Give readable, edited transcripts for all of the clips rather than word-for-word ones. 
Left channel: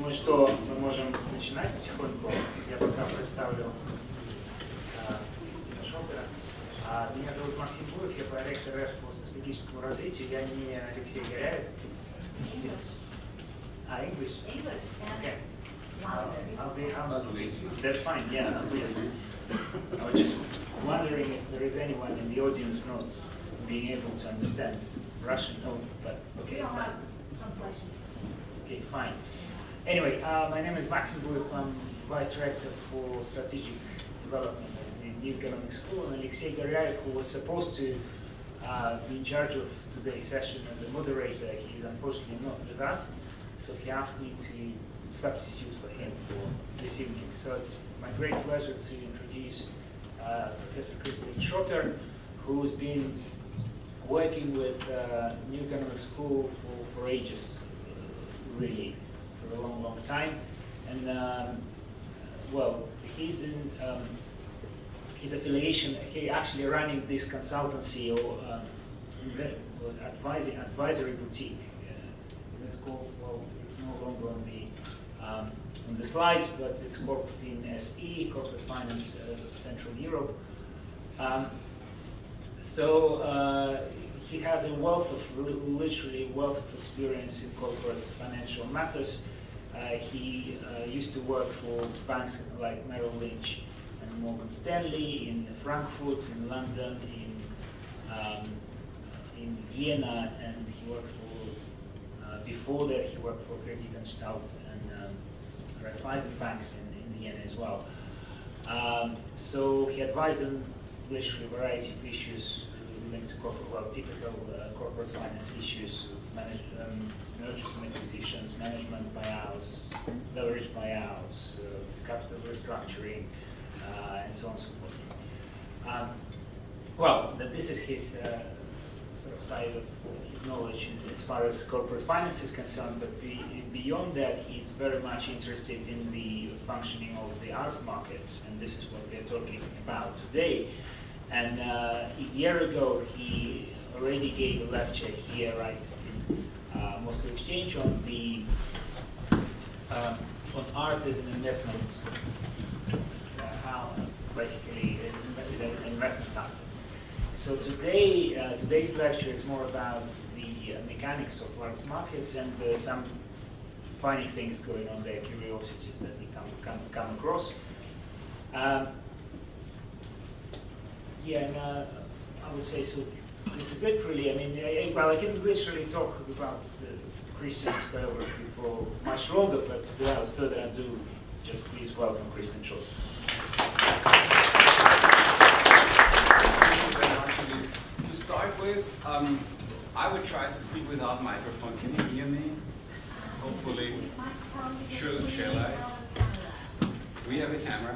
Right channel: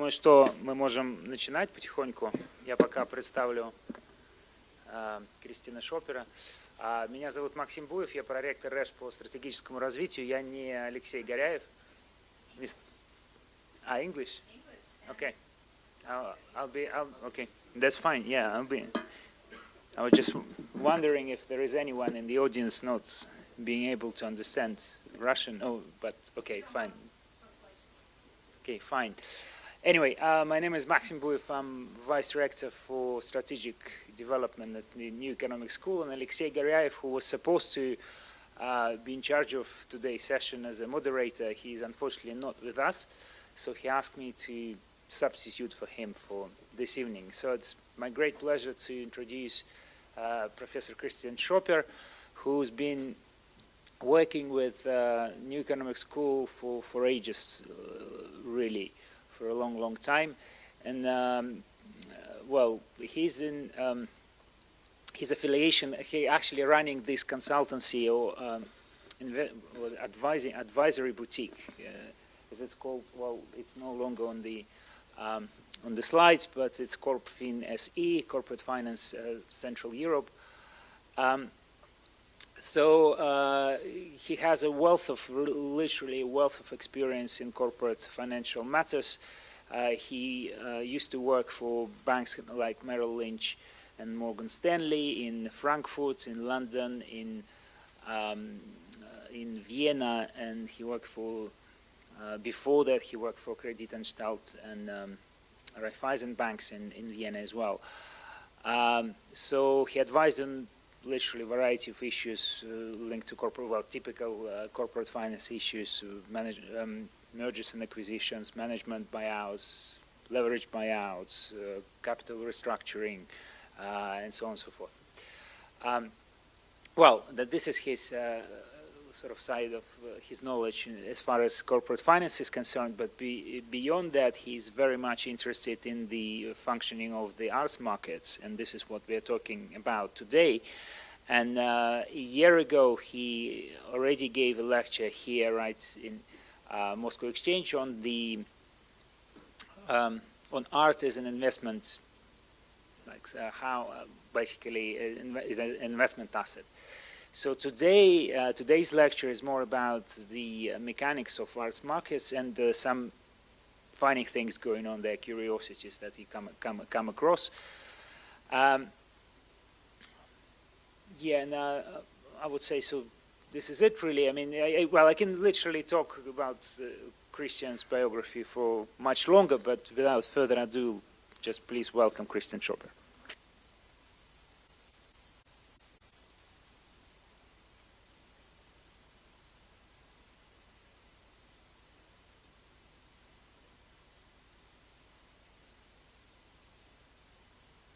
Думаю, что мы можем начинать потихоньку. Я пока представлю Кристина Шопера. Меня зовут Максим Буев, я проректор РЭШ по стратегическому развитию. Я не Алексей Горяев. English? English. Okay. Okay. That's fine. Yeah, I was just wondering if there is anyone in the audience not being able to understand Russian. Oh, but okay, fine. Okay, fine. Anyway, my name is Maxim Buyev. I'm Vice Rector for Strategic Development at the New Economic School, and Alexei Goryaev, who was supposed to be in charge of today's session as a moderator, he's unfortunately not with us, so he asked me to substitute for him for this evening. So it's my great pleasure to introduce Professor Christian Schopper, who's been working with New Economic School for ages, really, for a long, long time. And well, his affiliation, he actually running this consultancy or advisory boutique, as it's called. Well, it's no longer on the slides, but it's CorpFin SE, Corporate Finance Central Europe. So he has a wealth of, literally a wealth of experience in corporate financial matters. He used to work for banks like Merrill Lynch and Morgan Stanley in Frankfurt, in London, in Vienna, and he worked for, before that he worked for Kreditanstalt and Raiffeisen banks in Vienna as well. So he advised on literally a variety of issues linked to corporate, well, typical corporate finance issues, mergers and acquisitions, management buyouts, leverage buyouts, capital restructuring, and so on and so forth. Well, this is his sort of side of his knowledge as far as corporate finance is concerned, but beyond that, he's very much interested in the functioning of the arts markets, and this is what we're talking about today. And a year ago, he already gave a lecture here, right, in Moscow Exchange on the on art as an investment, how basically is an investment asset. So today, today's lecture is more about the mechanics of arts markets and some funny things going on there, curiosities that he come across. Yeah, and I would say so. This is it, really. I mean, well, I can literally talk about Christian's biography for much longer, but without further ado, just please welcome Christian Schopper. To start with, I would try to speak without microphone. Can you hear me? Hopefully. Shall I? We have a camera.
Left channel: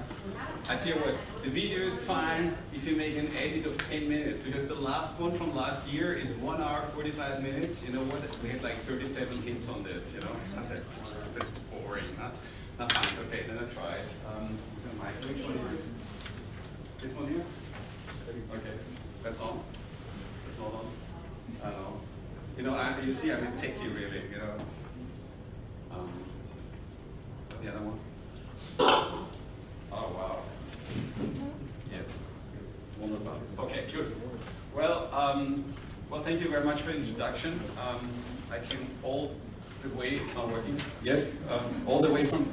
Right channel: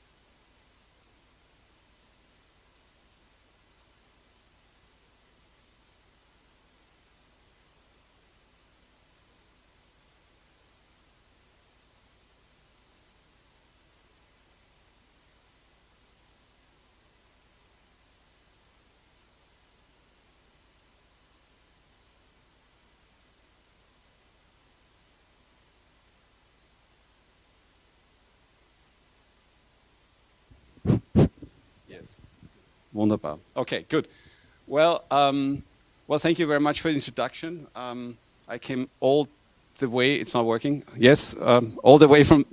I tell you what, the video is fine if you make an edit of 10 minutes, because the last one from last year is 1 hour, 45 minutes. You know what? We had like 37 hits on this, you know? I said, this is boring, huh? Not fine. Okay, then I try it. Which one is it? This one here? Okay, that's on. That's not on. I don't know. You know, you see, I'm a techie, really, you know? The other one? Oh, wow. Yes. Wunderbar. Okay, good. Well, well, thank you very much for the introduction. I came all the way, it's not working. Yes, all the way from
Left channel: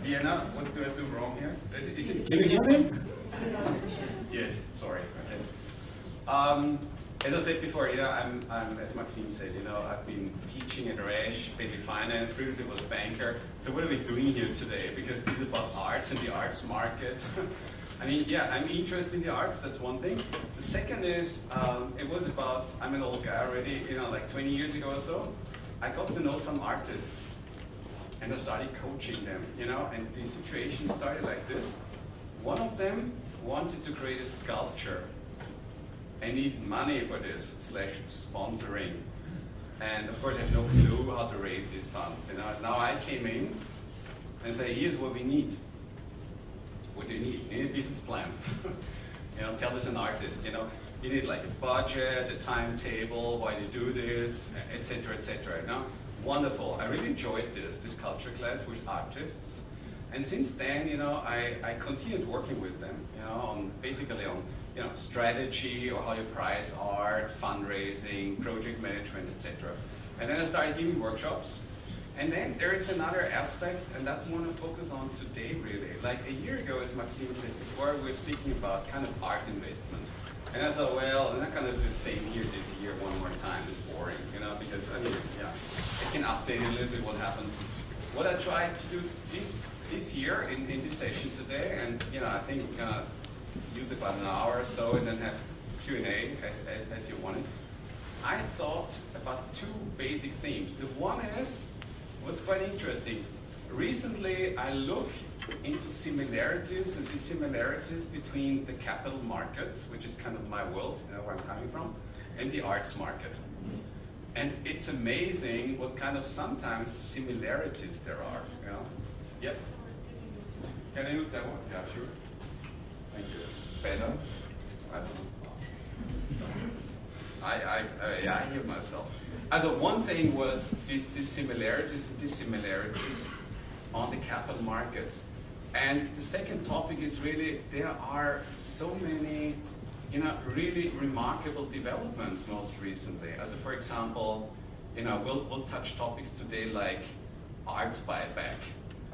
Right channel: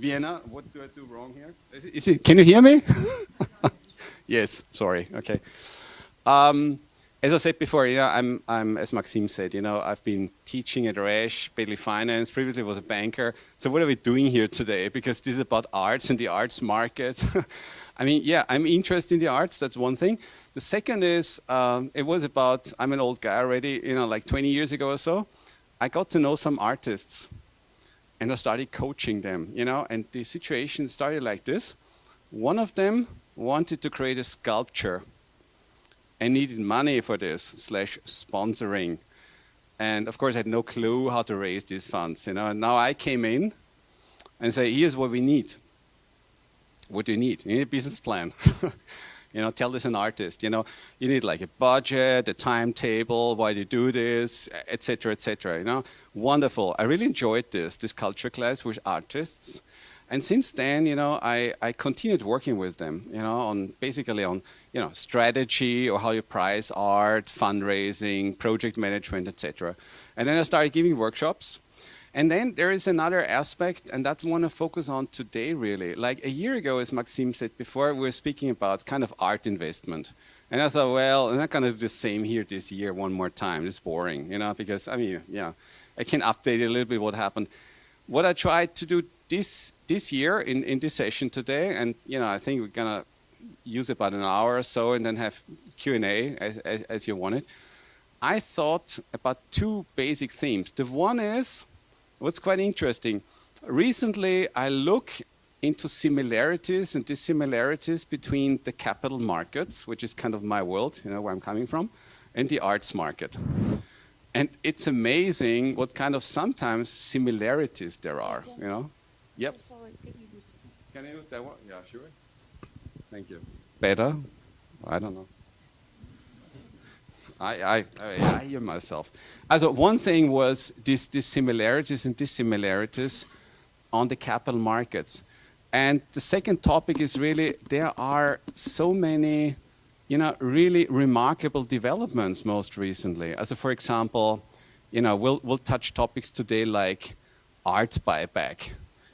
Vienna. What do I do wrong here? Can you hear me? Yes, sorry, okay. As I said before, you know, I'm, as Maxime said, you know, I've been teaching at RESH, Bailey Finance, previously was a banker. So what are we doing here today? Because this is about arts and the arts market. I mean, yeah, I'm interested in the arts, that's one thing. The second is, it was about, I'm an old guy already, you know, like 20 years ago or so. I got to know some artists and I started coaching them, you know, and the situation started like this. One of them wanted to create a sculpture and needed money for this, /sponsoring. And of course, I had no clue how to raise these funds, you know. And now I came in and say, here's what we need. What do you need? You need a business plan. You know, tell this an artist, you know. You need like a budget, a timetable, why you do this, etc., etc. You know, wonderful. I really enjoyed this culture class with artists, and since then, you know, I continued working with them, you know, on basically on, you know, strategy or how you price art, fundraising, project management, etc. And then I started giving workshops. And then there is another aspect, and that's what I want to focus on today, really. Like a year ago, as Maxime said before, we were speaking about kind of art investment. And I thought, well, I'm not going to do the same here this year one more time. It's boring, you know, because, I mean, yeah, I can update a little bit what happened. What I tried to do this year in this session today, and, you know, I think we're going to use about an hour or so and then have Q&A as you want it. I thought about two basic themes. The one is, what's quite interesting, recently I look into similarities and dissimilarities between the capital markets, which is kind of my world, you know, where I'm coming from, and the arts market. And it's amazing what kind of sometimes similarities there are, you know? Yep. Can I use that one? Yeah, sure. Thank you. Better? I don't know. I hear myself. Also, one thing was these similarities and dissimilarities on the capital markets. And the second topic is really, there are so many, you know, really remarkable developments most recently. Also, for example, you know, we'll touch topics today like art buyback.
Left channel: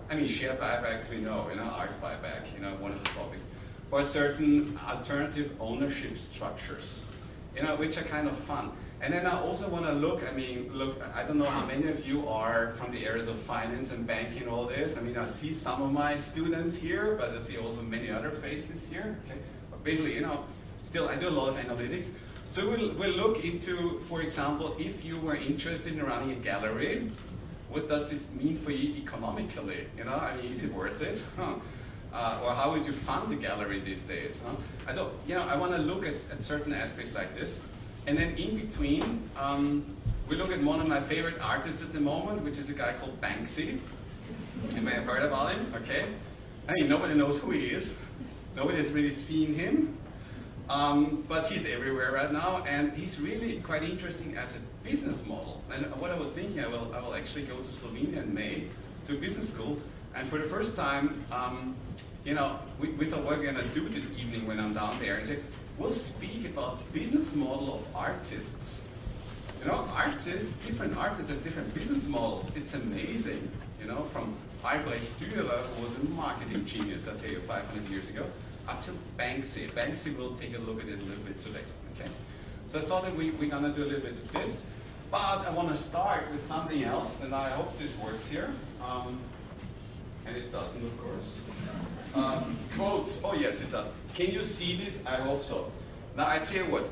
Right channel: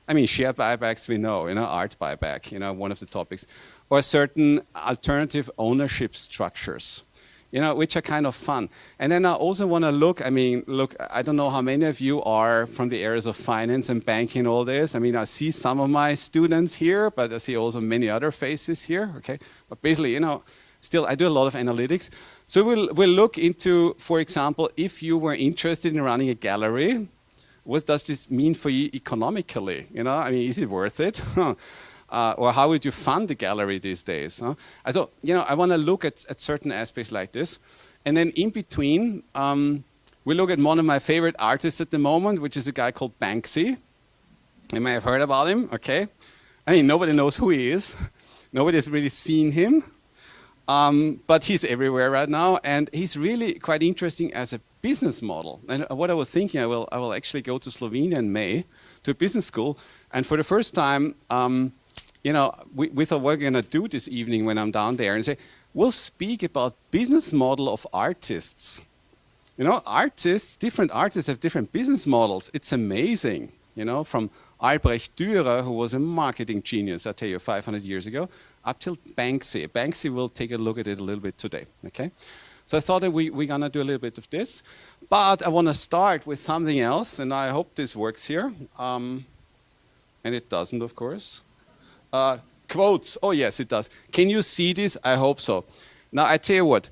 I mean, share buybacks we know, you know, art buyback, you know, one of the topics. Or certain alternative ownership structures, you know, which are kind of fun. And then I also want to look, I mean, look, I don't know how many of you are from the areas of finance and banking and all this. I mean, I see some of my students here, but I see also many other faces here, okay? But basically, you know, still, I do a lot of analytics. So we'll look into, for example, if you were interested in running a gallery, what does this mean for you economically? You know, I mean, is it worth it? Or how would you fund the gallery these days? Huh? So, you know, I want to look at certain aspects like this. And then in between, we look at one of my favorite artists at the moment, which is a guy called Banksy. You may have heard about him, okay? I mean, nobody knows who he is. Nobody has really seen him. But he's everywhere right now, and he's really quite interesting as a business model. And what I was thinking, I will actually go to Slovenia in May to a business school, and for the first time, you know, we thought what we're going to do this evening when I'm down there, and say, we'll speak about business model of artists. You know, artists, different artists have different business models. It's amazing, you know, from Albrecht Dürer, who was a marketing genius, I tell you, 500 years ago, up till Banksy. Banksy, will take a look at it a little bit today, okay? So I thought that we're going to do a little bit of this. But I want to start with something else, and I hope this works here. And it doesn't, of course. Quotes. Oh, yes, it does. Can you see this? I hope so. Now, I tell you what.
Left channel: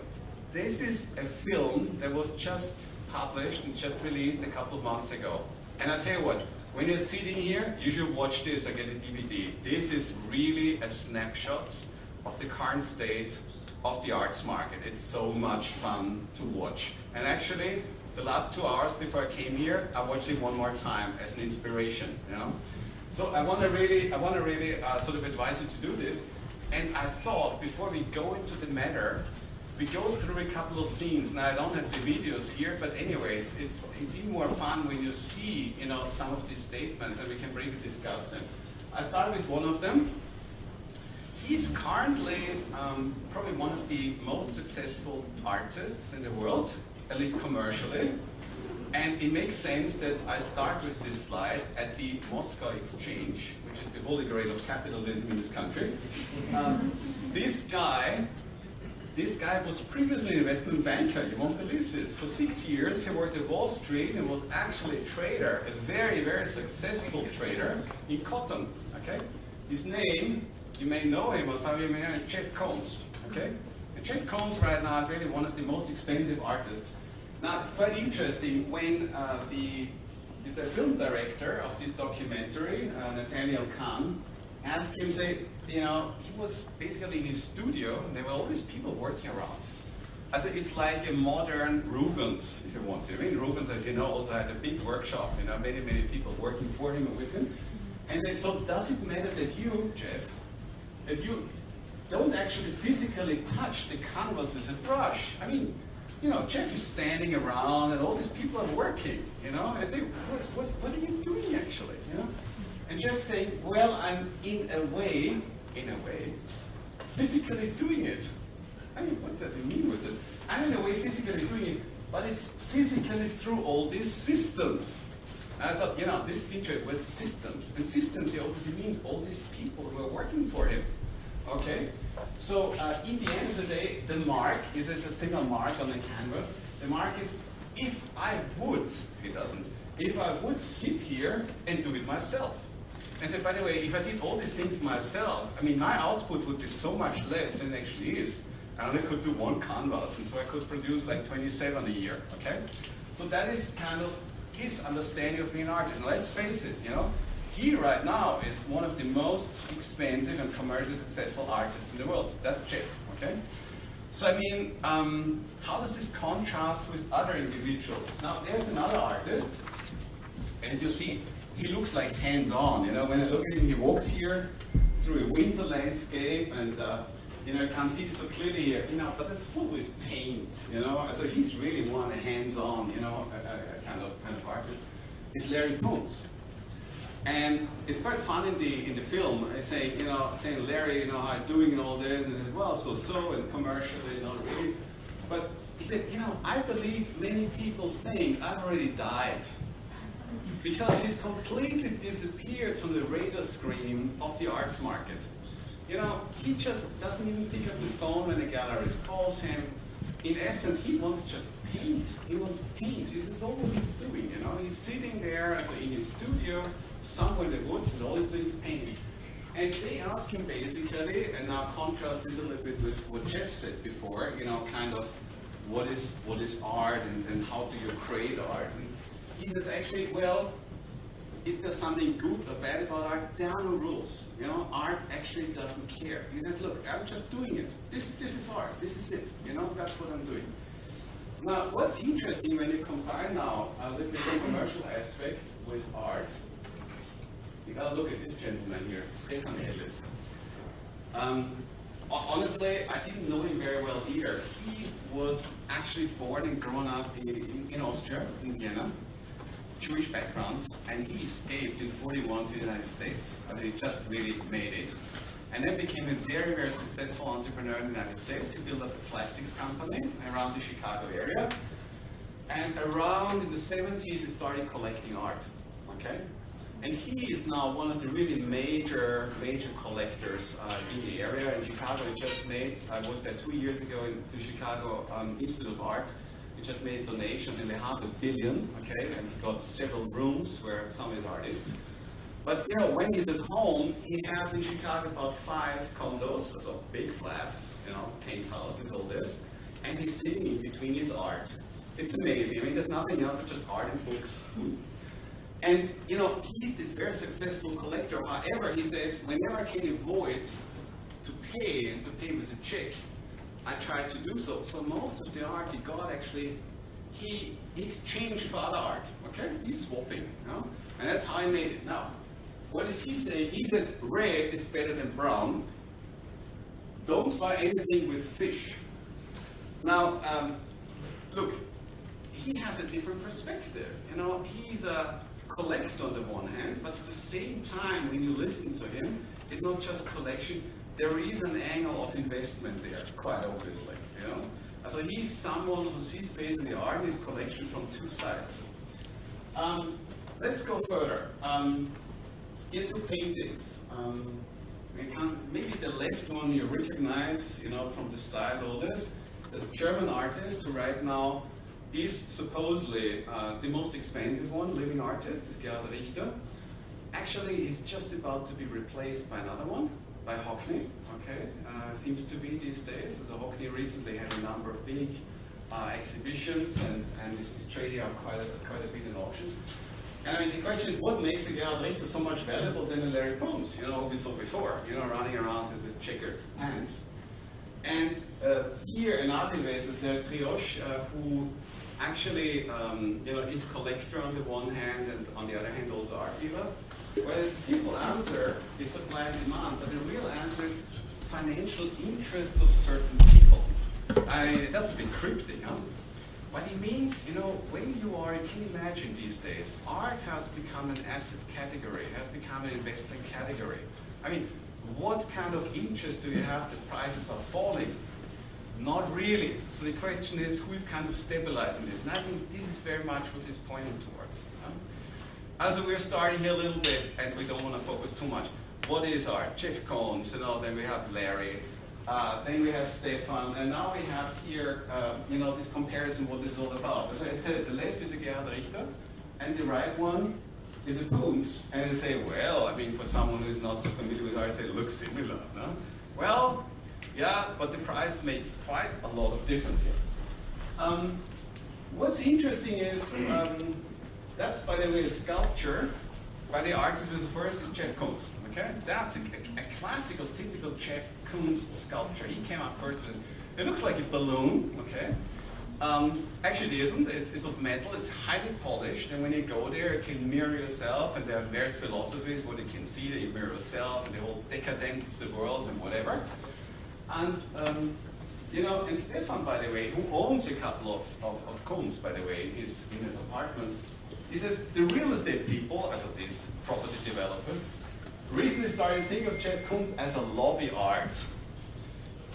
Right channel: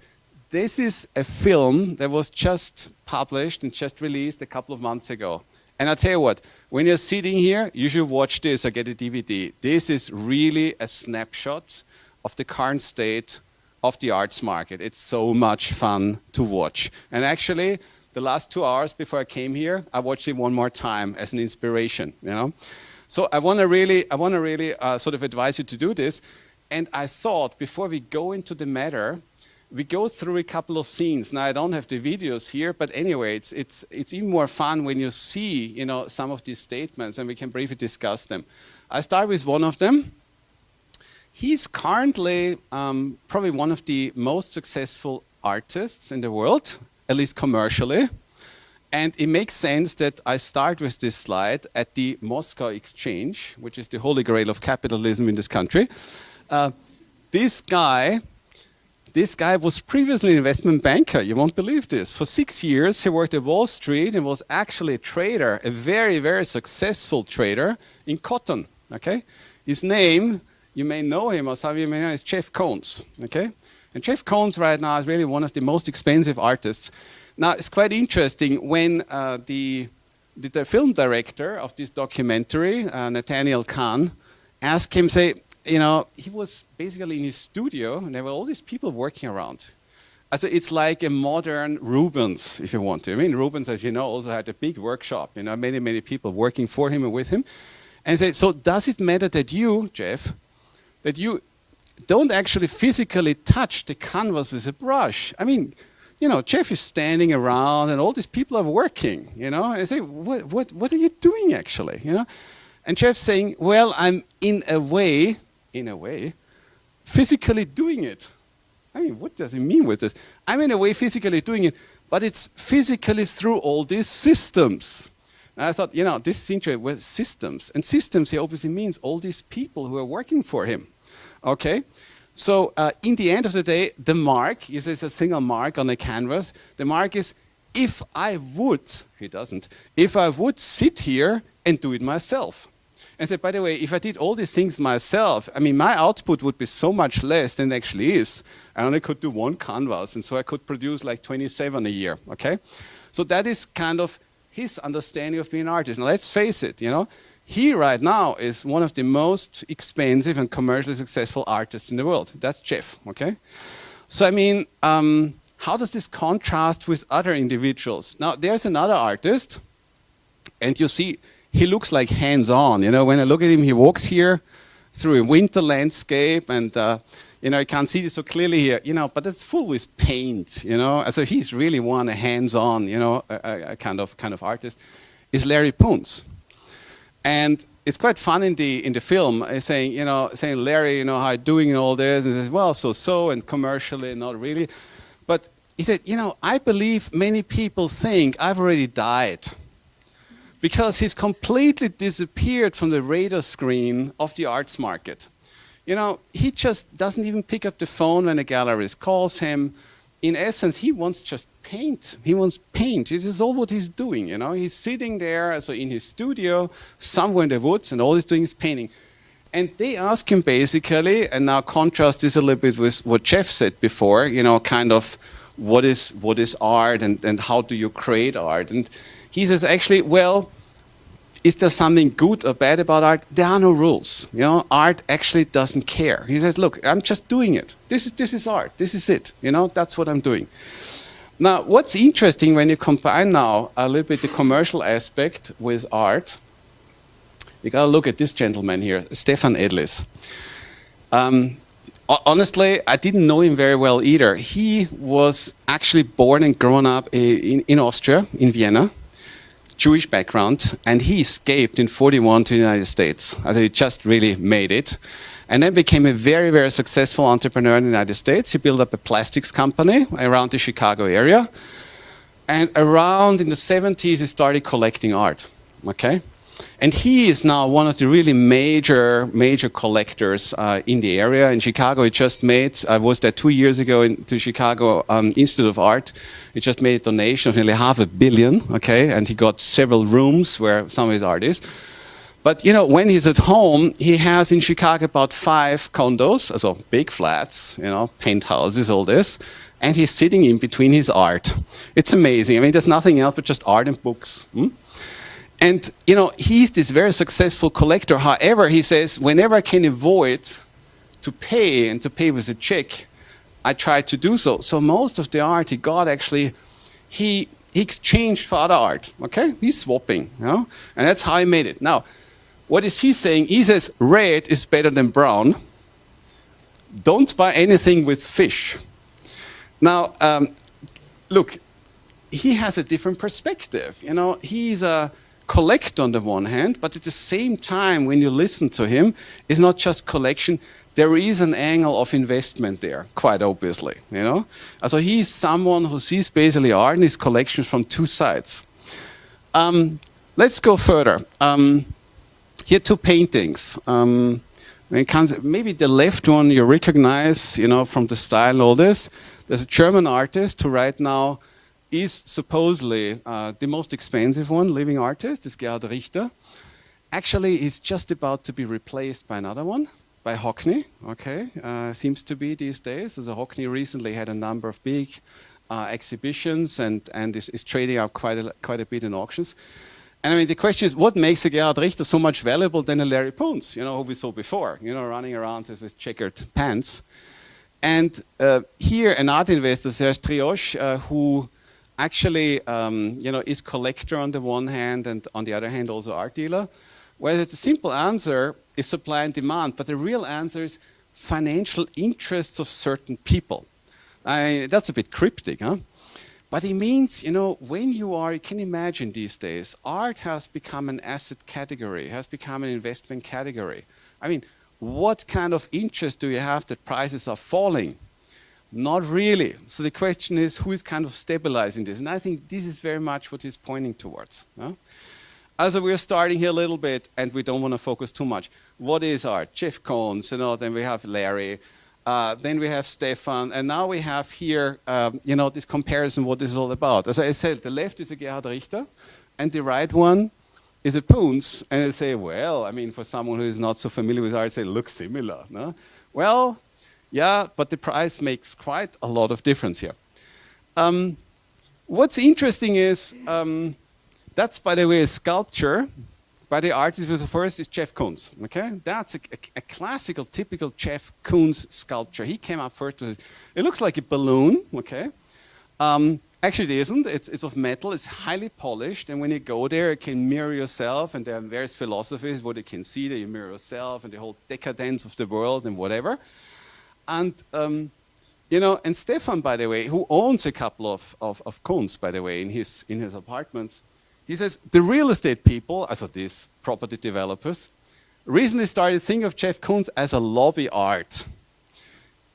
This is a film that was just published and just released a couple of months ago. And I tell you what. When you're sitting here, you should watch this or get a DVD. This is really a snapshot of the current state of the arts market. It's so much fun to watch. And actually, the last 2 hours before I came here, I watched it one more time as an inspiration, you know? So I want to really sort of advise you to do this. And I thought, before we go into the matter, we go through a couple of scenes. Now, I don't have the videos here, but anyway, it's even more fun when you see, you know, some of these statements, and we can briefly discuss them. I start with one of them. He's currently probably one of the most successful artists in the world, at least commercially. And it makes sense that I start with this slide at the Moscow Exchange, which is the holy grail of capitalism in this country. This guy was previously an investment banker. You won't believe this. For 6 years, he worked at Wall Street and was actually a trader, a very, very successful trader in cotton. Okay? His name, you may know him, or some of you may know, is Jeff Koons. Okay? And Jeff Koons right now is really one of the most expensive artists. Now, it's quite interesting when the film director of this documentary, Nathaniel Kahn, asked him, say, you know, he was basically in his studio, and there were all these people working around. Also, it's like a modern Rubens, if you want to. I mean, Rubens, as you know, also had a big workshop, you know, many, many people working for him and with him. And he said, so does it matter that you, Jeff, that you don't actually physically touch the canvas with a brush. I mean, you know, Jeff is standing around and all these people are working, you know. I say, what are you doing actually, you know? And Jeff's saying, well, I'm in a way, physically doing it. I mean, what does he mean with this? I'm in a way physically doing it, but it's physically through all these systems. And I thought, you know, this is interesting with systems. And systems, he obviously means all these people who are working for him. Okay? So in the end of the day, the mark is a single mark on the canvas. The mark is, if I would, he doesn't, if I would sit here and do it myself. And say, by the way, if I did all these things myself, I mean, my output would be so much less than it actually is. I only could do one canvas, and so I could produce like 27 a year, okay? So that is kind of his understanding of being an artist. Now let's face it, you know, he right now is one of the most expensive and commercially successful artists in the world. That's Jeff, okay? So I mean, how does this contrast with other individuals? Now there's another artist, and you see, he looks like hands-on, you know, when I look at him, he walks here through a winter landscape, and you know, I can't see this so clearly here, you know, but it's full with paint, you know. So he's really one a hands-on, you know, a kind of artist. Is Larry Koons, and it's quite fun in the film, saying Larry, you know, how you doing and all this, and he says, well, so and commercially, not really, but he said, you know, I believe many people think I've already died, because he's completely disappeared from the radar screen of the arts market. You know, he just doesn't even pick up the phone when a gallerist calls him. In essence, he wants just paint. He wants paint. This is all what he's doing, you know. He's sitting there, so in his studio, somewhere in the woods, and all he's doing is painting. And they ask him basically, and now contrast this a little bit with what Jeff said before, you know, kind of what is art and how do you create art? And he says, actually, well, is there something good or bad about art? There are no rules. You know, art actually doesn't care. He says, look, I'm just doing it. This is art. This is it. You know, that's what I'm doing. Now, what's interesting when you combine now a little bit the commercial aspect with art, you got to look at this gentleman here, Stefan Isler. Honestly, I didn't know him very well either. He was actually born and grown up in Austria, in Vienna. Jewish background, and he escaped in '41 to the United States. He just really made it. And then became a very, very successful entrepreneur in the United States. He built up a plastics company around the Chicago area. And around in the 70s, he started collecting art, okay? And he is now one of the really major collectors in the area. In Chicago, he just made, I was there 2 years ago to Chicago Institute of Art. He just made a donation of nearly $500 million, okay? And he got several rooms where some of his art is. But, you know, when he's at home, he has in Chicago about 5 condos, so big flats, you know, penthouses, all this. And he's sitting in between his art. It's amazing. I mean, there's nothing else but just art and books. And, you know, he's this very successful collector. However, he says, whenever I can avoid to pay and to pay with a check, I tried to do so. So most of the art he got actually, he exchanged for other art, okay? He's swapping, you know? And that's how he made it. Now, what is he saying? He says red is better than brown. Don't buy anything with fish. Now, look, he has a different perspective. You know, he's a collector on the one hand, but at the same time, when you listen to him, it's not just collection. There is an angle of investment there, quite obviously, you know? So he's someone who sees basically art and his collections from 2 sides. Let's go further. Here 2 paintings. Maybe the left one you recognize, you know, from the style and all this. There's a German artist who right now is supposedly the most expensive one, living artist, is Gerhard Richter. Actually, he's just about to be replaced by another one. By Hockney, okay, seems to be these days. So Hockney recently had a number of big exhibitions and is trading up quite a bit in auctions. And I mean, the question is, what makes a Gerhard Richter so much valuable than a Larry Koons, you know, who we saw before, you know, running around with checkered pants. And here, an art investor, Serge Trioche, who actually, you know, is collector on the one hand and on the other hand also art dealer. Whereas the simple answer is supply and demand, but the real answer is financial interests of certain people. That's a bit cryptic, huh? But it means, you know, when you can imagine these days, art has become an asset category, has become an investment category. I mean, what kind of interest do you have that prices are falling? Not really. So the question is, who is kind of stabilizing this? And I think this is very much what he's pointing towards. Huh? Also, we're starting here a little bit, and we don't want to focus too much. What is art? Jeff Koons, you know, then we have Larry, then we have Stefan, and now we have here, you know, this comparison, what this is all about. As I said, the left is a Gerhard Richter, and the right one is a Koons, and I say, well, I mean, for someone who is not so familiar with art, say, looks similar, no? Well, yeah, but the price makes quite a lot of difference here. What's interesting is, that's, by the way, a sculpture by the artist who was the first is Jeff Koons, okay? That's a classical, typical Jeff Koons sculpture. He came up first with it. It looks like a balloon, okay? Actually, it isn't. It's of metal. It's highly polished. And when you go there, you can mirror yourself. And there are various philosophies what you can see that you mirror yourself and the whole decadence of the world and whatever. And, you know, and Stefan, by the way, who owns a couple of Koons, by the way, in his apartments, he says the real estate people, as of these property developers, recently started thinking of Jeff Koons as a lobby art.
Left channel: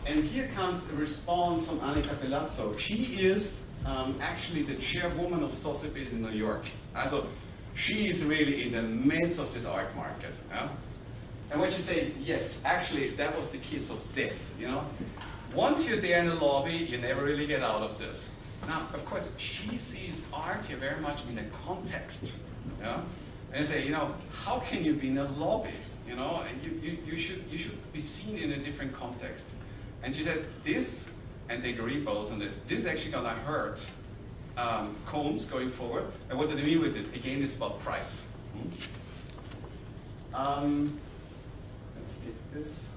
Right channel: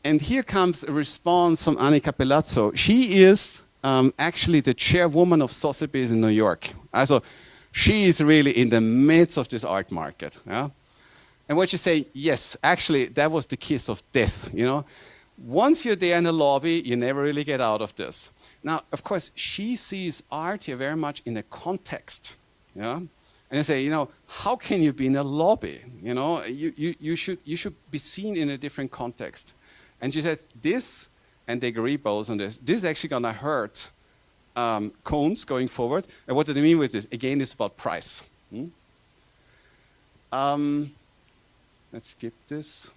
And here comes a response from Annika Pelazzo. She is actually the chairwoman of Sotheby's in New York. Also, she is really in the midst of this art market. Yeah? And what you say, yes, actually, that was the kiss of death. You know, once you're there in the lobby, you never really get out of this. Now, of course, she sees art here very much in a context. You know? And I say, you know, how can you be in a lobby? You know, you should be seen in a different context. And she said, this, and they agree both on this is actually going to hurt Koons going forward. And what do they mean with this? Again, it's about price. Let's skip this.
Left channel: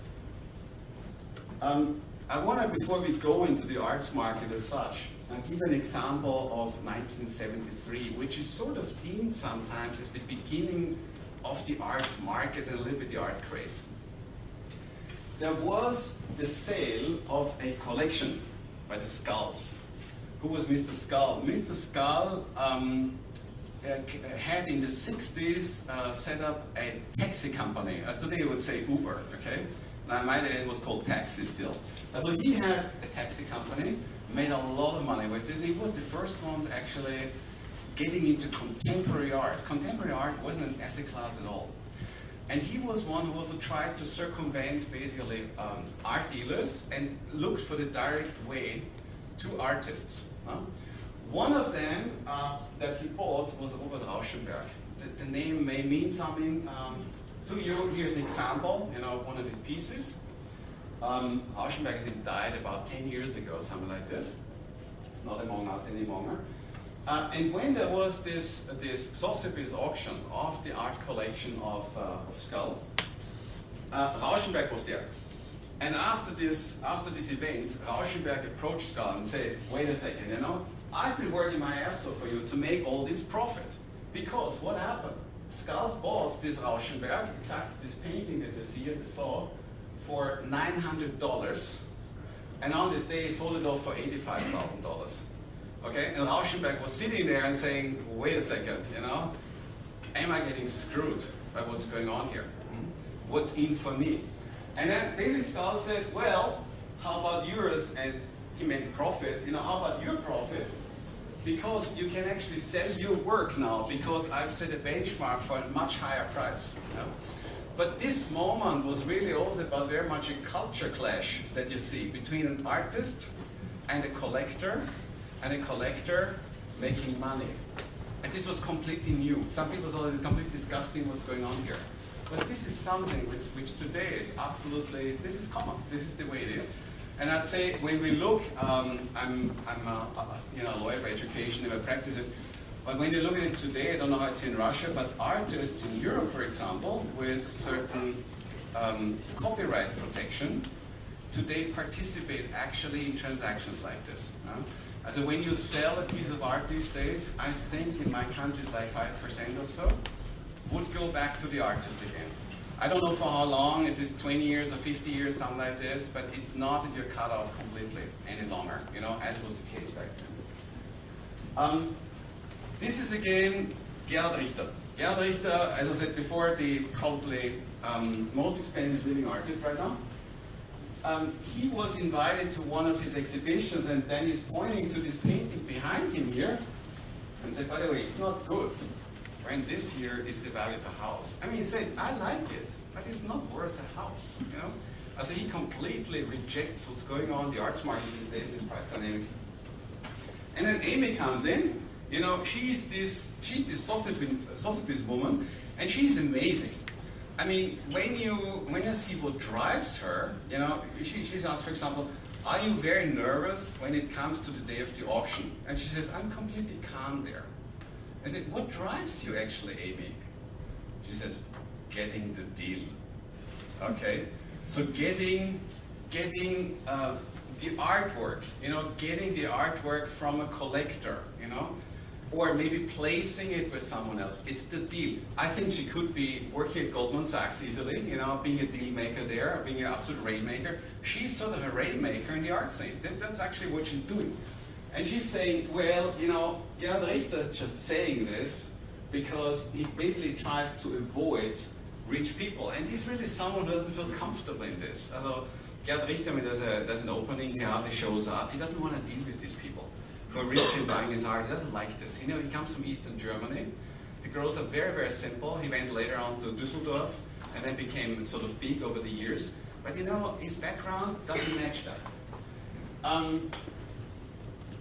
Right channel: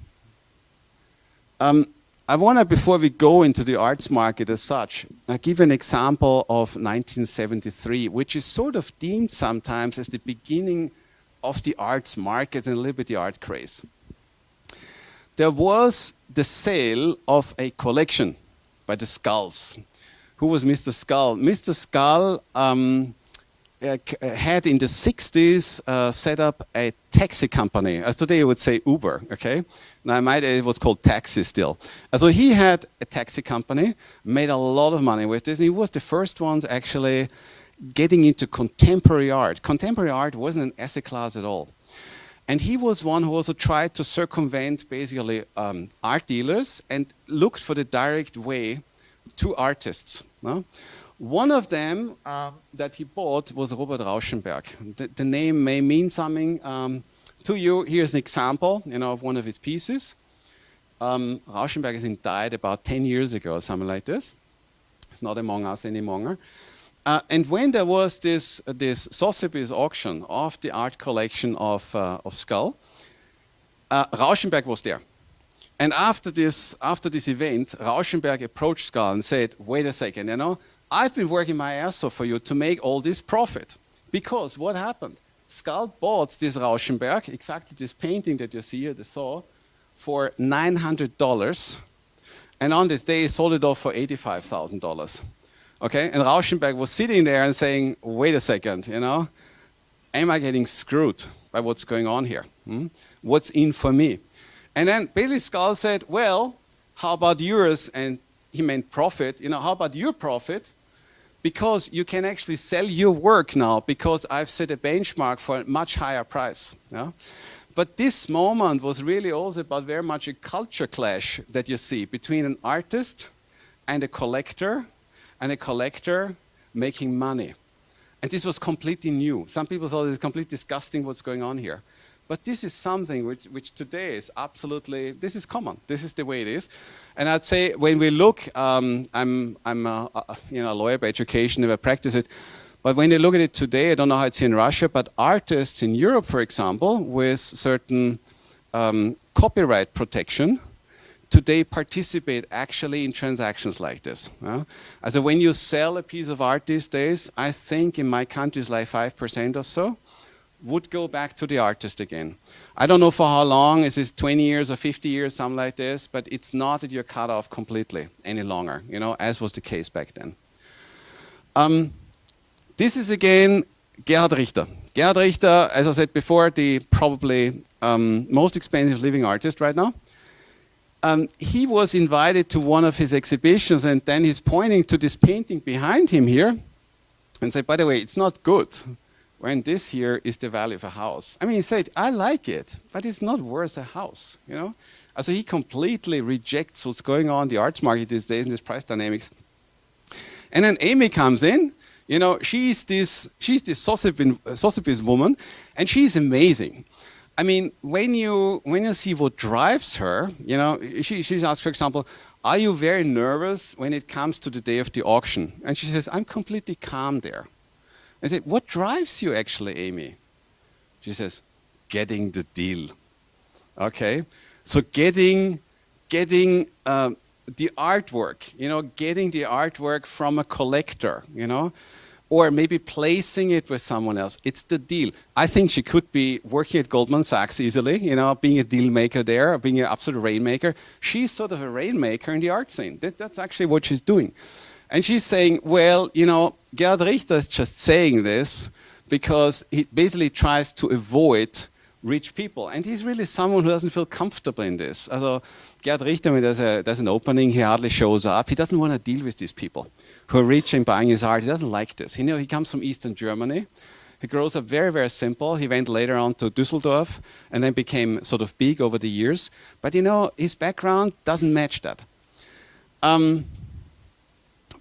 I want to, before we go into the arts market as such, I'll give an example of 1973, which is sort of deemed sometimes as the beginning of the arts market and a little bit the art craze. There was the sale of a collection by the Skulls. Who was Mr. Skull? Mr. Skull had in the 60s set up a taxi company. As today you would say Uber, okay? Now in my day it was called Taxi still. So he had a taxi company, made a lot of money with this. He was the first ones actually getting into contemporary art. Contemporary art wasn't an asset class at all. And he was one who also tried to circumvent basically art dealers and looked for the direct way to artists. No? One of them that he bought was Robert Rauschenberg. The name may mean something to you. Here's an example, you know, of one of his pieces. Rauschenberg, I think, died about 10 years ago or something like this. It's not among us anymore. And when there was this Sotheby's auction of the art collection of Skull, Rauschenberg was there. And after this event, Rauschenberg approached Skull and said, wait a second, you know, I've been working my ass off for you to make all this profit. Because what happened? Skull bought this Rauschenberg, exactly this painting that you see here, the Thor, for $900. And on this day, he sold it off for $85,000. Okay, and Rauschenberg was sitting there and saying, wait a second, you know, am I getting screwed by what's going on here? What's in for me? And then Bailey Skull said, well, how about yours? And he meant profit. You know, how about your profit? Because you can actually sell your work now because I've set a benchmark for a much higher price. You know? But this moment was really also about very much a culture clash that you see between an artist and a collector making money. And this was completely new. Some people thought it was completely disgusting what's going on here. But this is something which today is absolutely, this is common. This is the way it is. And I'd say when we look, I'm a lawyer by education, never practice it. But when you look at it today, I don't know how it's here in Russia, but artists in Europe, for example, with certain copyright protection, today participate actually in transactions like this. So when you sell a piece of art these days, I think in my country it's like 5% or so, would go back to the artist again. I don't know for how long, is this 20 years or 50 years, something like this, but it's not that you're cut off completely any longer, you know, as was the case back then. This is again Gerhard Richter. Gerhard Richter, as I said before, the probably most expensive living artist right now. He was invited to one of his exhibitions, and then he's pointing to this painting behind him here and said, by the way, it's not good when this here is the value of a house. I mean, he said, I like it, but it's not worth a house, you know? So he completely rejects what's going on in the arts market these days in this price dynamics. And then Amy comes in, you know, she's this Sotheby's woman, and she's amazing. I mean, when you see what drives her, you know, she asks, for example, are you very nervous when it comes to the day of the auction? And she says, I'm completely calm there. I said, what drives you actually, Amy? She says, getting the deal. Okay, so getting the artwork, you know, getting the artwork from a collector, you know, or maybe placing it with someone else. It's the deal. I think she could be working at Goldman Sachs easily, you know, being a deal maker there, being an absolute rainmaker. She's sort of a rainmaker in the art scene. That's actually what she's doing. And she's saying, well, you know, Gerhard Richter is just saying this because he basically tries to avoid rich people. And he's really someone who doesn't feel comfortable in this. Also, Gerhard Richter, when there's an opening, he hardly shows up. He doesn't want to deal with these people who are rich and buying his art. He doesn't like this. You know, he comes from Eastern Germany. He grows up very, very simple. He went later on to Düsseldorf and then became sort of big over the years. But, you know, his background doesn't match that.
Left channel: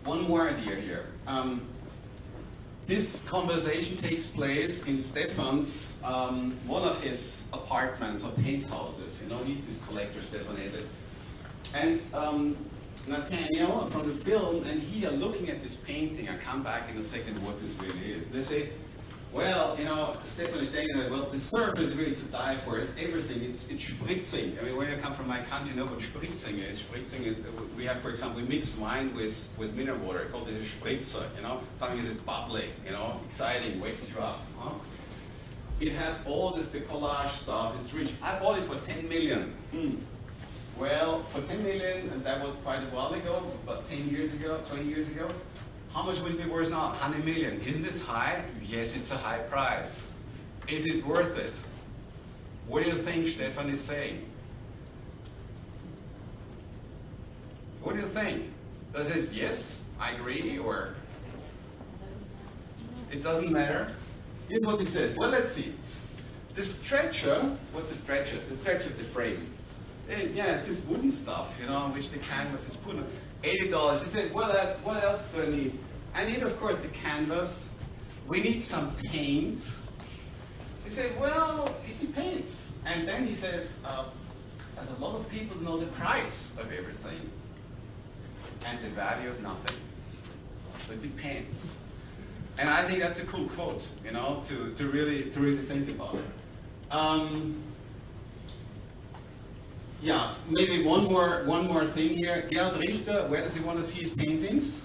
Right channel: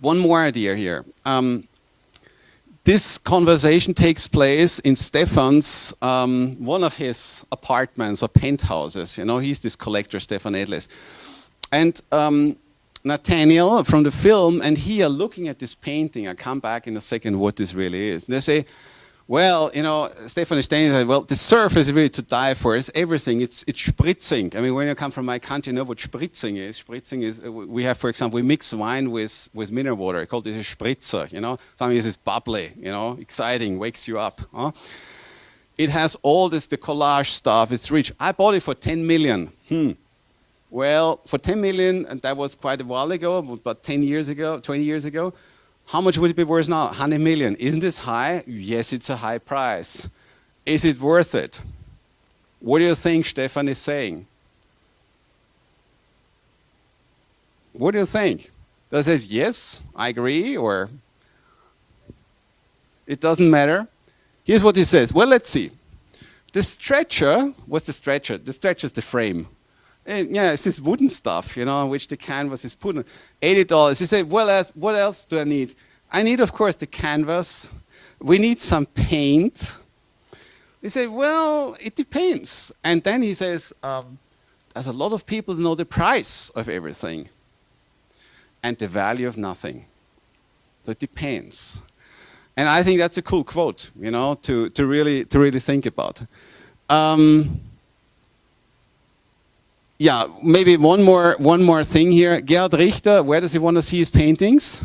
One more idea here. This conversation takes place in Stefan's, one of his apartments or penthouses. You know, he's this collector, Stefan Isler. And Nathaniel from the film and he are looking at this painting. I'll come back in a second what this really is. And they say, well, you know, Stefan is saying that, well, the surface is really to die for. It's everything. It's spritzing. I mean, when you come from my country, you know what spritzing is. Spritzing is, we have, for example, we mix wine with mineral water. I call this a spritzer, you know. Something is bubbly, you know, exciting, wakes you up. Huh? It has all this, the collage stuff. It's rich. I bought it for 10 million. Well, for 10 million, and that was quite a while ago, about 10 years ago, 20 years ago. How much would it be worth now? 100 million. Isn't this high? Yes, it's a high price. Is it worth it? What do you think Stefan is saying? What do you think? Does he say, yes, I agree, or it doesn't matter? Here's what he says. Well, let's see. The stretcher, what's the stretcher? The stretcher is the frame. And yeah, it's this wooden stuff, you know, which the canvas is put on. $80. He said, well, what else do I need? I need, of course, the canvas. We need some paint. He said, well, it depends. And then he says, as a lot of people know the price of everything and the value of nothing. So it depends. And I think that's a cool quote, you know, to really think about. Yeah, maybe one more thing here. Gerhard Richter, where does he want to see his paintings?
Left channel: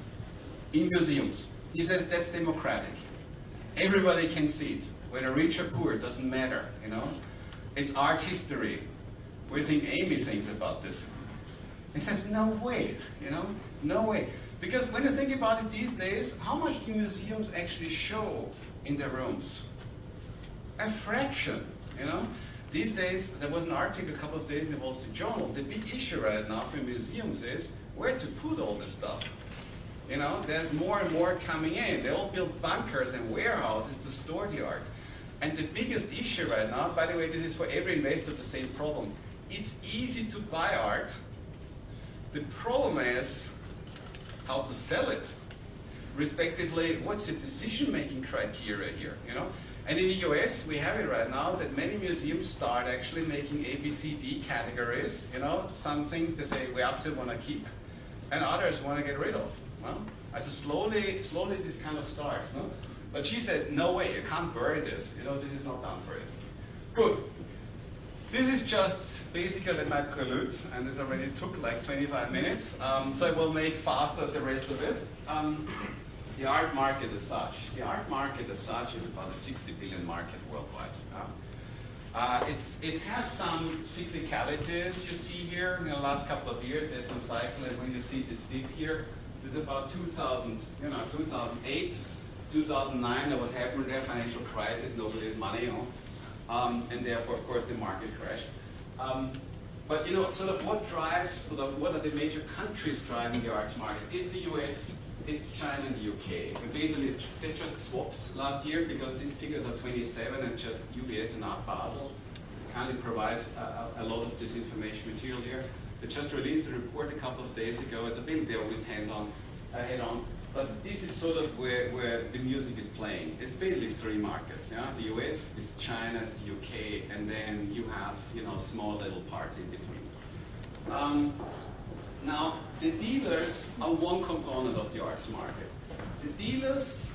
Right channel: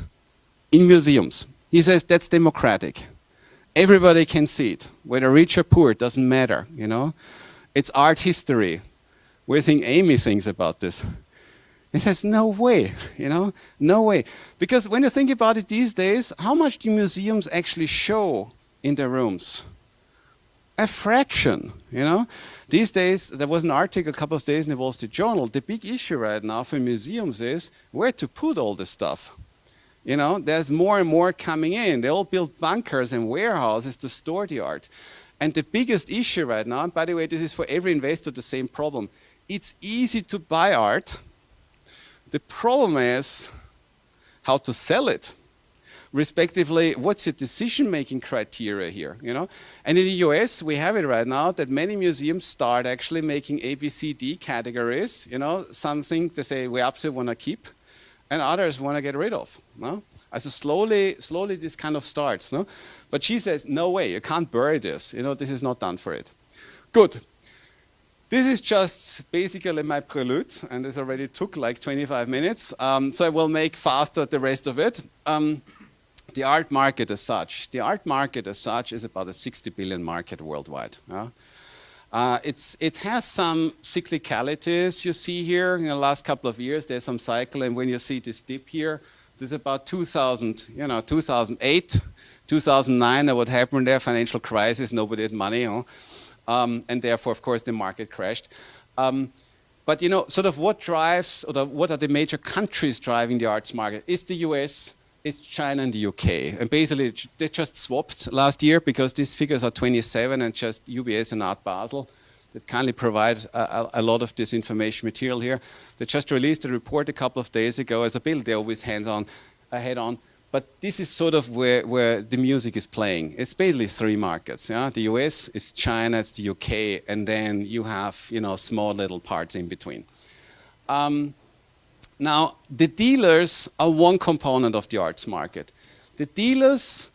In museums. He says that's democratic. Everybody can see it, whether rich or poor, it doesn't matter, you know. It's art history. What do you think Amy thinks about this? He says, no way, you know, no way. Because when you think about it these days, how much do museums actually show in their rooms? A fraction, you know. These days, there was an article a couple of days in the Wall Street Journal. The big issue right now for museums is where to put all this stuff. You know, there's more and more coming in. They all build bunkers and warehouses to store the art. And the biggest issue right now, by the way, this is for every investor the same problem. It's easy to buy art. The problem is how to sell it. Respectively, what's your decision-making criteria here, you know? And in the US, we have it right now that many museums start actually making A, B, C, D categories, you know, something to say we absolutely want to keep, and others want to get rid of, no? So slowly this kind of starts, no? But she says, no way, you can't bury this, you know, this is not done for it. Good. This is just basically my prelude, and this already took like 25 minutes, so I will make faster the rest of it. The art market as such. The art market as such is about a 60 billion market worldwide. It has some cyclicalities you see here in the last couple of years. There's some cycle, and when you see this dip here, this is about 2000, 2008, 2009, what happened there, financial crisis, nobody had money, and therefore, of course, the market crashed. But sort of what drives, or what are the major countries driving the arts market? It's the US, it's China and the UK. And basically, they just swapped last year because these figures are 27 and just UBS and Art Basel that kindly provide a lot of this information material here. They just released a report a couple of days ago. As a build, they're always head on. But this is sort of where the music is playing. It's basically three markets. Yeah? The US, it's China, it's the UK, and then you have small little parts in between. Now, the dealers are one component of the arts market. The dealers,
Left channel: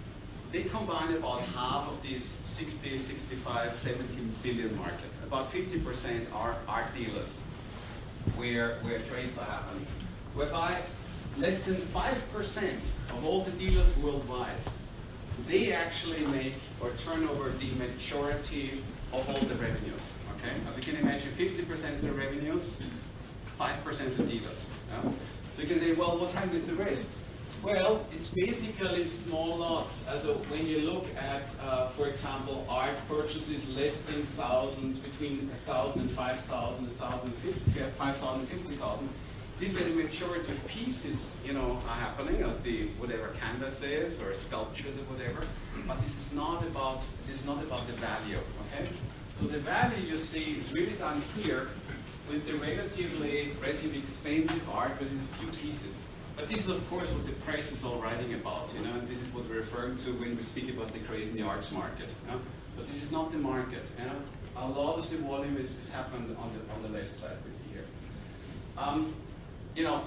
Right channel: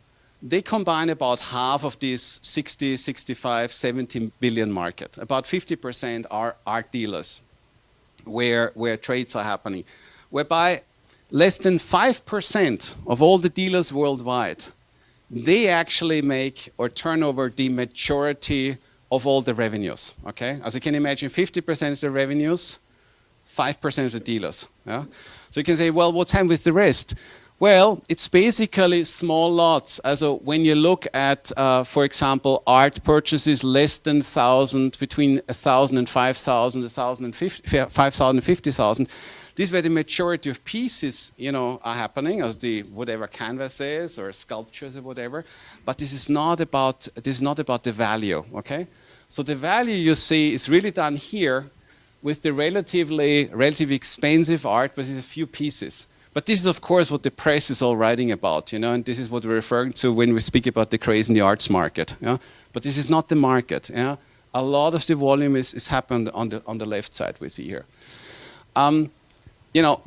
they combine about half of this 60, 65, 70 billion market. About 50% are art dealers, where trades are happening, whereby less than 5% of all the dealers worldwide, they actually make or turn over the majority of all the revenues, okay? As you can imagine, 50% of the revenues, 5% of the dealers. Yeah? So you can say, well, what's happened with the rest? Well, it's basically small lots. So when you look at, for example, art purchases less than 1,000, between 1,000 and 5,000, 5,000 and 50,000, this is where the majority of pieces, are happening, as the whatever canvas is or sculptures or whatever. But this is not about the value, okay? So the value you see is really done here with the relatively expensive art, but it's a few pieces. But this is, of course, what the press is all writing about, and this is what we're referring to when we speak about the craze in the arts market. Yeah? But this is not the market. Yeah? A lot of the volume is happened on the left side we see here.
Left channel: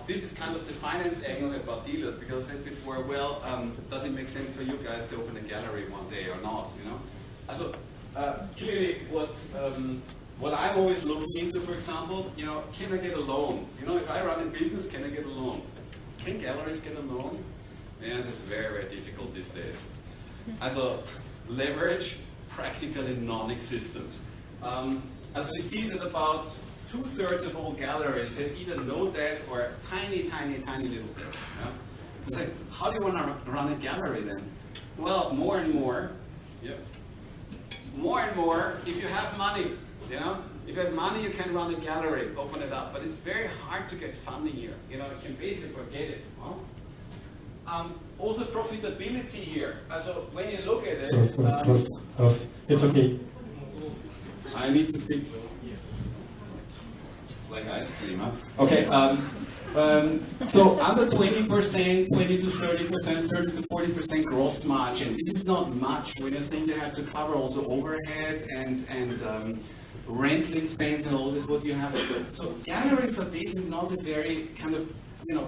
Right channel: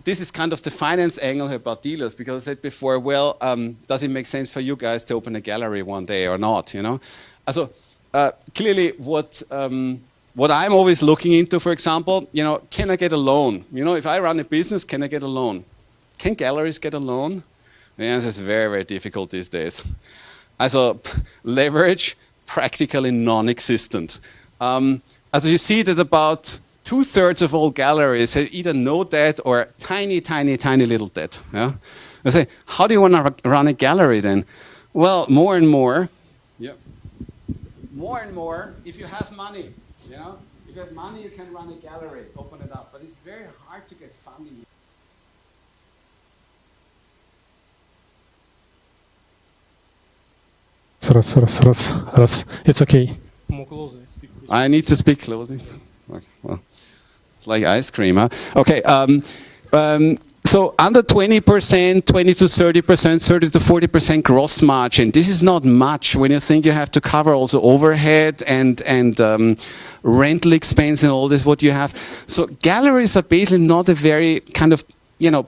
This is kind of the finance angle about dealers, because I said before, well, does it make sense for you guys to open a gallery one day or not? So clearly, what I'm always looking into, for example, can I get a loan? If I run a business, can I get a loan? Can galleries get a loan? The answer is very, very difficult these days. Also, leverage, practically non-existent. As you see that about 2/3 of all galleries have either no debt or tiny, tiny, tiny little debt. Yeah? I say, how do you want to run a gallery then? Well, more and more, if you have money, if you have money, you can run a gallery, open it up. But it's very hard to get funding here. You can basically forget it. Also profitability here. So when you look at it... It's okay. I need to speak closely. Well, it's like ice cream, huh? Okay. So under 20%, 20 to 30%, 30 to 40% gross margin. This is not much when you think you have to cover also overhead and rental expense and all this, what you have. So galleries are basically not a very kind of,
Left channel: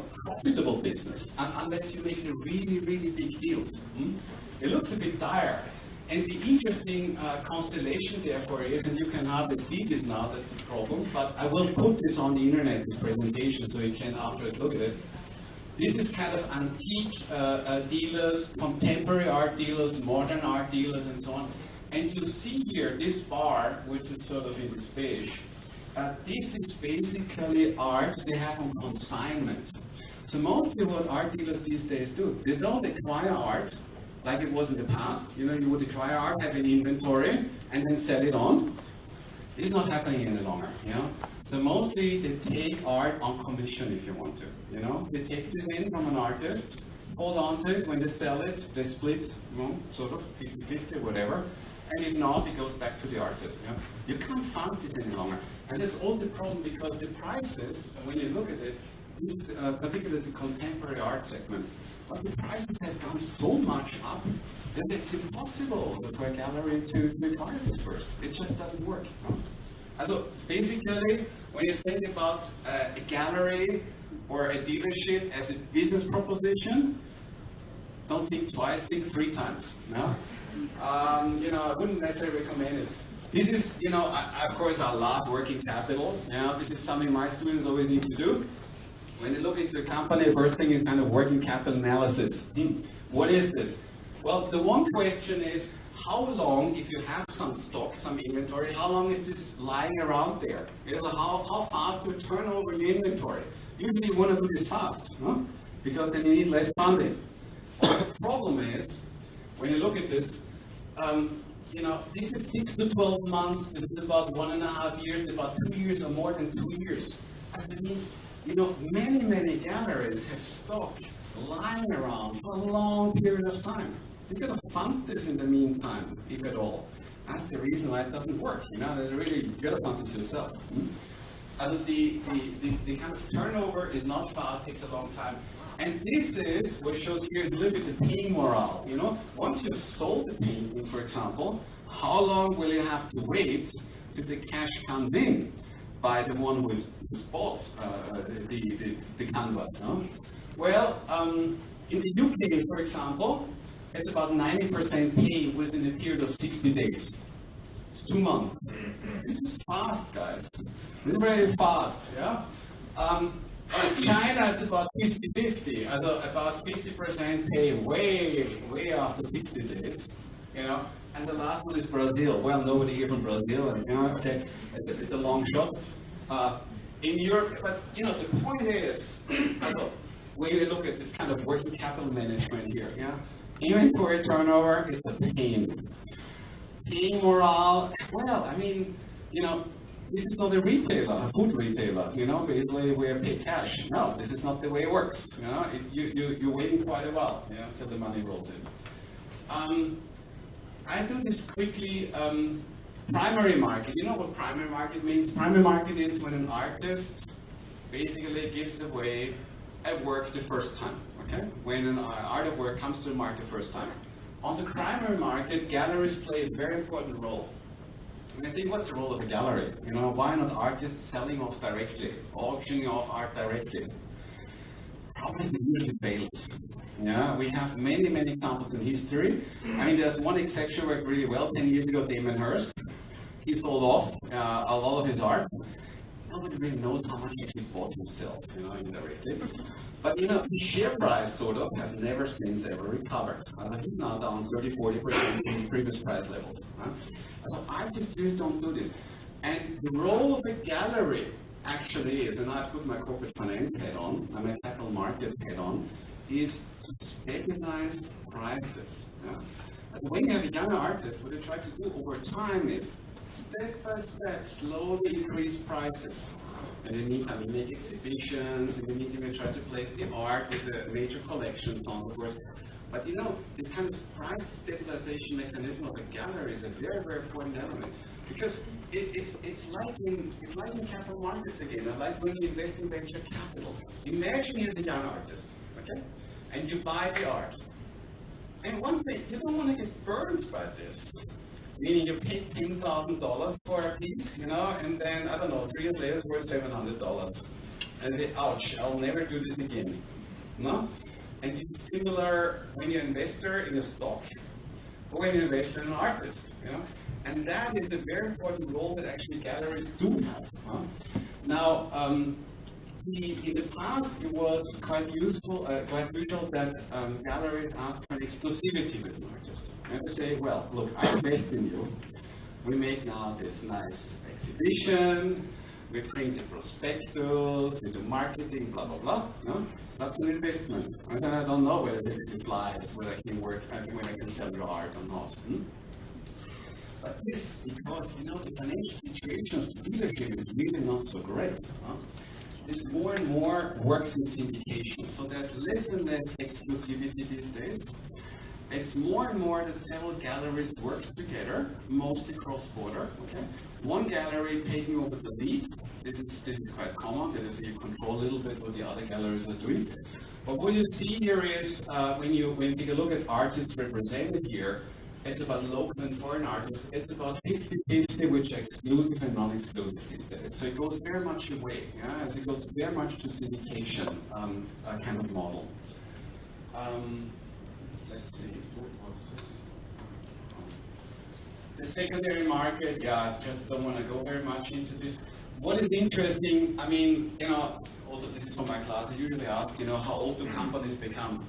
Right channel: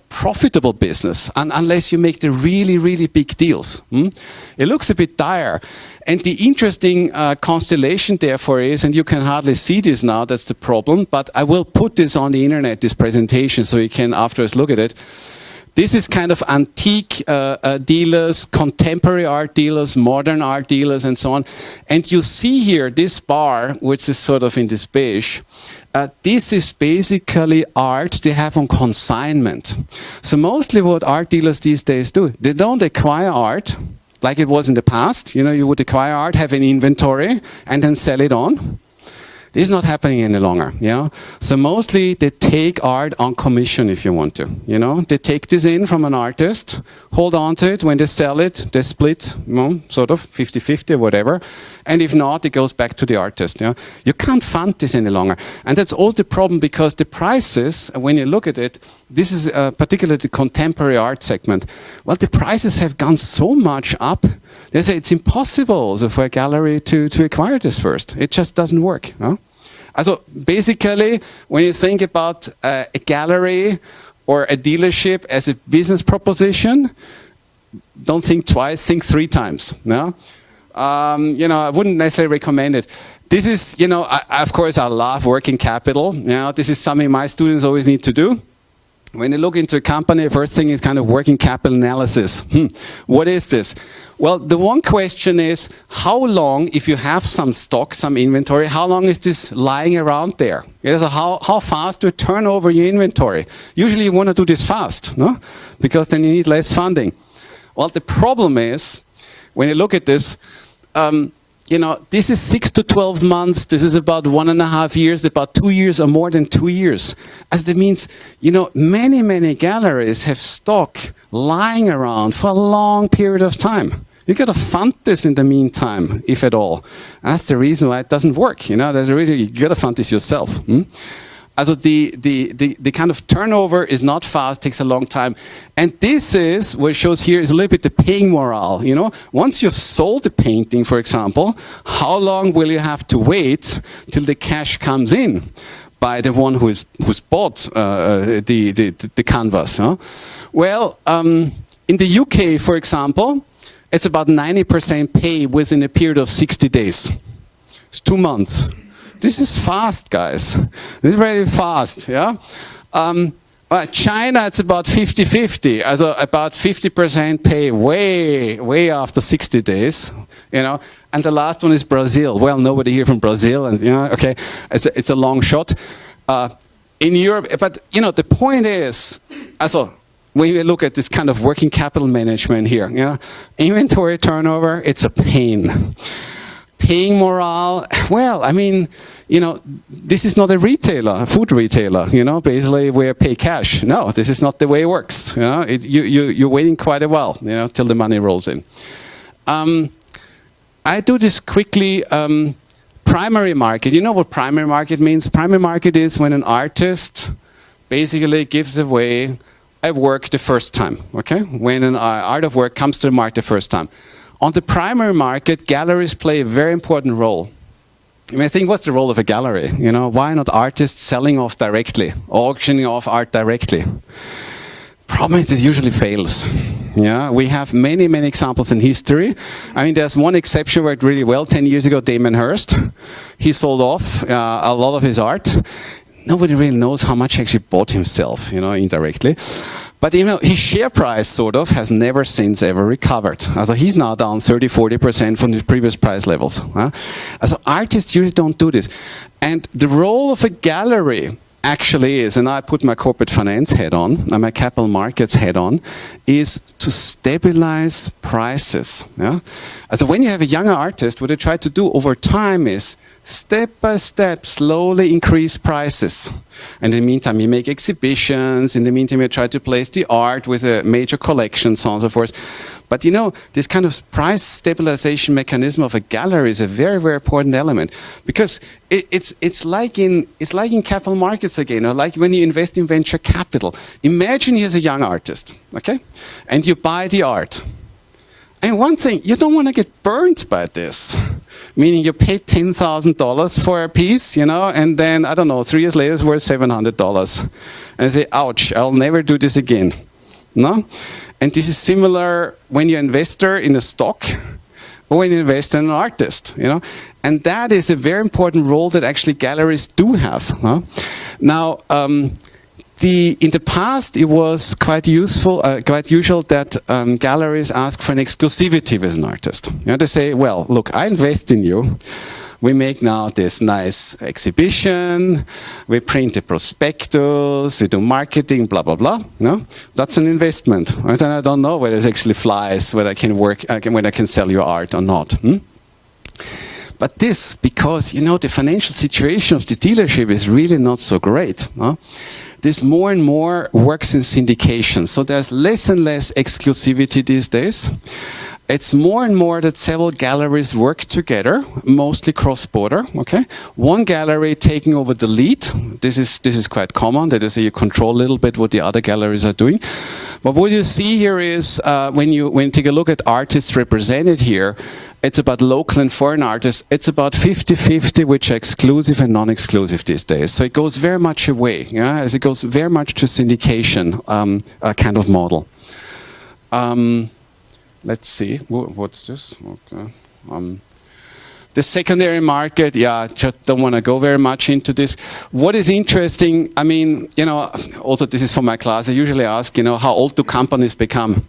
profitable business unless you make the really, really big deals. It looks a bit dire. And the interesting constellation, therefore, is, and you can hardly see this now, that's the problem, but I will put this on the internet, this presentation, so you can afterwards look at it. This is kind of antique dealers, contemporary art dealers, modern art dealers, and so on. And you see here this bar, which is sort of in this beige. This is basically art they have on consignment. So mostly what art dealers these days do, they don't acquire art like it was in the past. You would acquire art, have an inventory, and then sell it on. This is not happening any longer. So mostly they take art on commission, if you want to. They take this in from an artist, hold on to it. When they sell it, they split, sort of 50-50 or whatever. And if not, it goes back to the artist. You can't fund this any longer. And that's also the problem, because the prices, when you look at it, this is particularly the contemporary art segment. Well, the prices have gone so much up. They say it's impossible also for a gallery to acquire this first. It just doesn't work. So basically, when you think about a gallery or a dealership as a business proposition, don't think twice, think 3 times. I wouldn't necessarily recommend it. This is, of course, I love working capital. This is something my students always need to do. When you look into a company, first thing is kind of working capital analysis. What is this? Well, the one question is, how long, if you have some stock, some inventory, how long is this lying around there? Yeah, so how fast do you turn over your inventory? Usually you want to do this fast, no? Because then you need less funding. Well, the problem is, when you look at this, you know, this is 6 to 12 months, this is about 1.5 years, about 2 years or more than 2 years. As that means, you know, many galleries have stock lying around for a long period of time. You got to fund this in the meantime, if at all. And that's the reason why it doesn't work. You know, that really, you got to fund this yourself. Also the kind of turnover is not fast, takes a long time. And this is, what it shows here is a little bit the paying morale. You know, once you've sold the painting, for example, how long will you have to wait till the cash comes in by the one who's bought the canvas? Huh? Well, in the UK, for example, it's about 90% pay within a period of 60 days. It's 2 months. This is fast, guys. This is very fast, yeah? China, it's about 50-50. Also about 50% pay way after 60 days, you know? And the last one is Brazil. Well, nobody here from Brazil, and, you know, okay, it's a long shot. In Europe, but, you know, the point is, also, when you look at this kind of working capital management here, you know, inventory turnover, it's a pain. Paying morale, well, I mean, you know, this is not a retailer, a food retailer, you know, basically where pay cash. No, this is not the way it works. You know, you're waiting quite a while, you know, till the money rolls in. I do this quickly. Primary market, you know what primary market means? Primary market is when an artist basically gives away a work the first time, okay? When an art of work comes to the market the first time. On the primary market, galleries play a very important role. I mean, I think, what's the role of a gallery? You know, why not artists selling off directly, auctioning off art directly? Problem is, it usually fails. Yeah, we have many examples in history. I mean, there's one exception where it really well. 10 years ago, Damon Hirst, he sold off a lot of his art. Nobody really knows how much he actually bought himself, you know, indirectly. But you know, his share price sort of has never since ever recovered. So he's now down 30–40% from his previous price levels. So artists usually don't do this. And the role of a gallery actually is, and I put my corporate finance hat on, and my capital markets hat on, is to stabilize prices. Yeah? So when you have a younger artist, what they try to do over time is step by step, slowly increase prices. And in the meantime, you make exhibitions. In the meantime, you try to place the art with a major collection, so on and so forth. But you know, this kind of price stabilization mechanism of a gallery is a very important element, because it's like in capital markets again, or like when you invest in venture capital. Imagine you're a young artist, okay, and you buy the art. And one thing, you don't want to get burned by this. Meaning you pay $10,000 for a piece, you know, and then, I don't know, 3 years later it's worth $700. And you say, ouch, I'll never do this again. No? And this is similar when you're an investor in a stock or when you invest in an artist, you know. And that is a very important role that actually galleries do have. Huh? Now, in the past, it was quite usual that galleries ask for an exclusivity with an artist. You know, they say, well, look, I invest in you. We make now this nice exhibition. We print a prospectus. We do marketing, blah, blah, blah. No? That's an investment. Right? And I don't know whether it actually flies, whether I can work, whether I can sell your art or not. But this, because, you know, the financial situation of the dealership is really not so great. Huh? This more and more works in syndication. So there's less and less exclusivity these days. It's more and more that several galleries work together, mostly cross-border. Okay, one gallery taking over the lead. This is quite common. That is, you control a little bit what the other galleries are doing. But what you see here is when you take a look at artists represented here, it's about local and foreign artists. It's about 50-50, which are exclusive and non-exclusive these days. So it goes very much away, yeah, as it goes very much to syndication kind of model. Let's see, what's this? Okay. The secondary market, yeah, just don't want to go very much into this. What is interesting, I mean, you know, also this is for my class, I usually ask, you know, how old do companies become?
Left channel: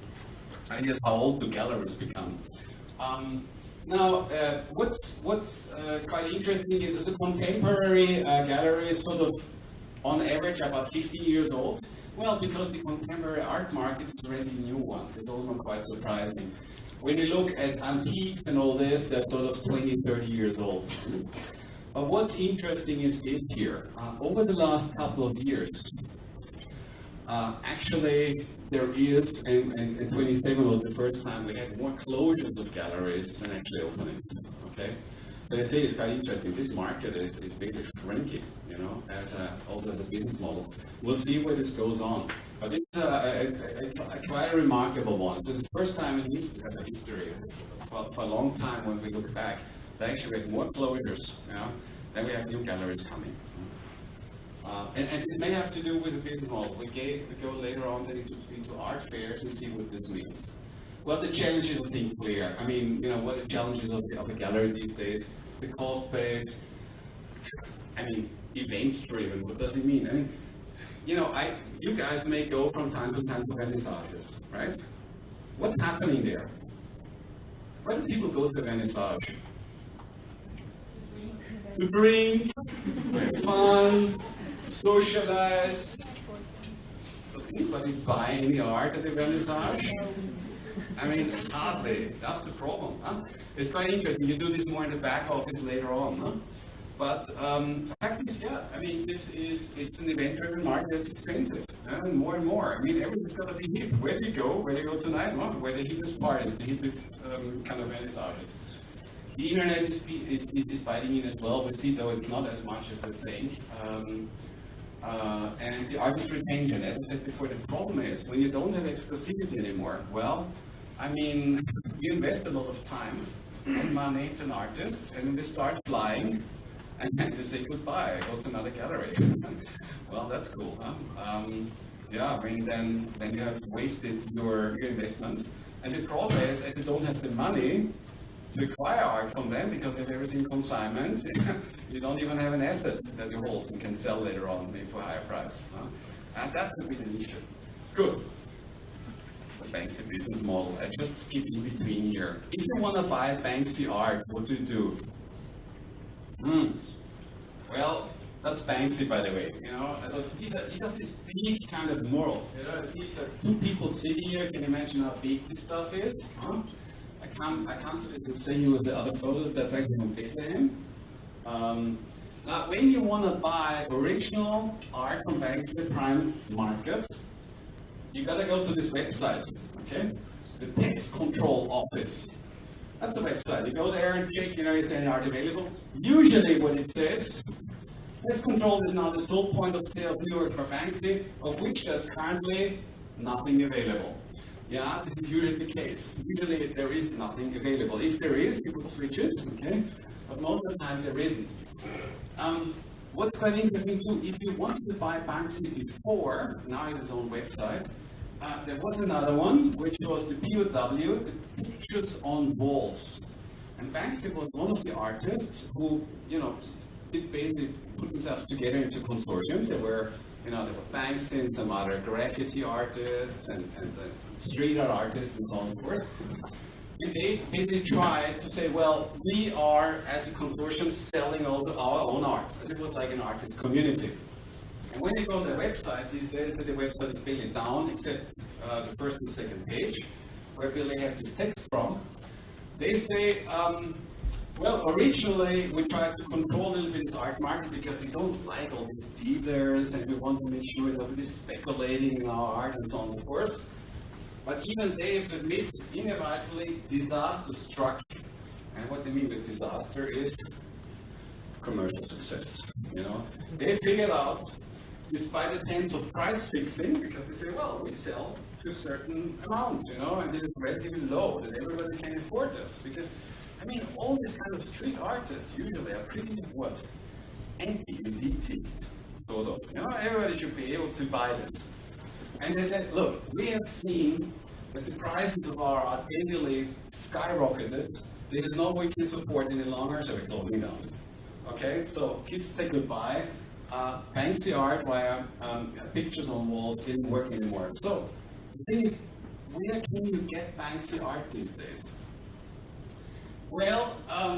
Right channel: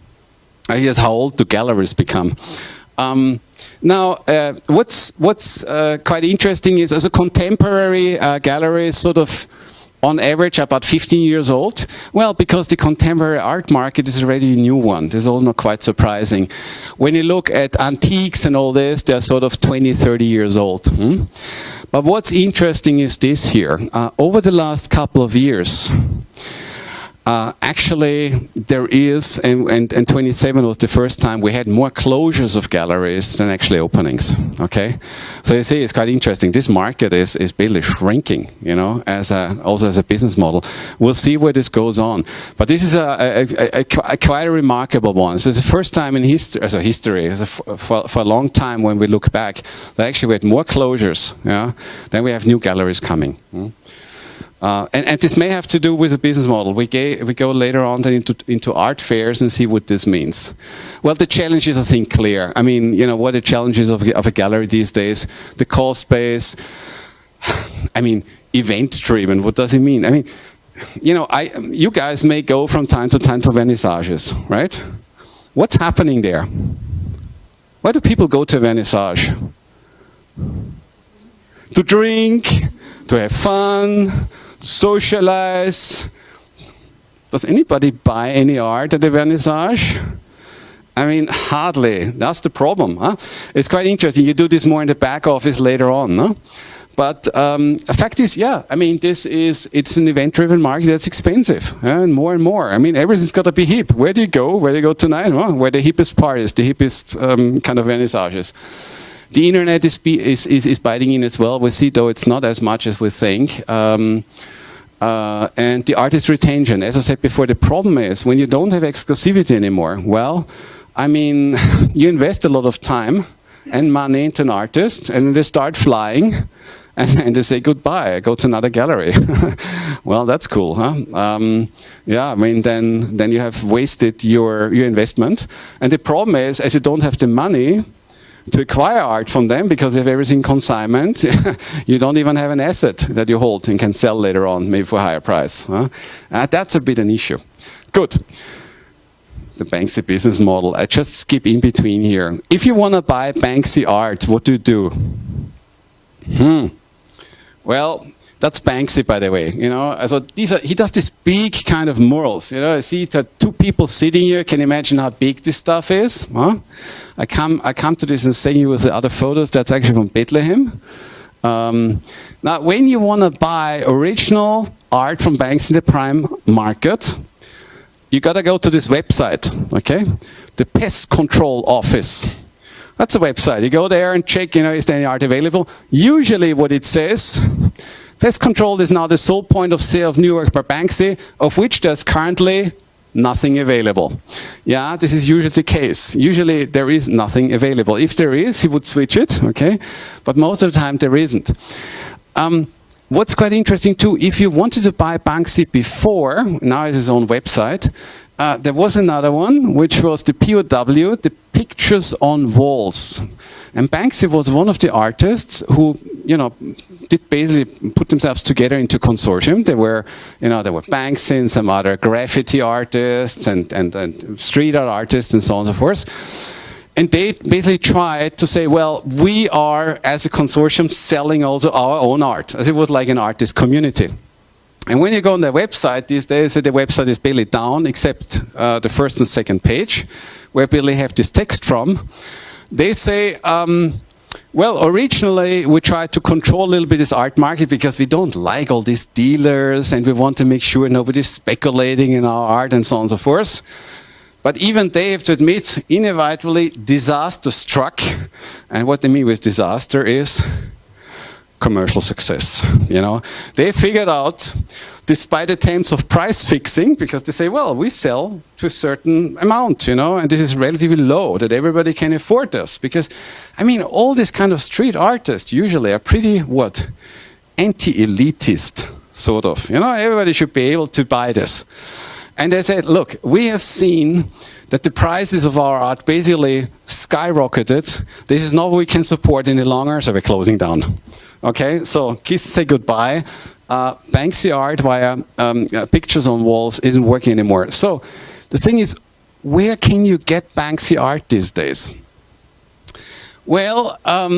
Here's how old do galleries become? Now, what's quite interesting is as a contemporary gallery is sort of on average about 15 years old. Well, because the contemporary art market is already a new one. This is also not quite surprising. When you look at antiques and all this, they're sort of 20, 30 years old. But what's interesting is this here. Over the last couple of years, actually, there is, and 27 was the first time we had more closures of galleries than actually openings. Okay, so you see, it's quite interesting. This market is basically shrinking, you know, also as a business model. We'll see where this goes on, but this is quite a remarkable one. So it's the first time in history, for a long time when we look back, that actually we had more closures, yeah, than we have new galleries coming. And this may have to do with the business model. We go later on into art fairs and see what this means. Well, the challenge is, I think, clear. I mean, you know, what are the challenges of a gallery these days? The cost base, I mean, event-driven, what does it mean? I mean, you know, you guys may go from time to time to vernissages, right? What's happening there? Why do people go to a vernissage? To drink, to have fun, socialize. Does anybody buy any art at the vernissage? I mean, hardly. That's the problem. Huh? It's quite interesting. You do this more in the back office later on. No? But the fact is, yeah, I mean, it's an event-driven market that's expensive, and more. I mean, everything's got to be hip. Where do you go? Where do you go tonight? Well, where the hippest parties, the hippest kind of vernissages. The internet is biting in as well. We see, though, it's not as much as we think. And the artist retention. As I said before, the problem is when you don't have exclusivity anymore, well, I mean, you invest a lot of time and money into an artist, and they start flying, and they say goodbye, I go to another gallery. Well, that's cool, huh? Yeah, I mean, then you have wasted your investment. And the problem is, as you don't have the money to acquire art from them because you have everything consignment, you don't even have an asset that you hold and can sell later on, maybe for a higher price. Huh? That's a bit an issue. Good. The Banksy business model. I just skip in between here. If you want to buy Banksy art, what do? Well, that's Banksy, by the way. You know, so he does this big kind of murals. You know, I see that two people sitting here. Can you imagine how big this stuff is? Huh? I come to this and saying you with the other photos. That's actually from Bethlehem. Now, when you want to buy original art from Banksy in the prime market, you got to go to this website, okay? The Pest Control Office. That's a website. You go there and check, you know, is there any art available? Usually what it says, Pest Control is now the sole point of sale of new work by Banksy, of which there's currently nothing available. Yeah, this is usually the case. Usually there is nothing available. If there is, he would switch it, okay? But most of the time there isn't. What's quite interesting too, if you wanted to buy Banksy before, now it's his own website, there was another one, which was the POW, the Pictures on Walls. And Banksy was one of the artists who, you know, did basically put themselves together into consortium. There were, you know, there were Banksy and some other graffiti artists and street art artists and so on and so forth. And they basically tried to say, well, we are, as a consortium, selling also our own art, as it was like an artist community. And when you go on their website these days, the website is barely down, except the first and second page, where barely have this text from. They say, well, originally we tried to control a little bit this art market because we don't like all these dealers and we want to make sure nobody's speculating in our art and so on and so forth. But even they have to admit, inevitably, disaster struck. And what they mean with disaster is commercial success. You know, they figured out, despite attempts of price fixing, because they say, well, we sell to a certain amount, you know, and this is relatively low, that everybody can afford this. Because, I mean, all these kind of street artists usually are pretty, what, anti-elitist, sort of. You know, everybody should be able to buy this. And they said, look, we have seen that the prices of our art basically skyrocketed. This is not what we can support any longer, so we're closing down. Okay, so kiss, say goodbye. Banksy art via pictures on walls isn't working anymore. So the thing is, where can you get Banksy art these days? Well, I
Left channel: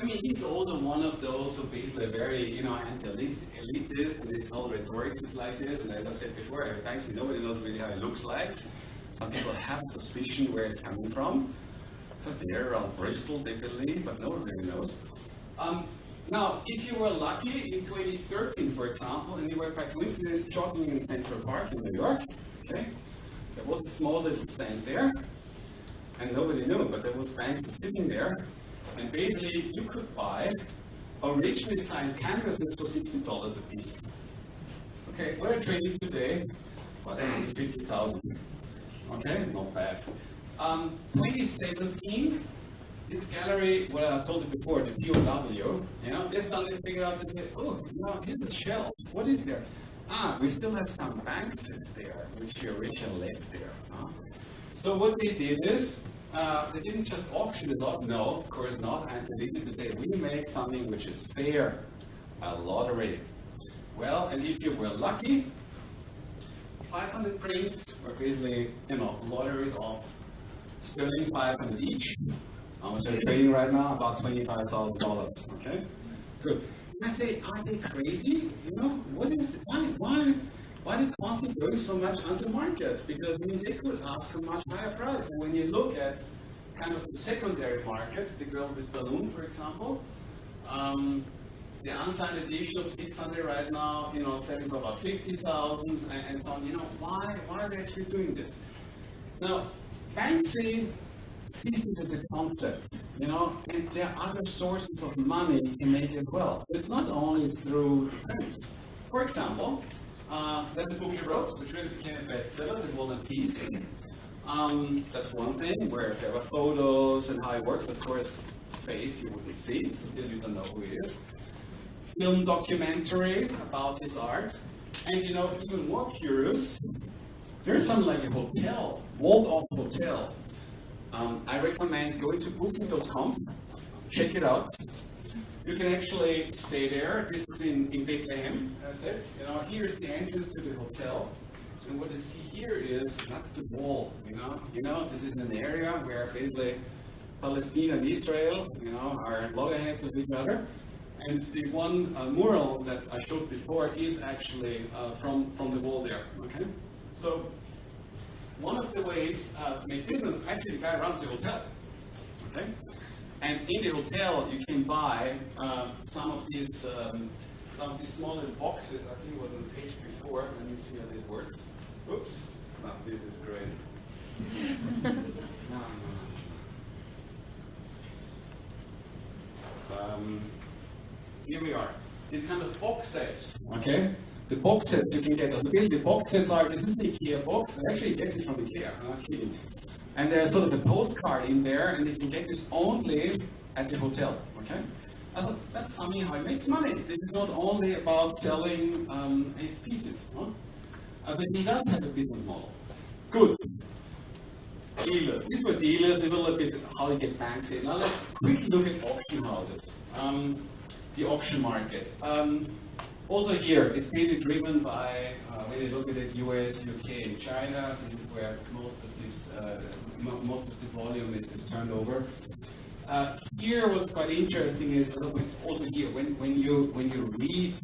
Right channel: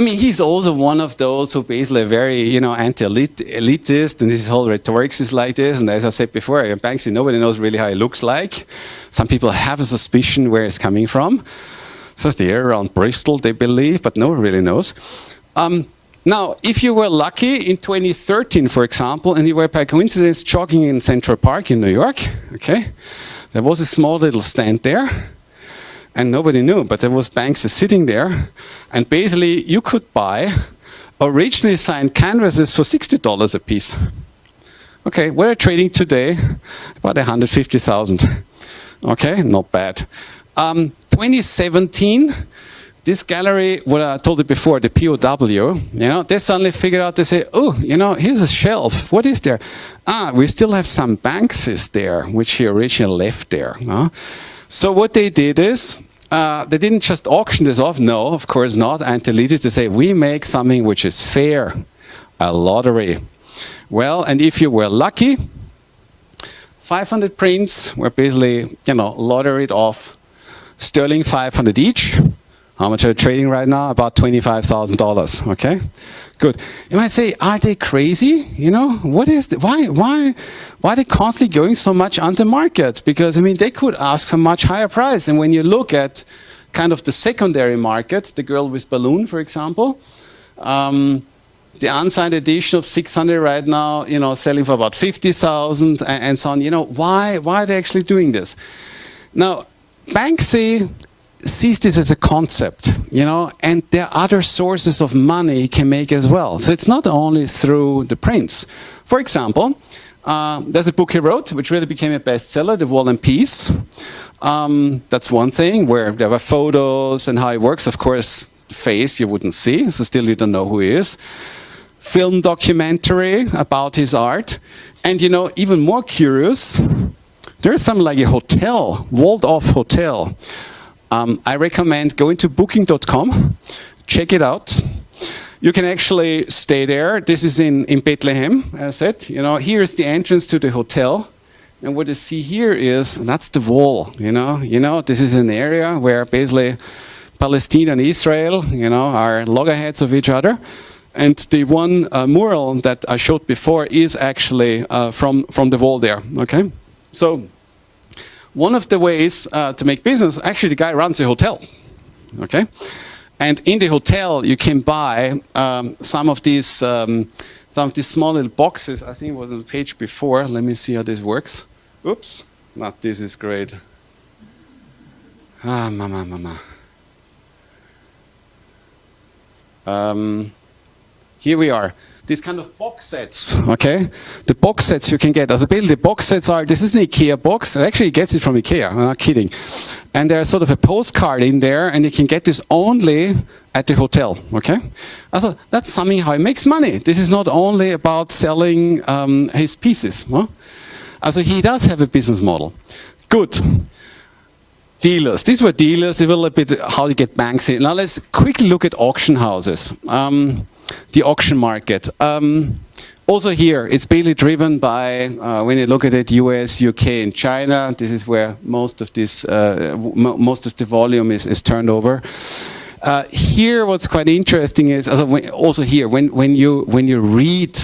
mean, he's also one of those who basically are very, you know, anti-elitist, and his whole rhetoric is like this. And as I said before, Banksy, nobody knows really how he looks like. Some people have a suspicion where he's coming from. So it's the area around Bristol, they believe, but no one really knows. Now, if you were lucky in 2013, for example, and you were by coincidence jogging in Central Park in New York, okay, there was a small little stand there, and nobody knew, but there was Banksy sitting there, and basically you could buy originally signed canvases for $60 a piece. Okay, what are trading today? About 150,000. Okay, not bad. 2017. This gallery, what I told you before, the POW, you know, they suddenly figured out, they say, oh, you know, here's a shelf. What is there? Ah, we still have some Banksys there, which he originally left there. So what they did is, they didn't just auction this off. No, of course not. Anti-elitist, they say, we make something which is fair, a lottery. Well, and if you were lucky, 500 prints were basically, you know, lotteried off, sterling 500 each. How much are you trading right now? About $25,000, okay? Good. You might say, are they crazy? You know, what is the, why are they constantly going so much on the market? Because, I mean, they could ask for much higher price. And when you look at kind of the secondary market, the girl with balloon, for example, the unsigned edition of 600 right now, you know, selling for about 50,000 and so on. You know, why are they actually doing this? Now, Banksy sees this as a concept, you know, and there are other sources of money he can make as well. So it's not only through the prints. For example, there's a book he wrote, which really became a bestseller, The War and Peace. That's one thing, where there were photos and how it works. Of course, the face you wouldn't see, so still you don't know who he is. Film documentary about his art. And, you know, even more curious, there's something like a hotel, walled-off hotel. I recommend going to booking.com, check it out. You can actually stay there. This is in Bethlehem, as I said. You know, here's the entrance to the hotel. And what you see here is, that's the wall, you know. This is an area where basically Palestine and Israel, you know, are loggerheads of each other. And the one mural that I showed before is actually from the wall there, okay? So, one of the ways to make business, actually the guy runs a hotel, okay? And in the hotel you can buy some of these small little boxes. I think it was on the page before. Let me see how this works. Oops, not this is great. Ah, mama. Here we are. These kind of box sets, okay? The box sets you can get. Also, basically, the box sets are, this is an IKEA box. It actually gets it from IKEA, I'm not kidding. And there's sort of a postcard in there, and you can get this only at the hotel, okay? I thought, that's something how he makes money. This is not only about selling his pieces. Huh? Also, he does have a business model. Good. Dealers. These were dealers. A little bit how to get Banksy. Now, let's quickly look at auction houses. The auction market. Also here, it's basically driven by, when you look at it, US, UK, and China. This is where most of this, most of the volume is turned over. Here, what's quite interesting is, also here, when you read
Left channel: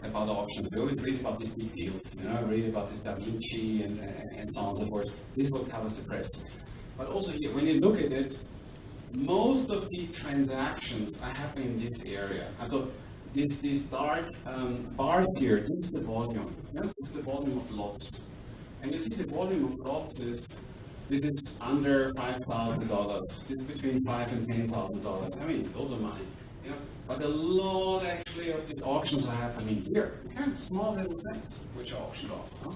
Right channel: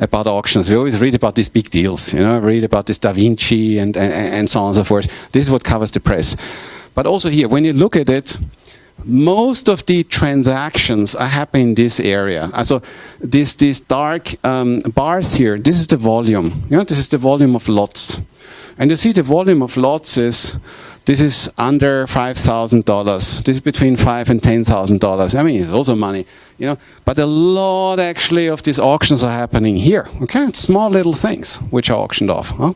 about auctions, you always read about these big deals, you know, read about this Da Vinci and so on and so forth. This is what covers the press. But also here, when you look at it, most of the transactions are happening in this area. So these dark bars here, this is the volume. You know, this is the volume of lots. And you see the volume of lots is, this is under $5,000. This is between $5,000 and $10,000. I mean, it's also money, you know. But a lot, actually, of these auctions are happening here. Okay, it's small little things which are auctioned off. Huh?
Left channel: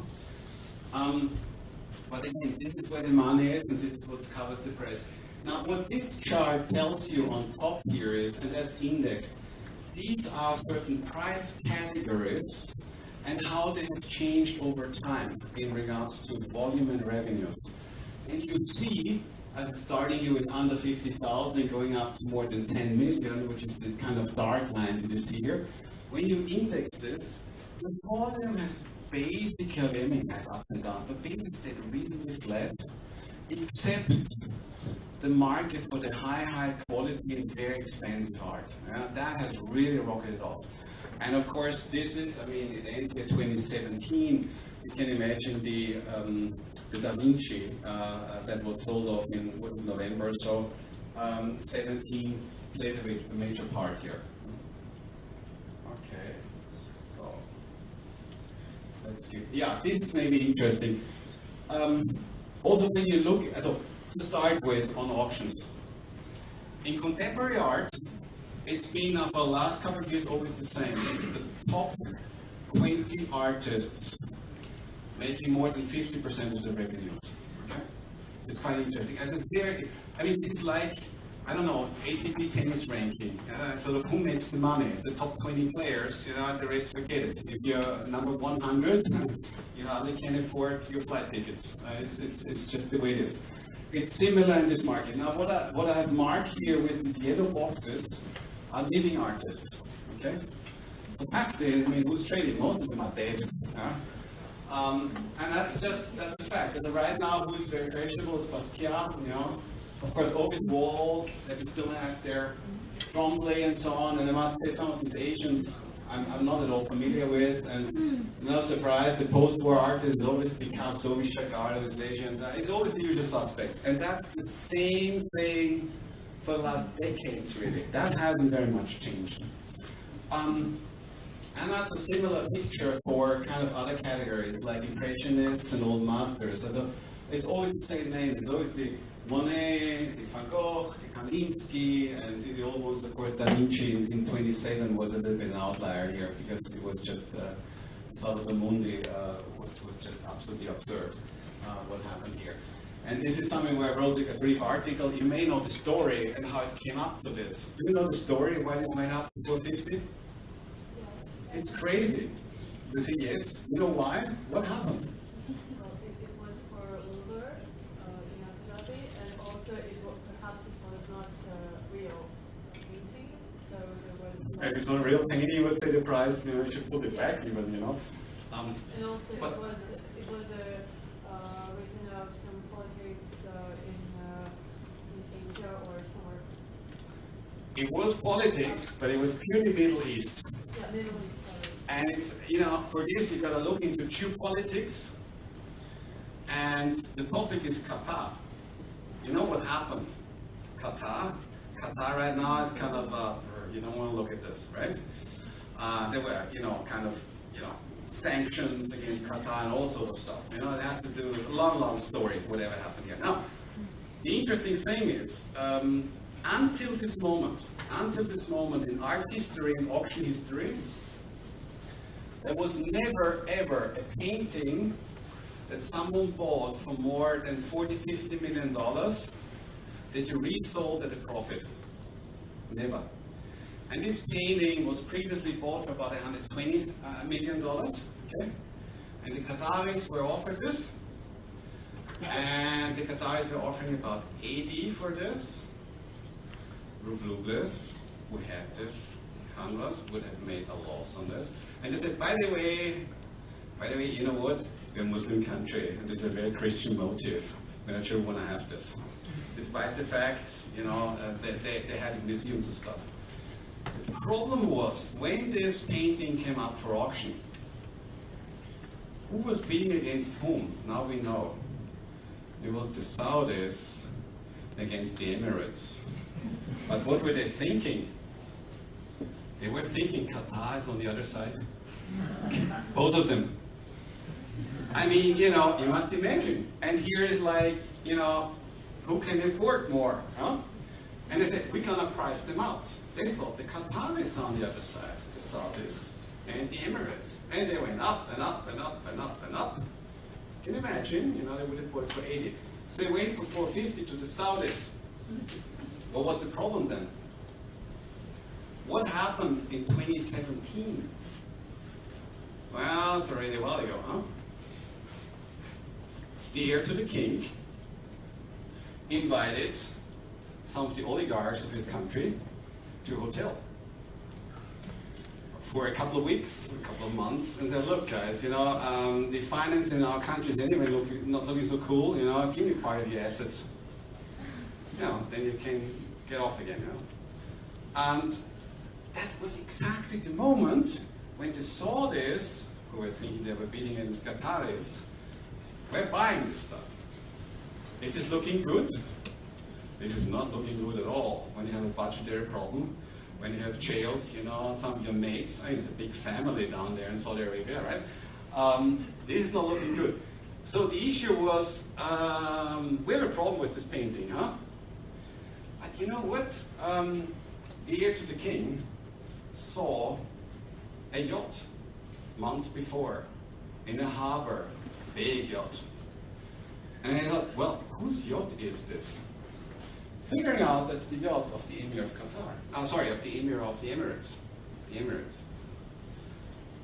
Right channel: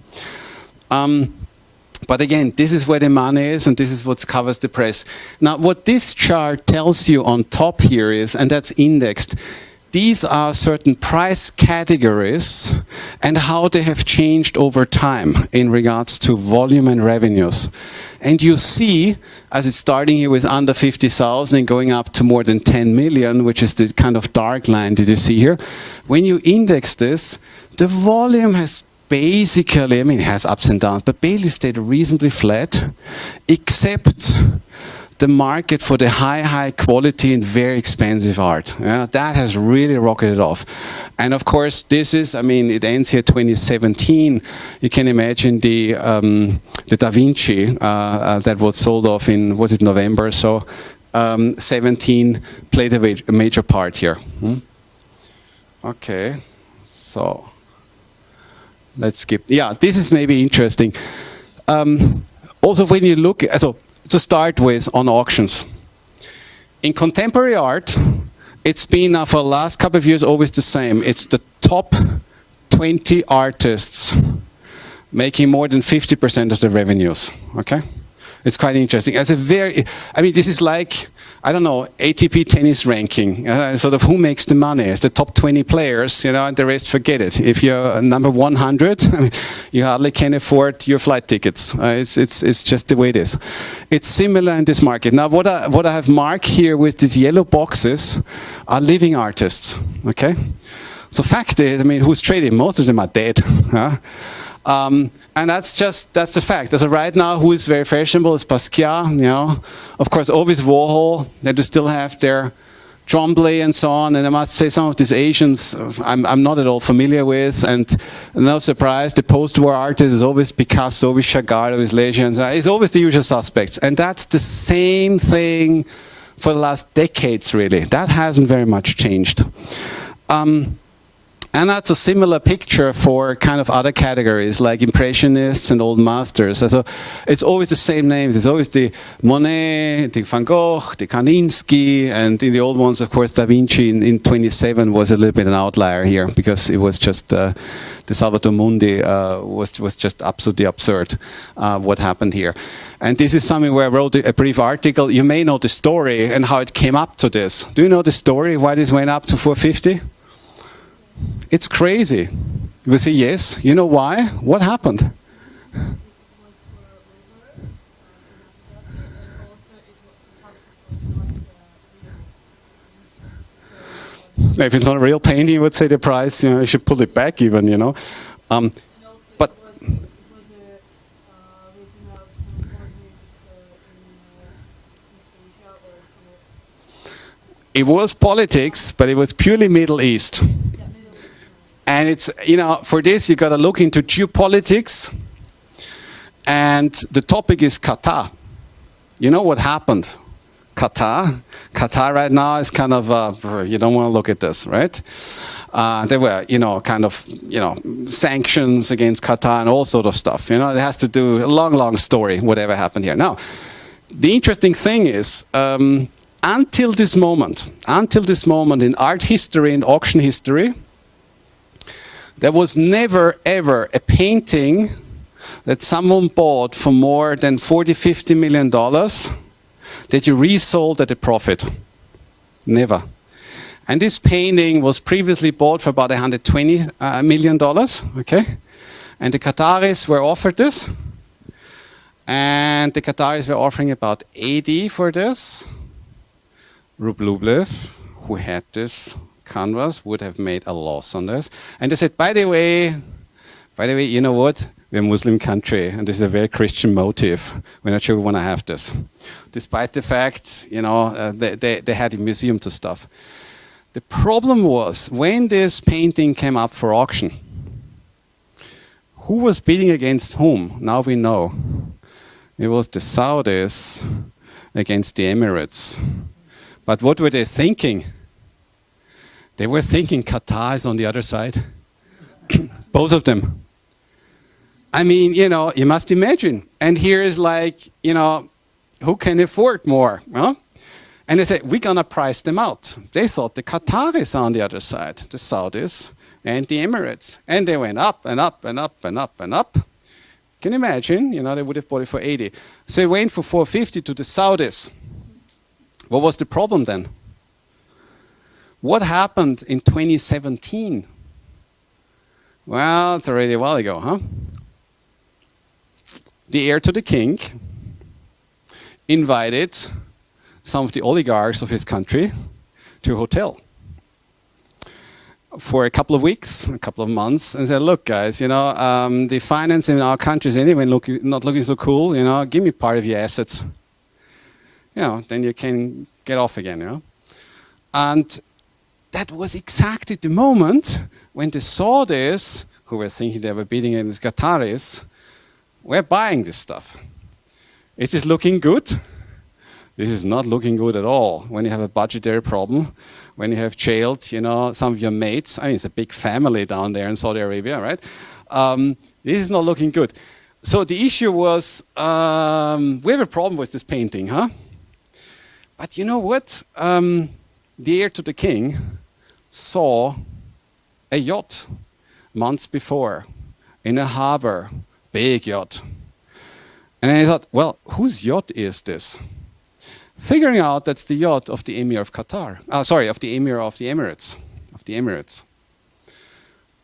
But again, this is where the money is, and this is what covers the press. Now, what this chart tells you on top here is, and that's indexed, these are certain price categories and how they have changed over time in regards to volume and revenues. And you see, as it's starting here with under 50,000 and going up to more than 10 million, which is the kind of dark line that you see here, when you index this, the volume has basically, I mean, it has ups and downs, but basically stayed reasonably flat, except the market for the high quality and very expensive art. Yeah, that has really rocketed off. And of course, this is, I mean, it ends here 2017. You can imagine the Da Vinci that was sold off in, was it November? So 17 played a major part here. Okay, so let's skip. Yeah, this is maybe interesting. Also, when you look, so to start with, on auctions. In contemporary art, it's been for the last couple of years always the same. It's the top 20 artists making more than 50% of the revenues. Okay, it's quite interesting. As a very, I mean, this is like, I don't know, ATP tennis ranking, sort of who makes the money. It's the top 20 players, you know, and the rest forget it. If you're number 100, you hardly can afford your flight tickets. It's just the way it is. It's similar in this market. Now, what I have marked here with these yellow boxes are living artists, okay? So fact is, I mean, who's trading? Most of them are dead. Huh? And that's the fact. So right now, who is very fashionable is Basquiat, you know. Of course, always Warhol. They do still have their Tremblay and so on. And I must say, some of these Asians, I'm not at all familiar with. And no surprise, the post-war artist is always Picasso, always Chagall, always Lejeune. It's always the usual suspects. And that's the same thing for the last decades, really. That hasn't very much changed. And that's a similar picture for kind of other categories, like Impressionists and Old Masters. So it's always the same names. It's always the Monet, the Van Gogh, the Kandinsky, and in the old ones, of course, Da Vinci in 27 was a little bit an outlier here, because it was just, the Salvator Mundi was just absolutely absurd, what happened here. And this is something where I wrote a brief article. You may know the story and how it came up to this. Do you know the story, why this went up to 450? It's crazy. You will say, yes. You know why? What happened? It was for Uber in Abu Dhabi, and also perhaps it was not real painting. So if it's not a real painting, you would say the price, you know, you should pull it back even, you know. And also but it was a reason of some politics in Asia or somewhere. it was politics, but it was purely Middle East. And it's, you know, for this, you got to look into geopolitics. And the topic is Qatar. You know what happened? Qatar right now is kind of, you don't want to look at this, right? There were, you know, kind of, you know, sanctions against Qatar and all sort of stuff. You know, it has to do, a long story, whatever happened here. Now, the interesting thing is, until this moment in art history and auction history, there was never, ever a painting that someone bought for more than $40, $50 million that you resold at a profit. Never. And this painting was previously bought for about $120 million, okay? And the Qataris were offered this. And the Qataris were offering about 80 for this. Rublev, who had this canvas, would have made a loss on this. And they said, by the way, you know what? We're a Muslim country, and this is a very Christian motive. We're not sure we want to have this. Despite the fact, you know, they had a museum to stuff. The problem was, when this painting came up for auction, who was bidding against whom? Now we know. It was the Saudis against the Emirates. But what were they thinking? They were thinking Qatar is on the other side. Both of them. I mean, you know, you must imagine. And here is like, you know, who can afford more? Huh? And they said, we're going to price them out. They thought the Qataris on the other side, the Saudis and the Emirates. And they went up and up and up and up and up. Can you imagine? You know, they would have bought it for 80. So they went for 450 to the Saudis. What was the problem then? What happened in 2017? Well, it's already a while ago, huh? The heir to the king invited some of the oligarchs of his country to a hotel for a couple of weeks, a couple of months, and said, look, guys, the finance in our country is anyway not looking so cool, give me part of your assets. Then you can get off again, And that was exactly the moment when they saw this, who were thinking they were beating it as Qataris, were buying this stuff. Is this looking good? This is not looking good at all. When you have a budgetary problem, when you have jailed, some of your mates. I mean, it's a big family down there in Saudi Arabia, right? This is not looking good. So the issue was, we have a problem with this painting, huh? But you know what? The heir to the king saw a yacht months before in a harbor, big yacht. And I thought, well, whose yacht is this? Figuring out that's the yacht of the Emir of Qatar. Of the Emir of the Emirates.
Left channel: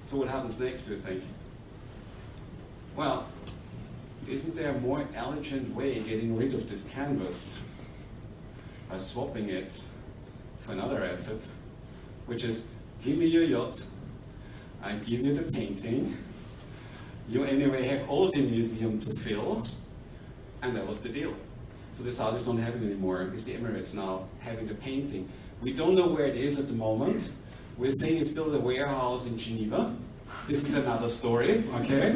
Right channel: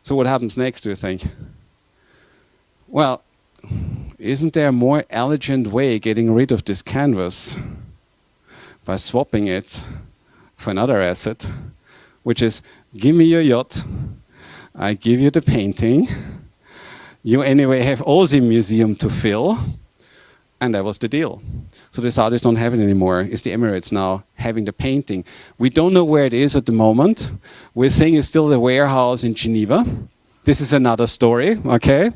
So what happens next, do you think? Well, isn't there a more elegant way getting rid of this canvas by swapping it for another asset, which is, give me your yacht, I give you the painting, you anyway have all the museum to fill, and that was the deal. So the Saudis don't have it anymore. It's the Emirates now having the painting. We don't know where it is at the moment. We think it's still the warehouse in Geneva. This is another story, okay?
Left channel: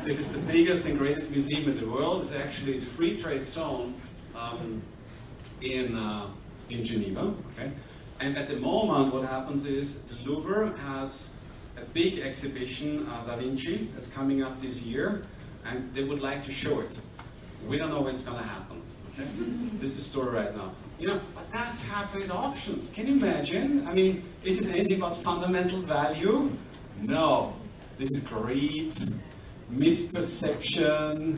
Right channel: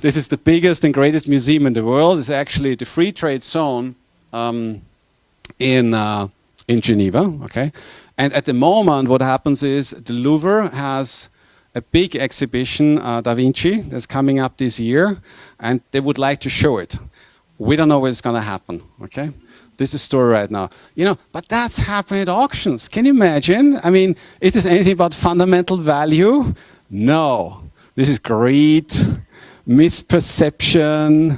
This is the biggest and greatest museum in the world. It's actually the free trade zone in Geneva, okay? And at the moment, what happens is the Louvre has a big exhibition, Da Vinci, that's coming up this year, and they would like to show it. We don't know what's going to happen, okay? This is the story right now. But that's happening at auctions. Can you imagine? I mean, is this anything but fundamental value? No. This is greed, misperception,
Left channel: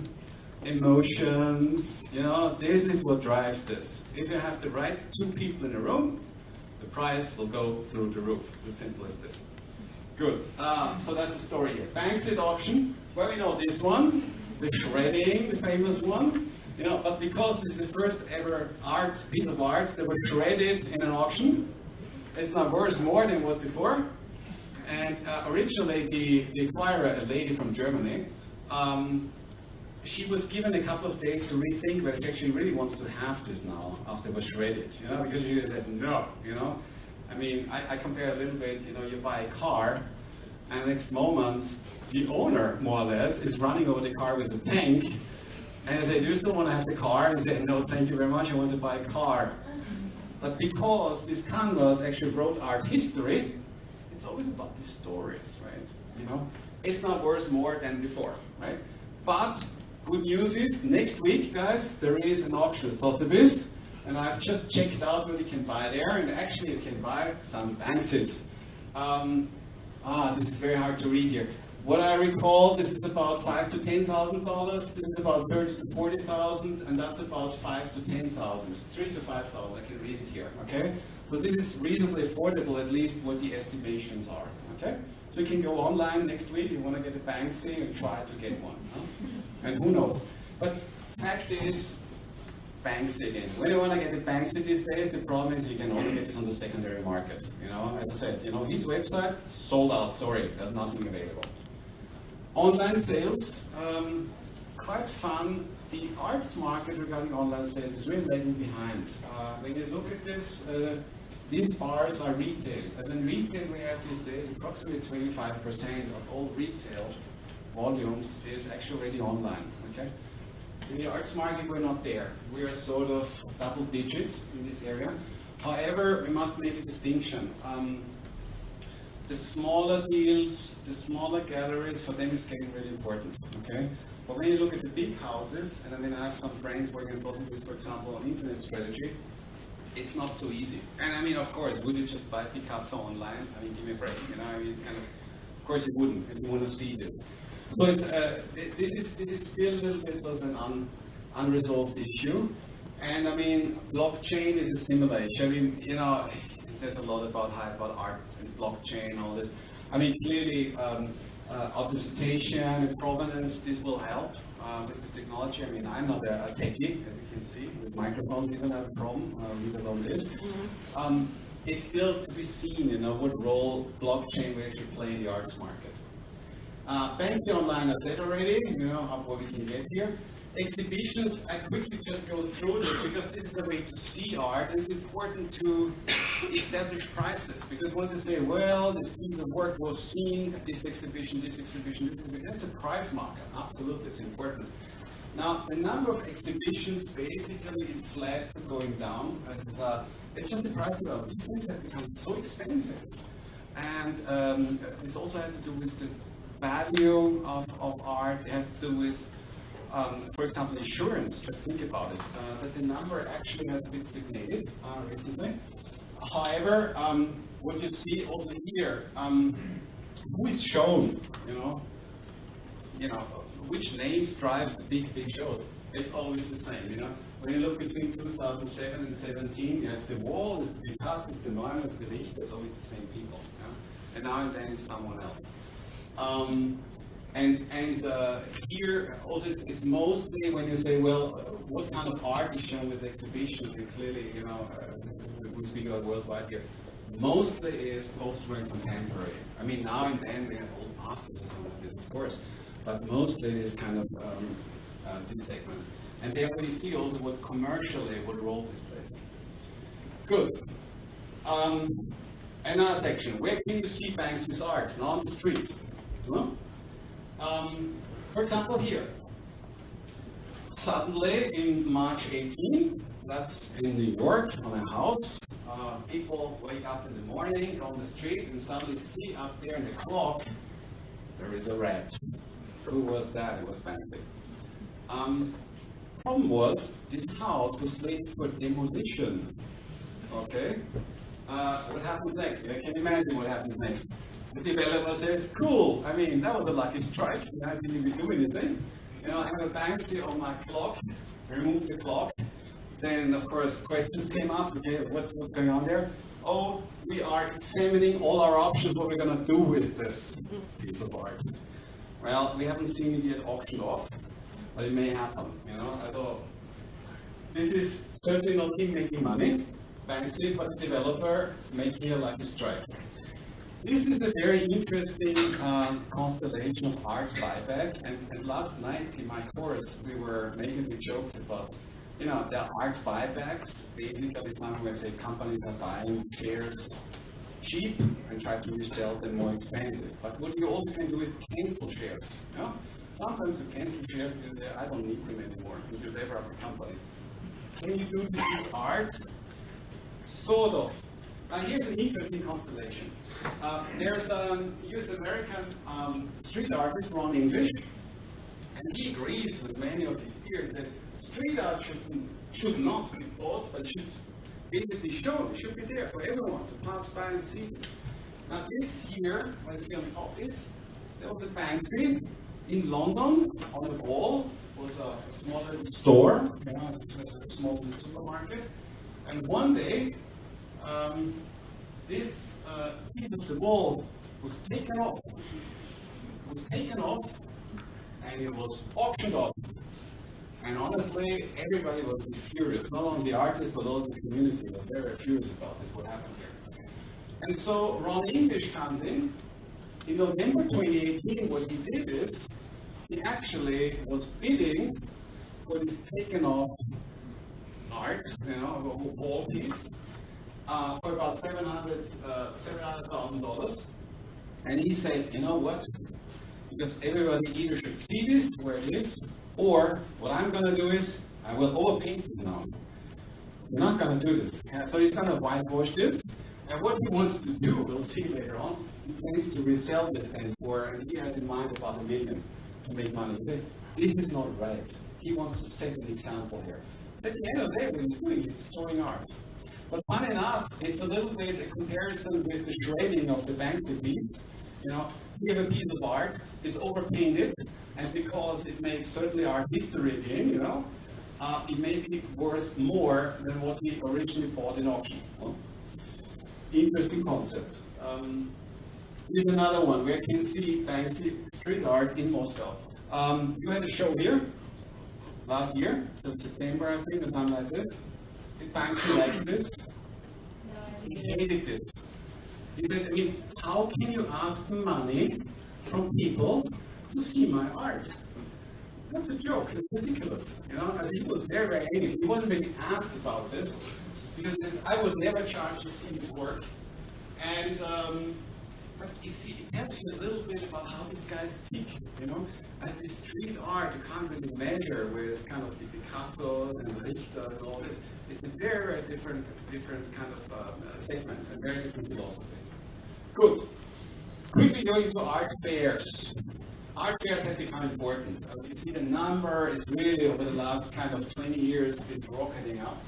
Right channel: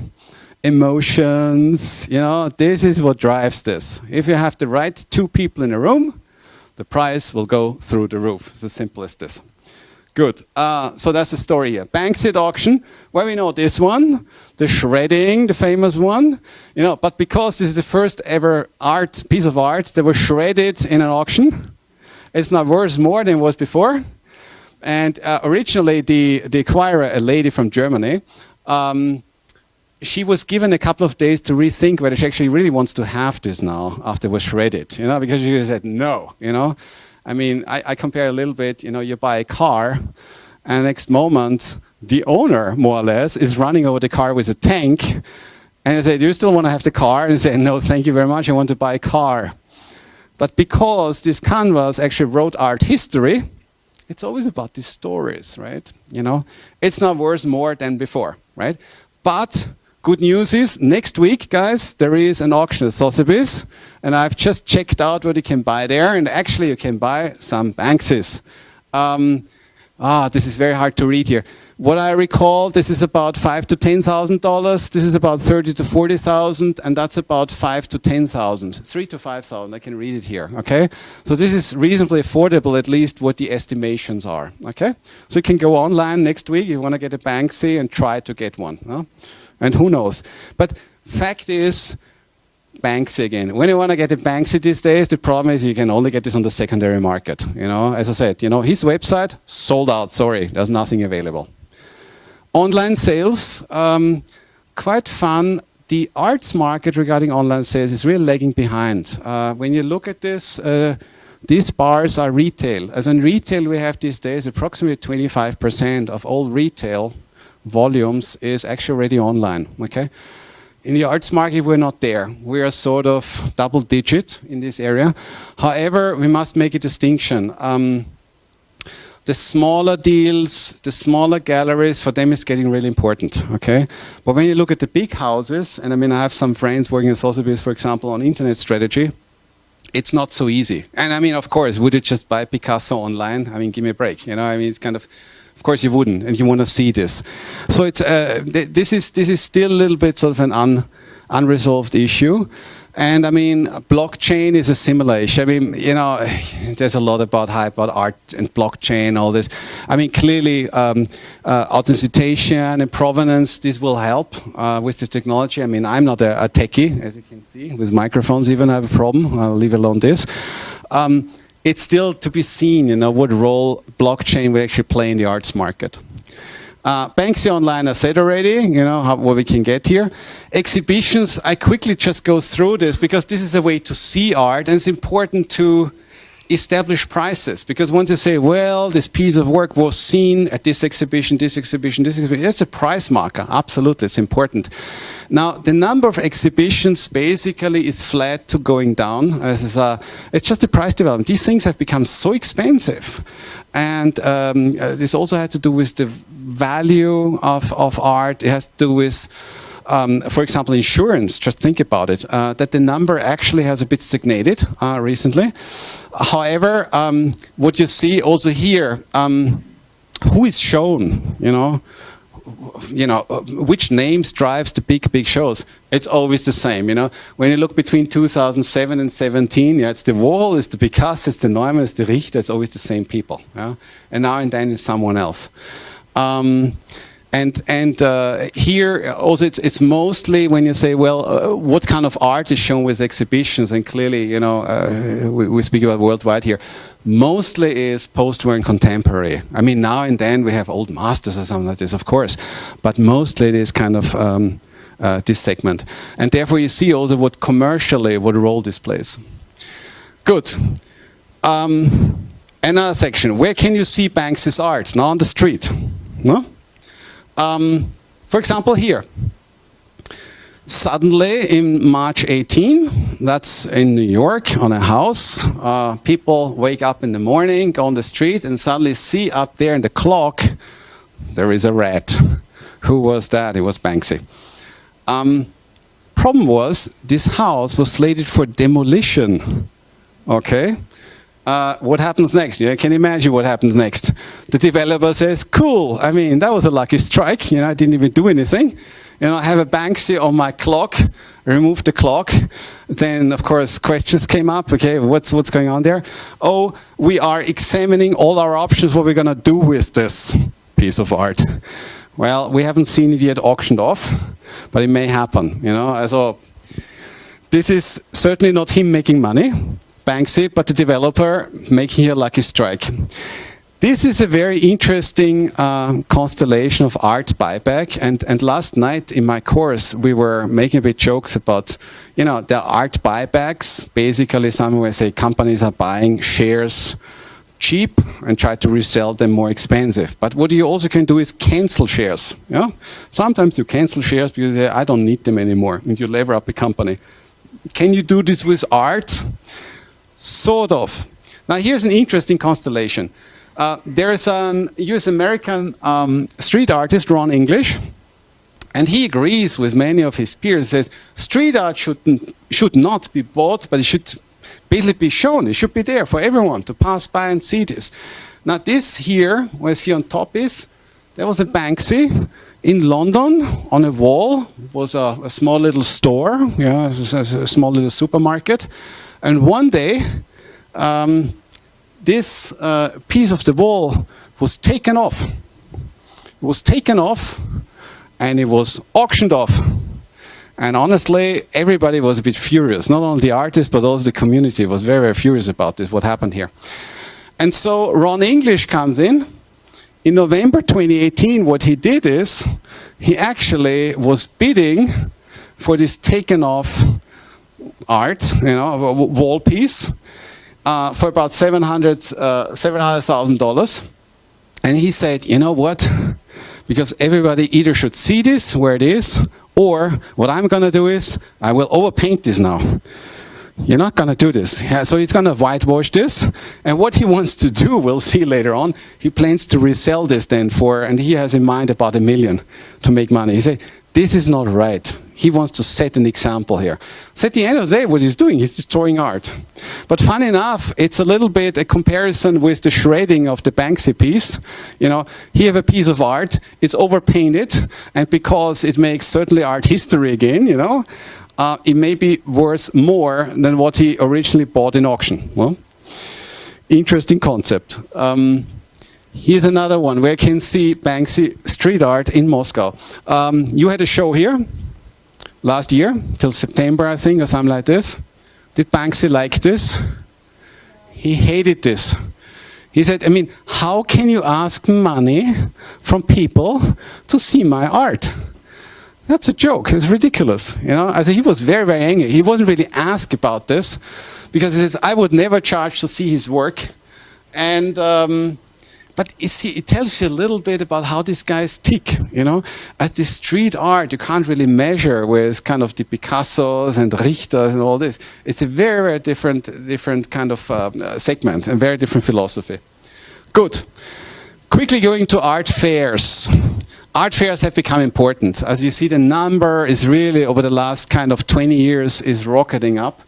emotions. This is what drives this. If you have the right two people in a room, the price will go through the roof. It's as simple as this. Good. So that's the story here. Banksy at auction. Well, we know this one. The shredding, the famous one, but because this is the first ever piece of art that was shredded in an auction, it's now worth more than it was before. And originally, the acquirer, a lady from Germany, she was given a couple of days to rethink whether she actually really wants to have this now after it was shredded, because she said no, I mean, I compare a little bit, you buy a car, and the next moment, the owner, more or less, is running over the car with a tank. And I say, do you still want to have the car? And they say, no, thank you very much, I want to buy a car. But because this canvas actually wrote art history, it's always about these stories, right? It's not worth more than before, right? But good news is, next week, guys, there is an auction at Sotheby's. And I've just checked out what you can buy there. And actually, you can buy some Banksys. This is very hard to read here. What I recall, this is about $5,000 to $10,000. This is about $30,000 to $40,000, and that's about $5,000 to $10,000. $3,000 to $5,000. I can read it here. Okay, so this is reasonably affordable, at least what the estimations are. Okay, so you can go online next week. You want to get a Banksy and try to get one. No? And who knows? But fact is, Banksy again. When you want to get a Banksy these days, the problem is you can only get this on the secondary market. As I said, his website sold out. Sorry, there's nothing available. Online sales, quite fun. The arts market regarding online sales is really lagging behind. When you look at this, these bars are retail. As in retail, we have these days approximately 25% of all retail volumes is actually already online. Okay. In the arts market, we're not there. We are sort of double digit in this area. However, we must make a distinction. The smaller deals, the smaller galleries, for them it's getting really important, okay? But when you look at the big houses, and I mean, I have some friends working at Sotheby's, for example, on internet strategy, it's not so easy. And I mean, of course, would you just buy Picasso online? I mean, give me a break, I mean, it's kind of course you wouldn't, and you want to see this. So it's, this is still a little bit sort of an unresolved issue. And I mean, blockchain is a similar issue. I mean, you know, there's a lot about hype about art and blockchain, all this. I mean, clearly, authentication and provenance, this will help with the technology. I mean, I'm not a techie, as you can see, with microphones even I have a problem, I'll leave alone this. It's still to be seen, you know, what role blockchain will actually play in the arts market. Banksy Online, I said already, you know, what we can get here. Exhibitions, I quickly just go through this because this is a way to see art, and it's important to establish prices. Because once you say, well, this piece of work was seen at this exhibition, this exhibition, this exhibition, it's a price marker, absolutely, it's important. Now, the number of exhibitions basically is flat to going down. It's just the price development. These things have become so expensive. And this also has to do with the value of art. It has to do with, for example, insurance. Just think about it, that the number actually has a bit stagnated recently. However, what you see also here, who is shown, you know, which names drives the big shows? It's always the same, you know. When you look between 2007 and 17, yeah, it's the Warhol, it's the Picasso, it's the Neumann, it's the Richter, it's always the same people. Yeah? And now and then it's someone else. Here also it's mostly when you say, well, what kind of art is shown with exhibitions, and clearly, you know, we speak about worldwide here, mostly is post-war and contemporary. I mean, now and then we have old masters or something like this, of course, but mostly it is kind of this segment. And therefore you see also what commercially, what role this plays. Good. Another section, where can you see Banksy's art? Not on the street. No? For example, here. Suddenly, in March 18, that's in New York, on a house, people wake up in the morning, go on the street, and suddenly see up there in the clock, there is a rat. Who was that? It was Banksy. Problem was, this house was slated for demolition. Okay? What happens next? You can imagine what happens next. The developer says, cool, I mean, that was a lucky strike. You know, I didn't even do anything. You know, I have a Banksy on my clock, remove the clock. Then, of course, questions came up. Okay, what's going on there? Oh, we are examining all our options, what we're going to do with this piece of art. Well, we haven't seen it yet auctioned off, but it may happen. You know, so this is certainly not him making money, Banksy, but the developer making a lucky strike. This is a very interesting constellation of art buyback, and last night in my course we were making a bit jokes about, you know, the art buybacks. Basically, something where say companies are buying shares cheap and try to resell them more expensive. But what you also can do is cancel shares. Yeah? Sometimes you cancel shares because you say, I don't need them anymore, and you lever up a company. Can you do this with art? Sort of. Now here's an interesting constellation. There is a US-American street artist, Ron English, and he agrees with many of his peers. He says, street art should not be bought, but it should basically be shown. It should be there for everyone to pass by and see this. Now this here, where I see on top is, there was a Banksy in London on a wall. It was a small little store, yeah, a small little supermarket. And one day, this piece of the wall was taken off. It was taken off, and it was auctioned off. And honestly, everybody was a bit furious. Not only the artist, but also the community was very, very furious about this, what happened here. And so Ron English comes in. In November 2018, what he did is, he actually was bidding for this taken off art, you know, a wall piece, for about $700,000. And he said, you know what? Because everybody either should see this where it is, or what I'm going to do is I will overpaint this now. You're not going to do this. Yeah, so he's going to whitewash this. And what he wants to do, we'll see later on, he plans to resell this then for, and he has in mind about $1 million to make money. He said, this is not right. He wants to set an example here. So at the end of the day, what he's doing, he's destroying art. But funny enough, it's a little bit a comparison with the shredding of the Banksy piece. You know, here you have a piece of art, it's overpainted, and because it makes certainly art history again, you know, it may be worth more than what he originally bought in auction. Well, interesting concept. Here's another one where you can see Banksy street art in Moscow. You had a show here last year, till September, I think, or something like this. Did Banksy like this? He hated this. He said, I mean, how can you ask money from people to see my art? That's a joke. It's ridiculous. You know, he was very, very angry. He wasn't really asked about this because he says, I would never charge to see his work. And but you see, it tells you a little bit about how these guys tick, you know. As this street art, you can't really measure with kind of the Picassos and Richters and all this. It's a very, very different kind of segment and very different philosophy. Good. Quickly going to art fairs. Art fairs have become important. As you see, the number is really, over the last kind of 20 years, is rocketing up.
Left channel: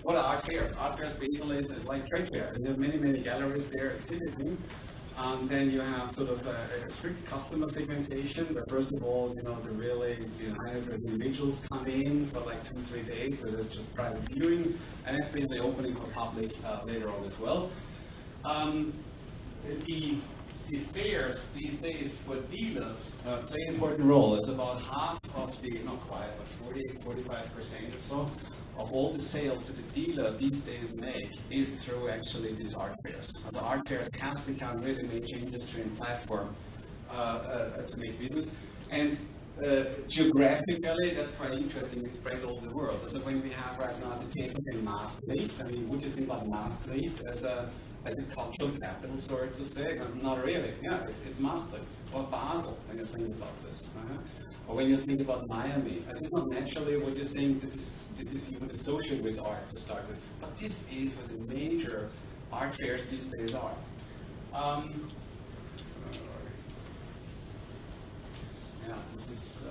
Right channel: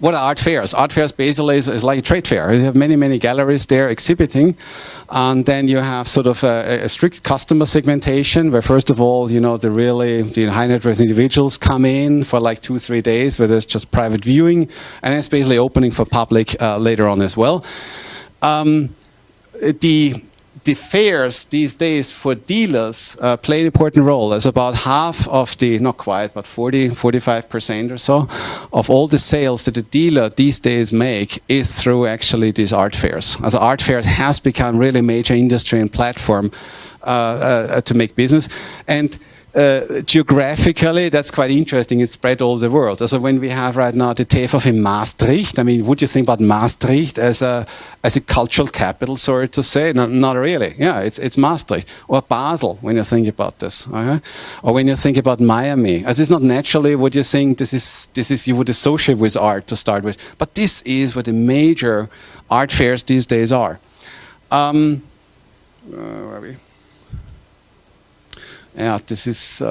What are art fairs? Art fairs basically is like a trade fair. You have many, many galleries there exhibiting. And then you have sort of a strict customer segmentation where, first of all, you know, the high net worth individuals come in for like 2-3 days where there's just private viewing. And it's basically opening for public later on as well. The fairs these days for dealers play an important role. As about half of the, not quite, but 45% or so of all the sales that a dealer these days make is through actually these art fairs. As art fairs has become really a major industry and platform to make business. And geographically, that's quite interesting. It's spread all over the world. So when we have right now the TFF in Maastricht, I mean, would you think about Maastricht as a cultural capital, sorry to say? No, not really. Yeah, it's Maastricht. Or Basel, when you think about this. Or when you think about Miami. As it's not naturally what you think this is you would associate with art to start with. But this is what the major art fairs these days are. Where are we? Yeah, this is,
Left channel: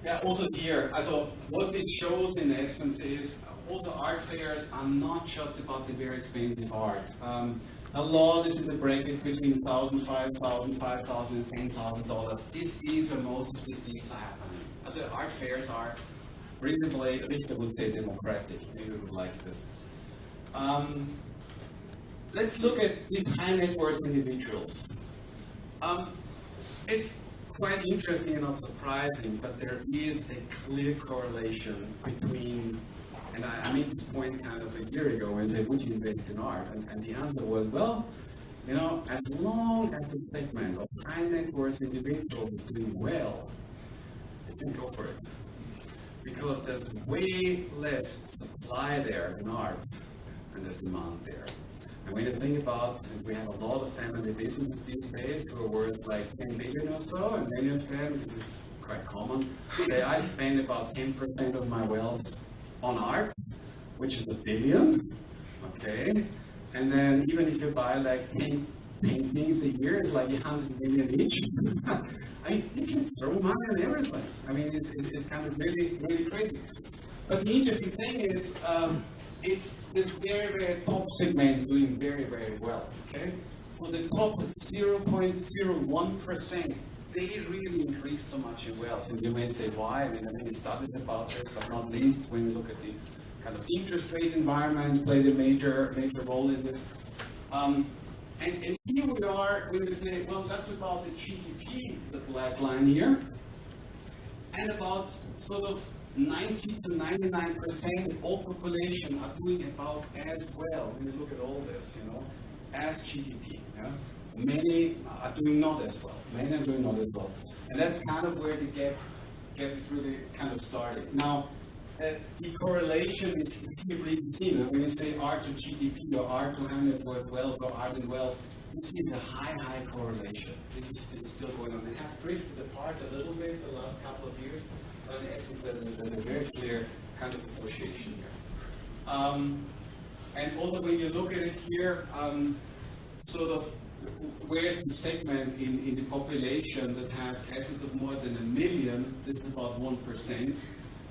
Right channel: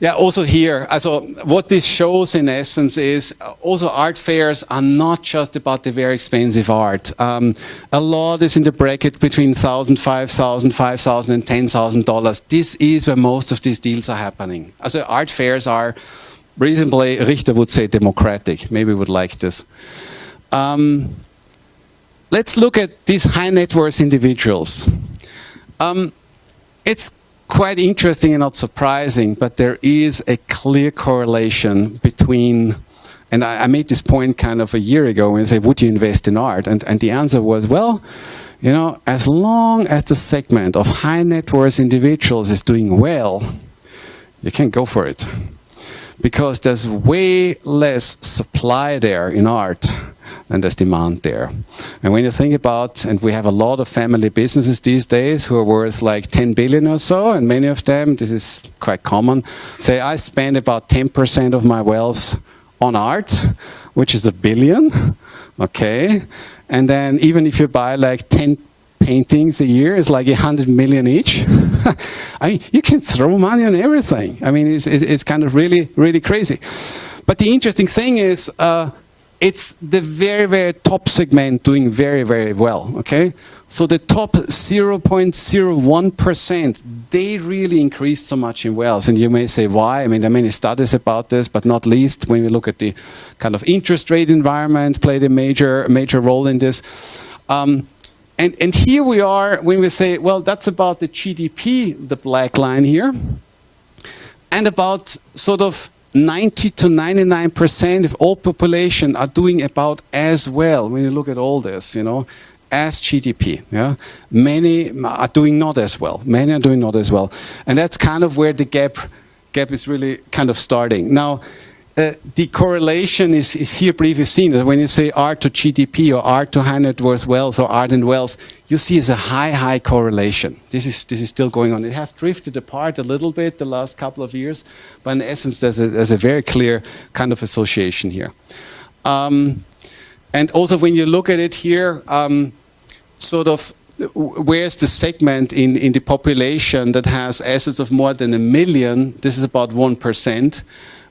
yeah, also here, so what this shows in essence is also art fairs are not just about the very expensive art. A lot is in the bracket between $1,000, $5,000, $5,000 and $10,000. This is where most of these deals are happening. Also art fairs are reasonably, Richter would say, democratic. Maybe would like this. Let's look at these high net worth individuals. It's quite interesting and not surprising, but there is a clear correlation between, and I made this point kind of a year ago when I said, would you invest in art? And the answer was, well, you know, as long as the segment of high net worth individuals is doing well, you can go for it. Because there's way less supply there in art and there's demand there. And when you think about, and we have a lot of family businesses these days who are worth like 10 billion or so, and many of them, this is quite common, say I spend about 10% of my wealth on art, which is $1 billion, okay? And then even if you buy like 10 paintings a year, it's like 100 million each. I mean, you can throw money on everything. I mean, it's kind of really, really crazy. But the interesting thing is, it's the very, very top segment doing very, very well, okay? So the top 0.01%, they really increased so much in wealth. And you may say, why? I mean, there are many studies about this, but not least when we look at the kind of interest rate environment played a major role in this. And here we are when we say, well, that's about the GDP, the black line here, and about sort of 90 to 99% of all population are doing about as well when you look at all this, you know, as GDP. Yeah? Many are doing not as well. Many are doing not as well. And that's kind of where the gap is really kind of starting. Now, the correlation is here briefly seen. When you say art to GDP or art to high net worth wealth or art and wealth, you see it's a high correlation. This is still going on. It has drifted apart a little bit the last couple of years, but in essence there's a very clear kind of association here. And also when you look at it here, sort of where's the segment in the population that has assets of more than $1 million, this is about 1%.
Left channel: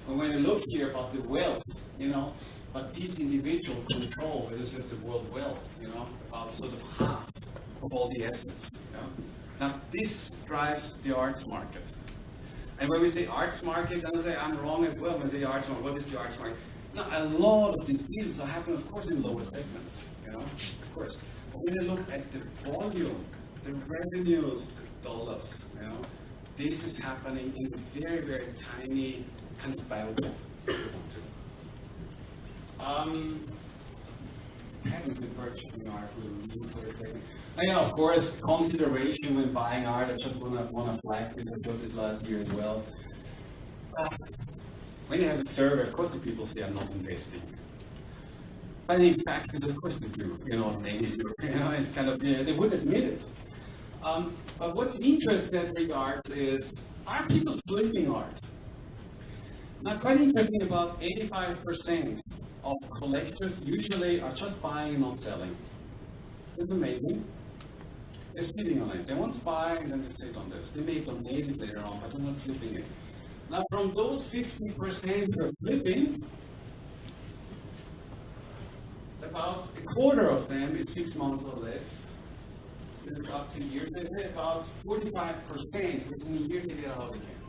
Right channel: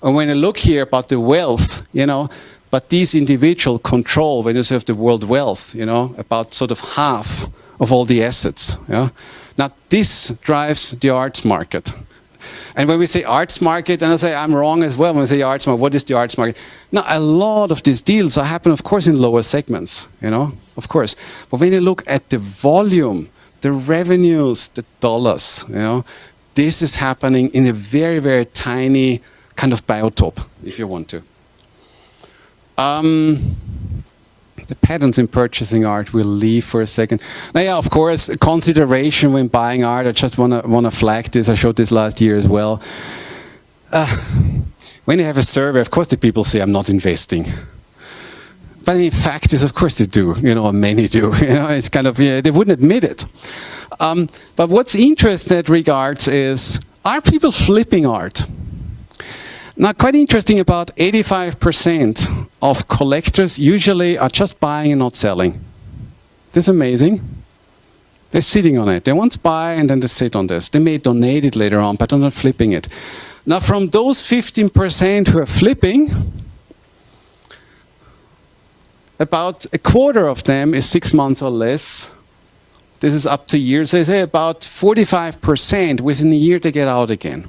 And when I look here about the wealth, you know, but these individuals control, when you say of the world wealth, you know, about sort of half of all the assets. Yeah? Now, this drives the arts market. And when we say arts market, and I say I'm wrong as well when we say arts market, what is the arts market? Now, a lot of these deals happen, of course, in lower segments, you know, of course. But when you look at the volume, the revenues, the dollars, you know, this is happening in a very, very tiny kind of biotope, if you want to. The patterns in purchasing art we'll leave for a second. Now, yeah, of course, consideration when buying art. I just want to flag this. I showed this last year as well. When you have a survey, of course, the people say I'm not investing. But in fact, is of course they do. You know, many do. You know, it's kind of they wouldn't admit it. But what's interesting in that regards is, are people flipping art? Now, quite interesting, about 85% of collectors usually are just buying and not selling. That's amazing. They're sitting on it. They once buy and then they sit on this. They may donate it later on, but they're not flipping it. Now, from those 15% who are flipping, about a quarter of them is 6 months or less. This is up to years. They say about 45% within a year they get out again.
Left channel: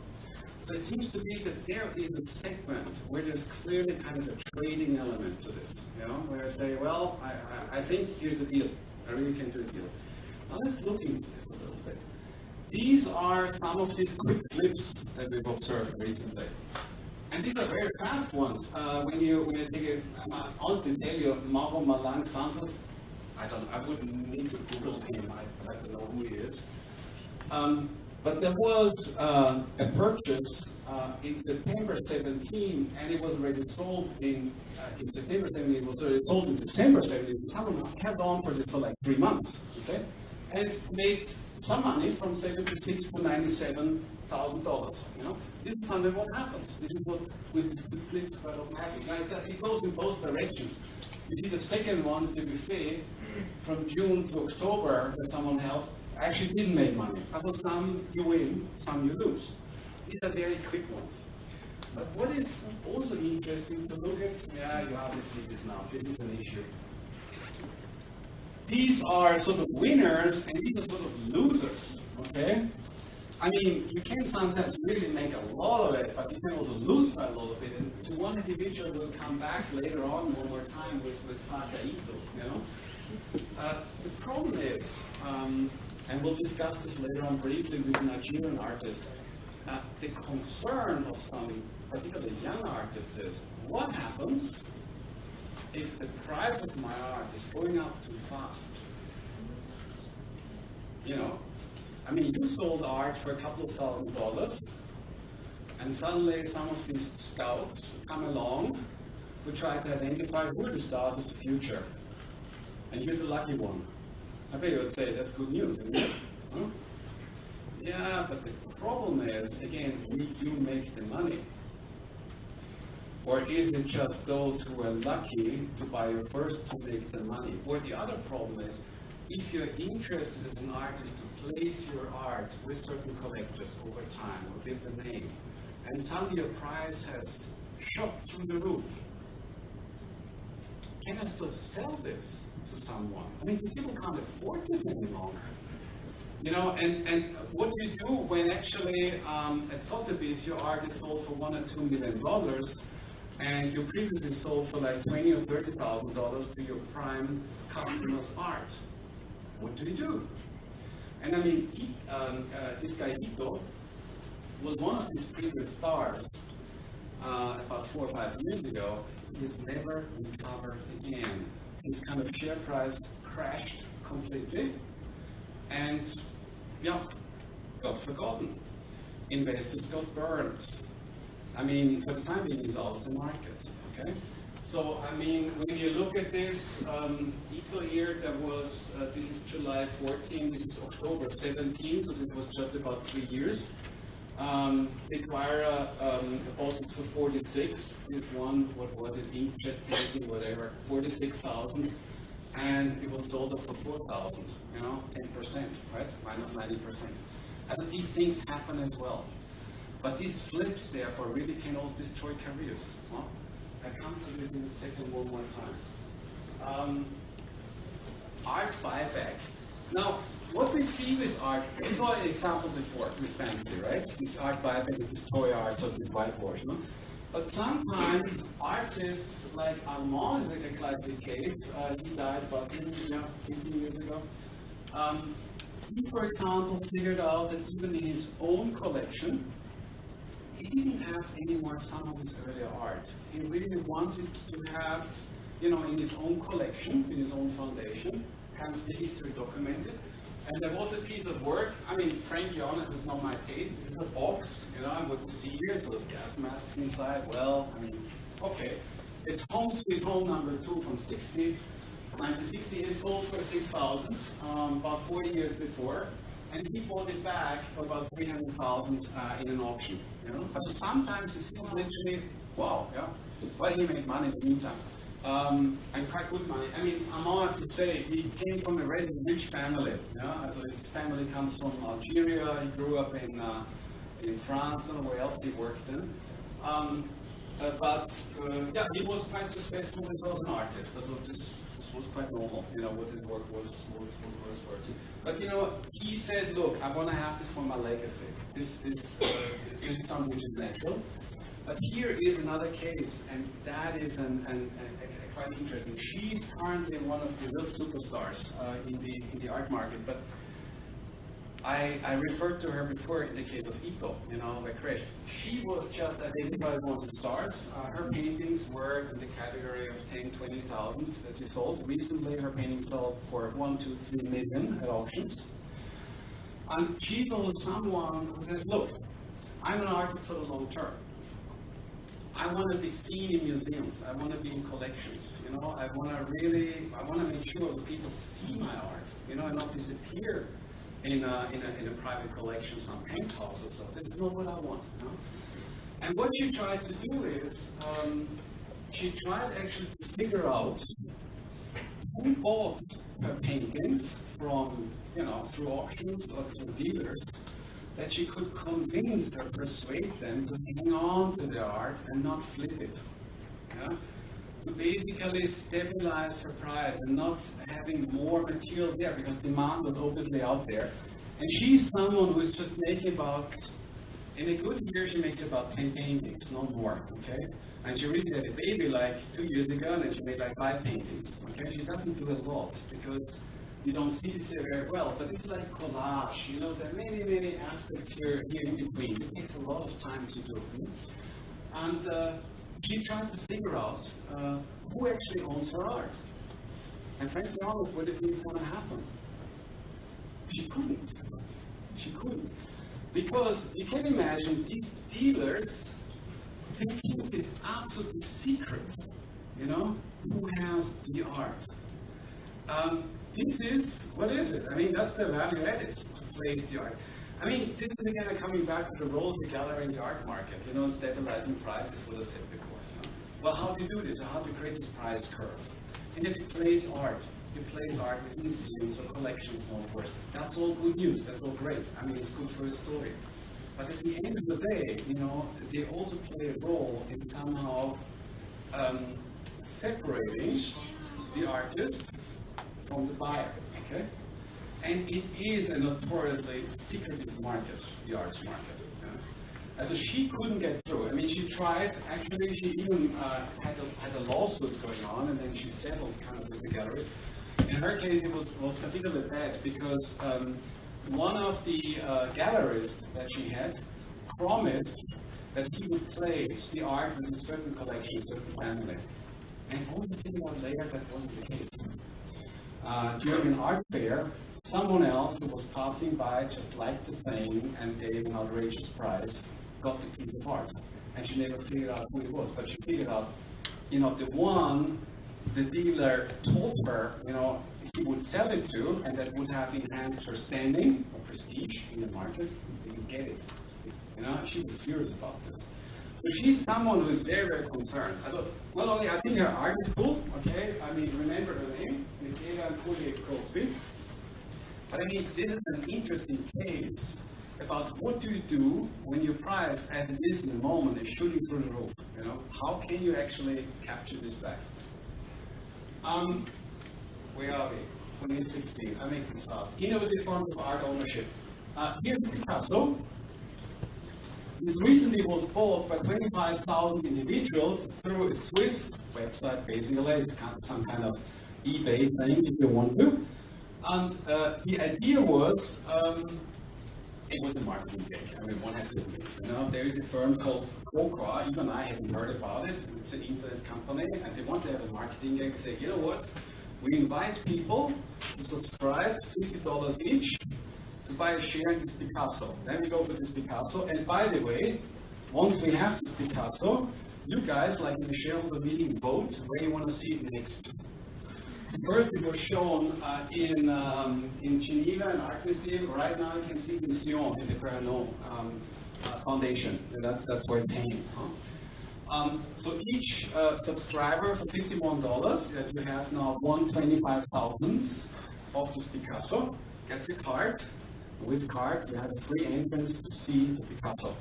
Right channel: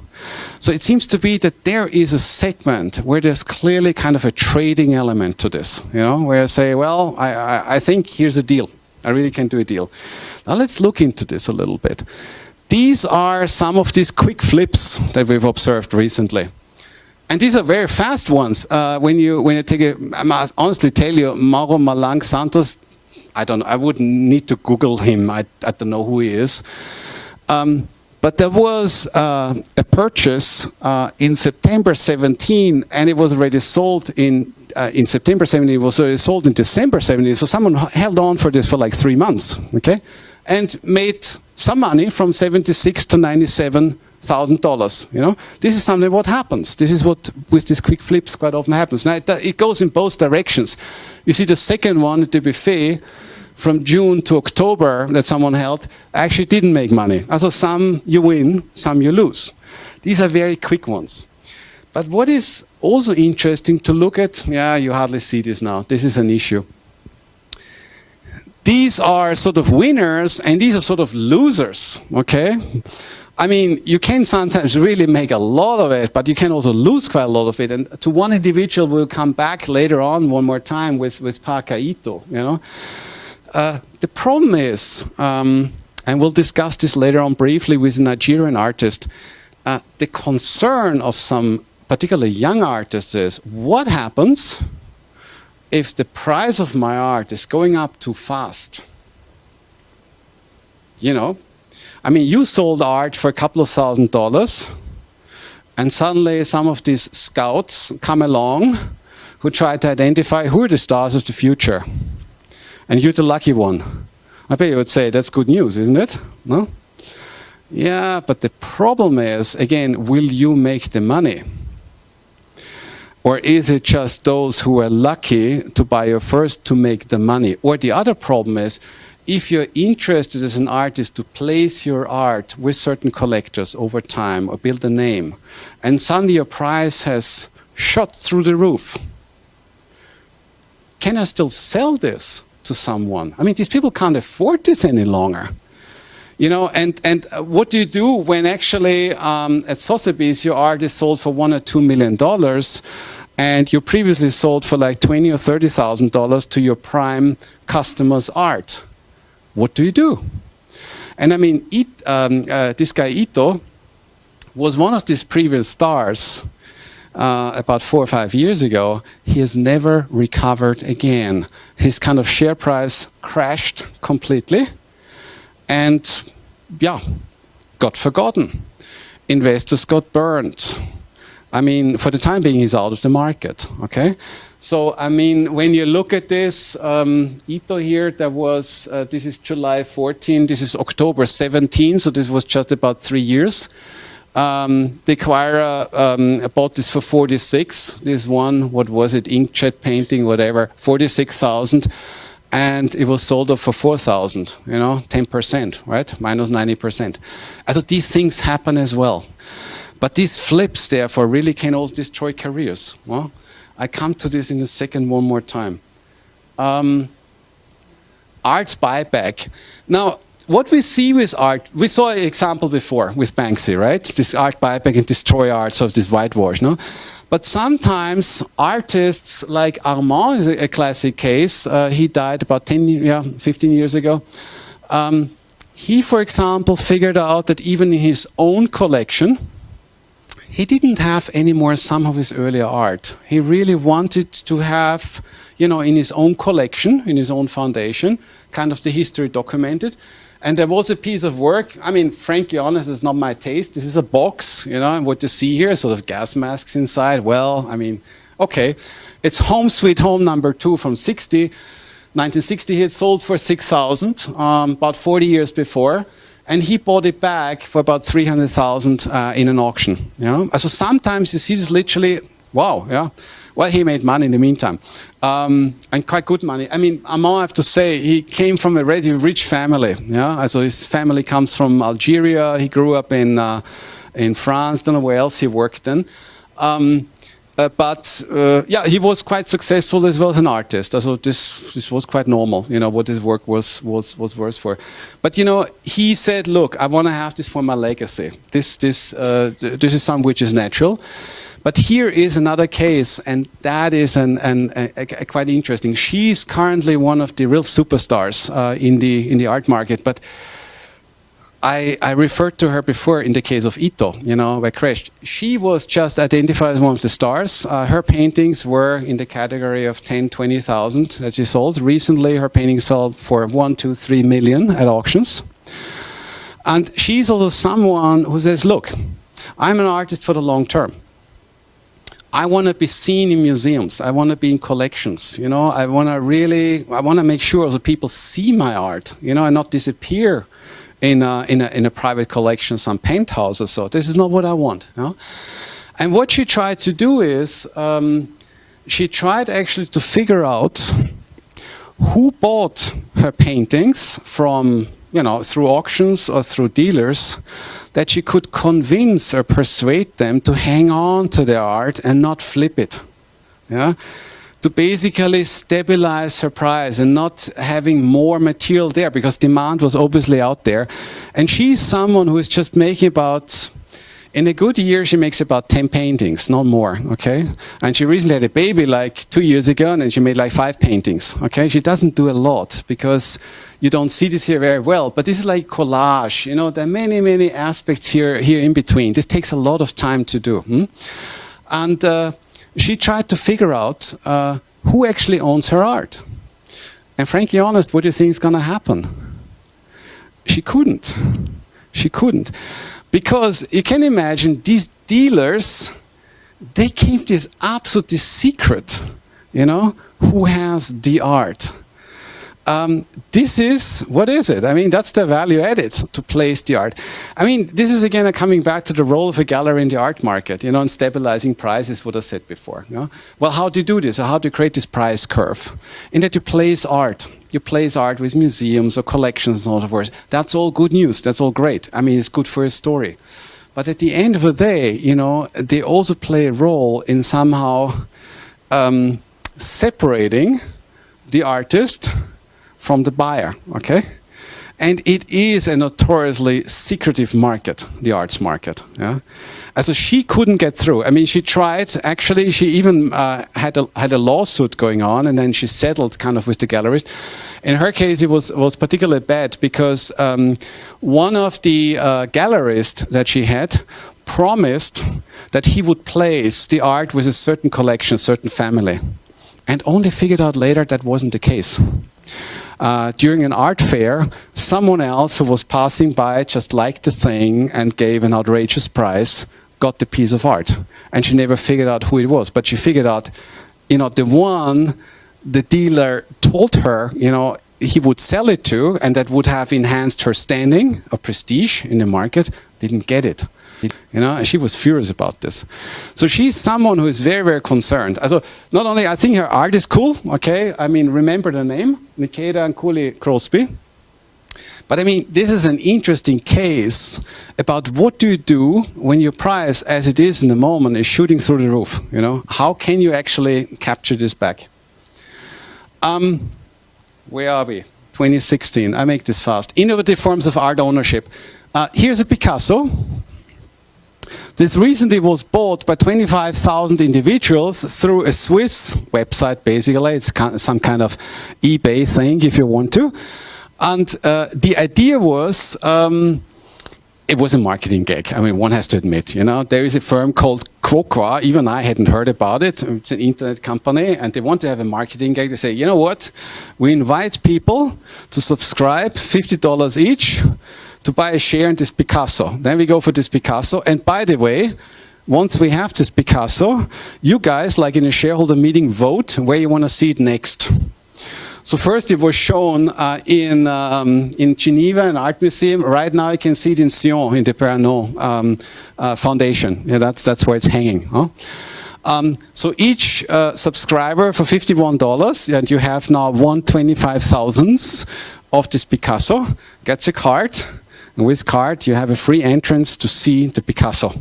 So it seems to be that there is a segment where there's clearly kind of a trading element to this, you know, where I say, well, I think here's a deal. I really can do a deal. Now let's look into this a little bit. These are some of these quick flips that we've observed recently. And these are very fast ones. When you take a, I must honestly tell you, Mauro Malang Santos, I don't know, I wouldn't need to Google him. I don't know who he is. But there was a purchase in September 17, and it was already sold in September 17. It was already sold in December 17. So someone held on for this for like 3 months, okay, and made some money from $76,000 to $97,000. You know, this is something what happens. This is what with these quick flips quite often happens. Now it goes in both directions. You see the second one at the buffet, from June to October that someone held, actually didn't make money. Also some you win, some you lose. These are very quick ones. But what is also interesting to look at, yeah, you hardly see this now. This is an issue. These are sort of winners and these are sort of losers, okay? I mean, you can sometimes really make a lot of it, but you can also lose quite a lot of it. And to one individual, we'll come back later on one more time with Parker Ito, you know? The problem is, and we'll discuss this later on briefly with a Nigerian artist, the concern of some particularly young artists is, what happens if the price of my art is going up too fast? You know, I mean, you sold art for a couple of $1,000, and suddenly some of these scouts come along who try to identify who are the stars of the future. And you're the lucky one. I bet you would say that's good news, isn't it? No? Yeah, but the problem is, again, will you make the money? Or is it just those who are lucky to buy you first to make the money? Or the other problem is, if you're interested as an artist to place your art with certain collectors over time or build a name, and suddenly your price has shot through the roof, can I still sell this to someone? I mean, these people can't afford this any longer. You know, and what do you do when actually at Sotheby's your art is sold for $1 or $2 million and you previously sold for like $20,000 or $30,000 to your prime customer's art? What do you do? And I mean, this guy Ito was one of these previous stars about 4 or 5 years ago. He has never recovered again. His kind of share price crashed completely and, yeah, got forgotten. Investors got burned. I mean, for the time being, he's out of the market, okay? So, I mean, when you look at this, Ito here, there was, this is July 14, this is October 17, so this was just about 3 years. The acquirer bought this for 46. This one, what was it, inkjet painting, whatever, 46,000. And it was sold off for 4,000, you know, 10%, right? Minus 90%. So these things happen as well. But these flips, therefore, really can also destroy careers. Well, I come to this in a second one more time. Arts buyback. Now, what we see with art, we saw an example before with Banksy, right? This art buyback and destroy art, so this whitewash, no? But sometimes artists like Armand is a classic case. He died about 15 years ago. He, for example, figured out that even in his own collection, he didn't have anymore some of his earlier art. He really wanted to have, you know, in his own collection, in his own foundation, kind of the history documented. And there was a piece of work, I mean, frankly honest, it's not my taste. This is a box, you know, and what you see here, sort of gas masks inside. Well, I mean, okay. It's Home Sweet Home #2 from 1960. He had sold for 6,000, about 40 years before. And he bought it back for about 300,000 in an auction, you know. So sometimes you see this literally, wow, yeah. Well, he made money in the meantime, and quite good money. I mean, Armand, I have to say, he came from a really rich family. Yeah, so his family comes from Algeria. He grew up in France. Don't know where else he worked then. Yeah, he was quite successful as well as an artist. So this was quite normal, you know, what his work was worth for. But you know, he said, look, I want to have this for my legacy. This is something which is natural. But here is another case, and that is quite interesting. She's currently one of the real superstars in the art market. But I referred to her before in the case of Ito, you know, where crashed. She was just identified as one of the stars. Her paintings were in the category of 10, 20,000 that she sold. Recently, her paintings sold for 1, 2, 3 million at auctions. And she's also someone who says, look, I'm an artist for the long term. I want to be seen in museums. I want to be in collections. You know, I want to make sure that people see my art, you know, and not disappear in a private collection, some penthouse or so. This is not what I want. You know? And what she tried to do is, she tried actually to figure out who bought her paintings from, you know, through auctions or through dealers, that she could convince or persuade them to hang on to their art and not flip it. Yeah? To basically stabilize her price and not having more material there, because demand was obviously out there. And she's someone who is just making about, in a good year, she makes about 10 paintings, not more, okay? And she recently had a baby like 2 years ago, and then she made like 5 paintings, okay? She doesn't do a lot, because you don't see this here very well, but this is like collage, you know, there are many, many aspects here in between. This takes a lot of time to do. And she tried to figure out who actually owns her art. And frankly honest, what do you think is going to happen? She couldn't. She couldn't. Because you can imagine these dealers, they keep this absolutely secret, you know, who has the art. This is, what is it? I mean, that's the value added to place the art. I mean, this is again coming back to the role of a gallery in the art market, you know, and stabilizing prices, what I said before. You know? Well, how do you do this? Or how do you create this price curve? In that you place art. You place art with museums or collections and so forth. That's all good news. That's all great. I mean, it's good for a story. But at the end of the day, you know, they also play a role in somehow separating the artist from the buyer, okay? And it is a notoriously secretive market, the arts market, yeah? And so she couldn't get through. I mean, she tried, actually, she even had a lawsuit going on, and then she settled kind of with the galleries. In her case, it was particularly bad because one of the gallerists that she had promised that he would place the art with a certain collection, a certain family, and only figured out later that wasn't the case. During an art fair, someone else who was passing by just liked the thing and gave an outrageous price, got the piece of art. And she never figured out who it was, but she figured out, you know, the one the dealer told her, you know, he would sell it to, and that would have enhanced her standing or prestige in the market, didn't get it. You know, and she was furious about this. So she's someone who is very, very concerned. Also, not only, I think her art is cool, okay? I mean, remember the name, Nikeda and Cooley Crosby. But I mean, this is an interesting case about what do you do when your price, as it is in the moment, is shooting through the roof, you know? How can you actually capture this back? Where are we? 2016. I make this fast. Innovative forms of art ownership. Here's a Picasso. This recently was bought by 25,000 individuals through a Swiss website, basically. It's some kind of eBay thing, if you want to. And the idea was, it was a marketing gag. I mean, one has to admit, you know, there is a firm called Quokra. Even I hadn't heard about it. It's an internet company, and they want to have a marketing gag. They say, you know what? We invite people to subscribe, $50 each, to buy a share in this Picasso. Then we go for this Picasso. And by the way, once we have this Picasso, you guys, like in a shareholder meeting, vote where you want to see it next. So first it was shown in Geneva, an art museum. Right now you can see it in Sion, in the Perronneau Foundation. Yeah, that's where it's hanging. Huh? So each subscriber for $51, and you have now 1/25,000th of this Picasso, gets a card. And with card, you have a free entrance to see the Picasso.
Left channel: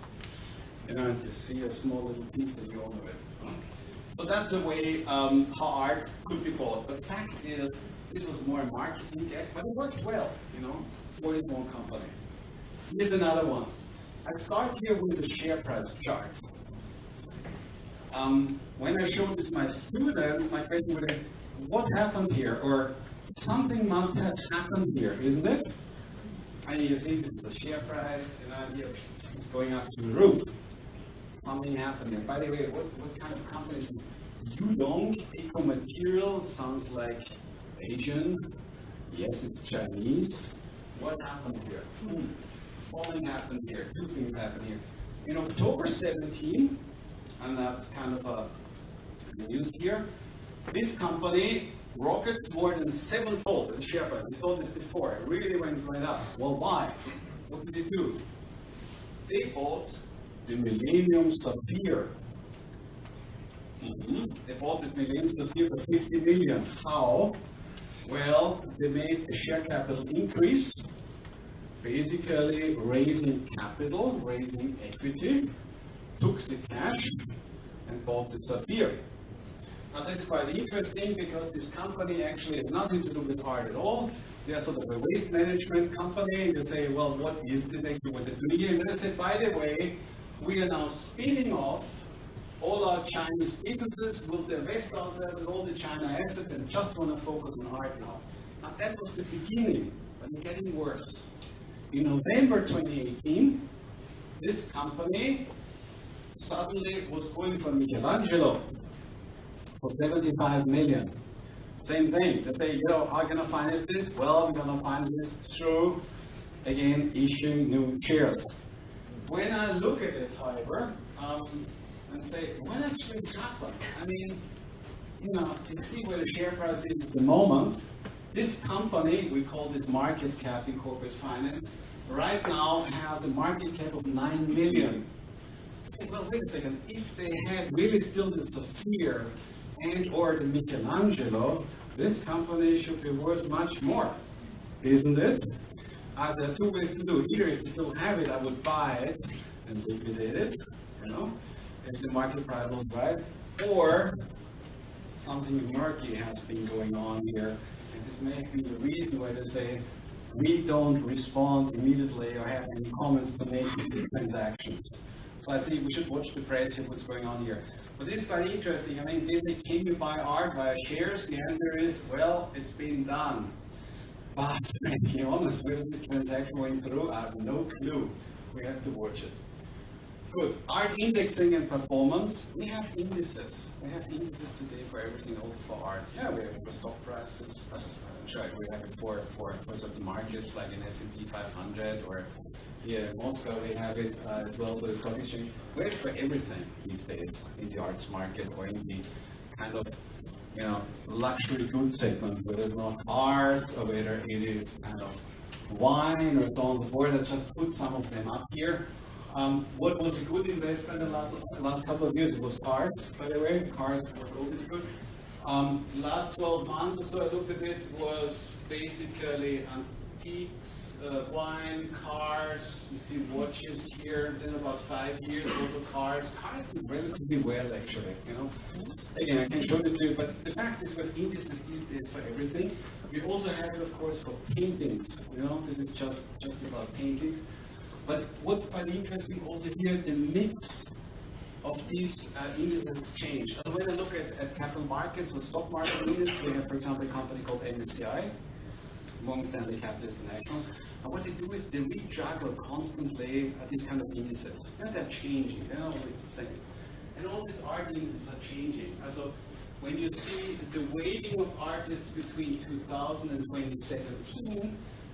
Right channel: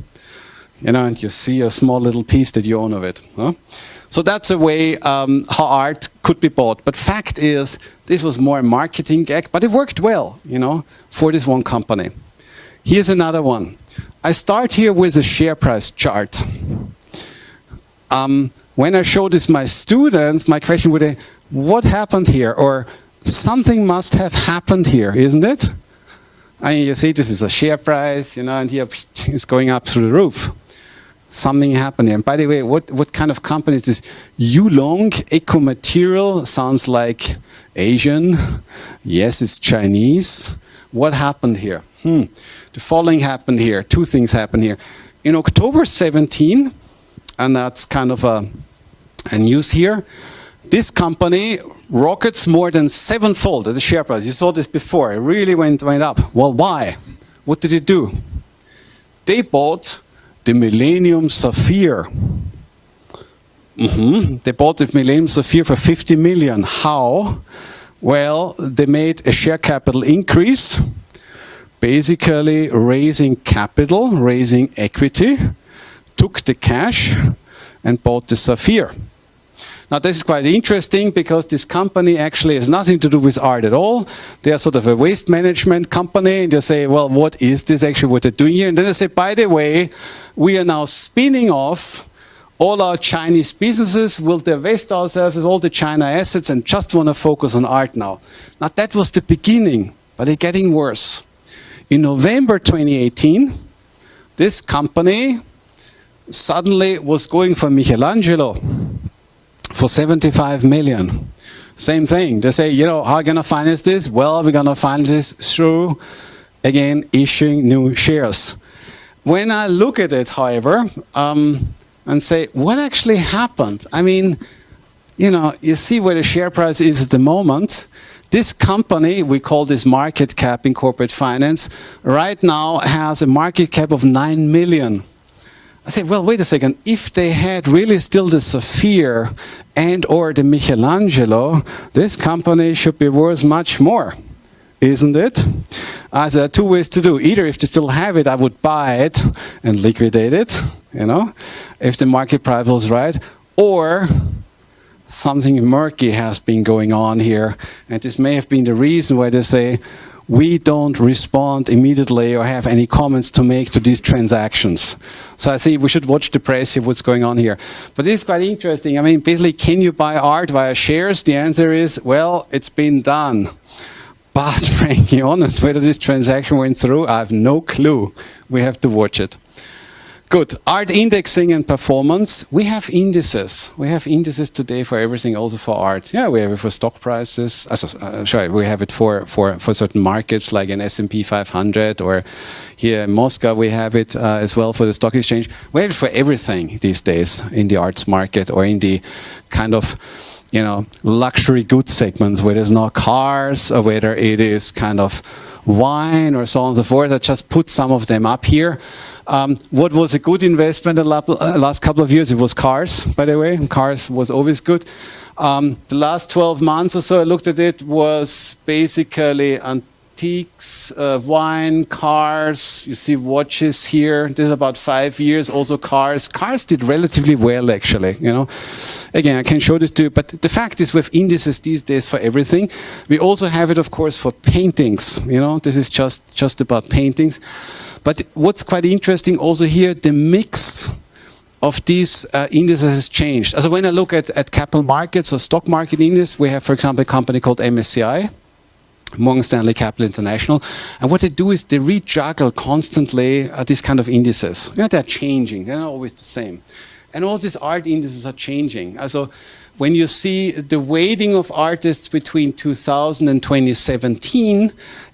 You know, and you see a small little piece that you own of it. Huh? So that's a way how art could be bought. But fact is, this was more a marketing gag, but it worked well, you know, for this one company. Here's another one. I start here with a share price chart. When I show this my students, my question would be, what happened here? Or something must have happened here, isn't it? I mean, you see, this is a share price, you know, and here it's going up through the roof. Something happened here. And by the way, what kind of company is this? Yulong Ecomaterial sounds like Asian. Yes, it's Chinese. What happened here? The following happened here. Two things happened here. In October 17, and that's kind of a news here, this company rockets more than sevenfold at the share price. You saw this before. It really went up. Well, why? What did it do? They bought the Millennium Sapphire. They bought the Millennium Sapphire for 50 million. How? Well, they made a share capital increase, basically raising capital, raising equity, took the cash, and bought the Sapphire. Now, this is quite interesting because this company actually has nothing to do with art at all. They are sort of a waste management company, and they say, well, what is this actually, what they're doing here? And then they say, by the way, we are now spinning off all our Chinese businesses, we'll divest ourselves of all the China assets and just want to focus on art now. Now, that was the beginning, but it's getting worse. In November 2018, this company suddenly was going for Michelangelo for 75 million. Same thing. They say, you know, how are you going to finance this? Well, we're going to finance this through, again, issuing new shares. When I look at it, however, and say, what actually happened? I mean, you know, you see where the share price is at the moment. This company, we call this market cap in corporate finance, right now has a market cap of 9 million. I say, well, wait a second. If they had really still the Sapphire and or the Michelangelo, this company should be worth much more, isn't it? There are two ways to do. Either if they still have it, I would buy it and liquidate it, you know, if the market price was right, or something murky has been going on here, and this may have been the reason why they say, we don't respond immediately or have any comments to make to these transactions. So I think we should watch the press, see what's going on here. But it's quite interesting. I mean, basically, can you buy art via shares? The answer is, well, it's been done. But frankly honest, whether this transaction went through, I have no clue. We have to watch it. Good. Art indexing and performance. We have indices. We have indices today for everything, also for art. Yeah, we have it for stock prices. Sorry, we have it for certain markets like in S&P 500, or here in Moscow we have it as well for the stock exchange. We have it for everything these days in the arts market or in the kind of, you know, luxury goods segments, whether it's not cars or whether it is kind of wine or so on and so forth. I just put some of them up here. What was a good investment the last couple of years? It was cars, by the way. Cars was always good. The last 12 months or so I looked at it was basically antiques, wine, cars. You see watches here. This is about 5 years. Also cars. Cars did relatively well, actually. You know, again, I can show this to you. But the fact is, with indices these days for everything, we also have it, of course, for paintings. You know, this is just about paintings. But what's quite interesting also here, the mix of these indices has changed. So when I look at capital markets or stock market index, we have, for example, a company called MSCI, Morgan Stanley Capital International. And what they do is they rejuggle constantly these kind of indices. You know, they're changing. They're not always the same. And all these art indices are changing. So when you see the weighting of artists between 2000 and 2017,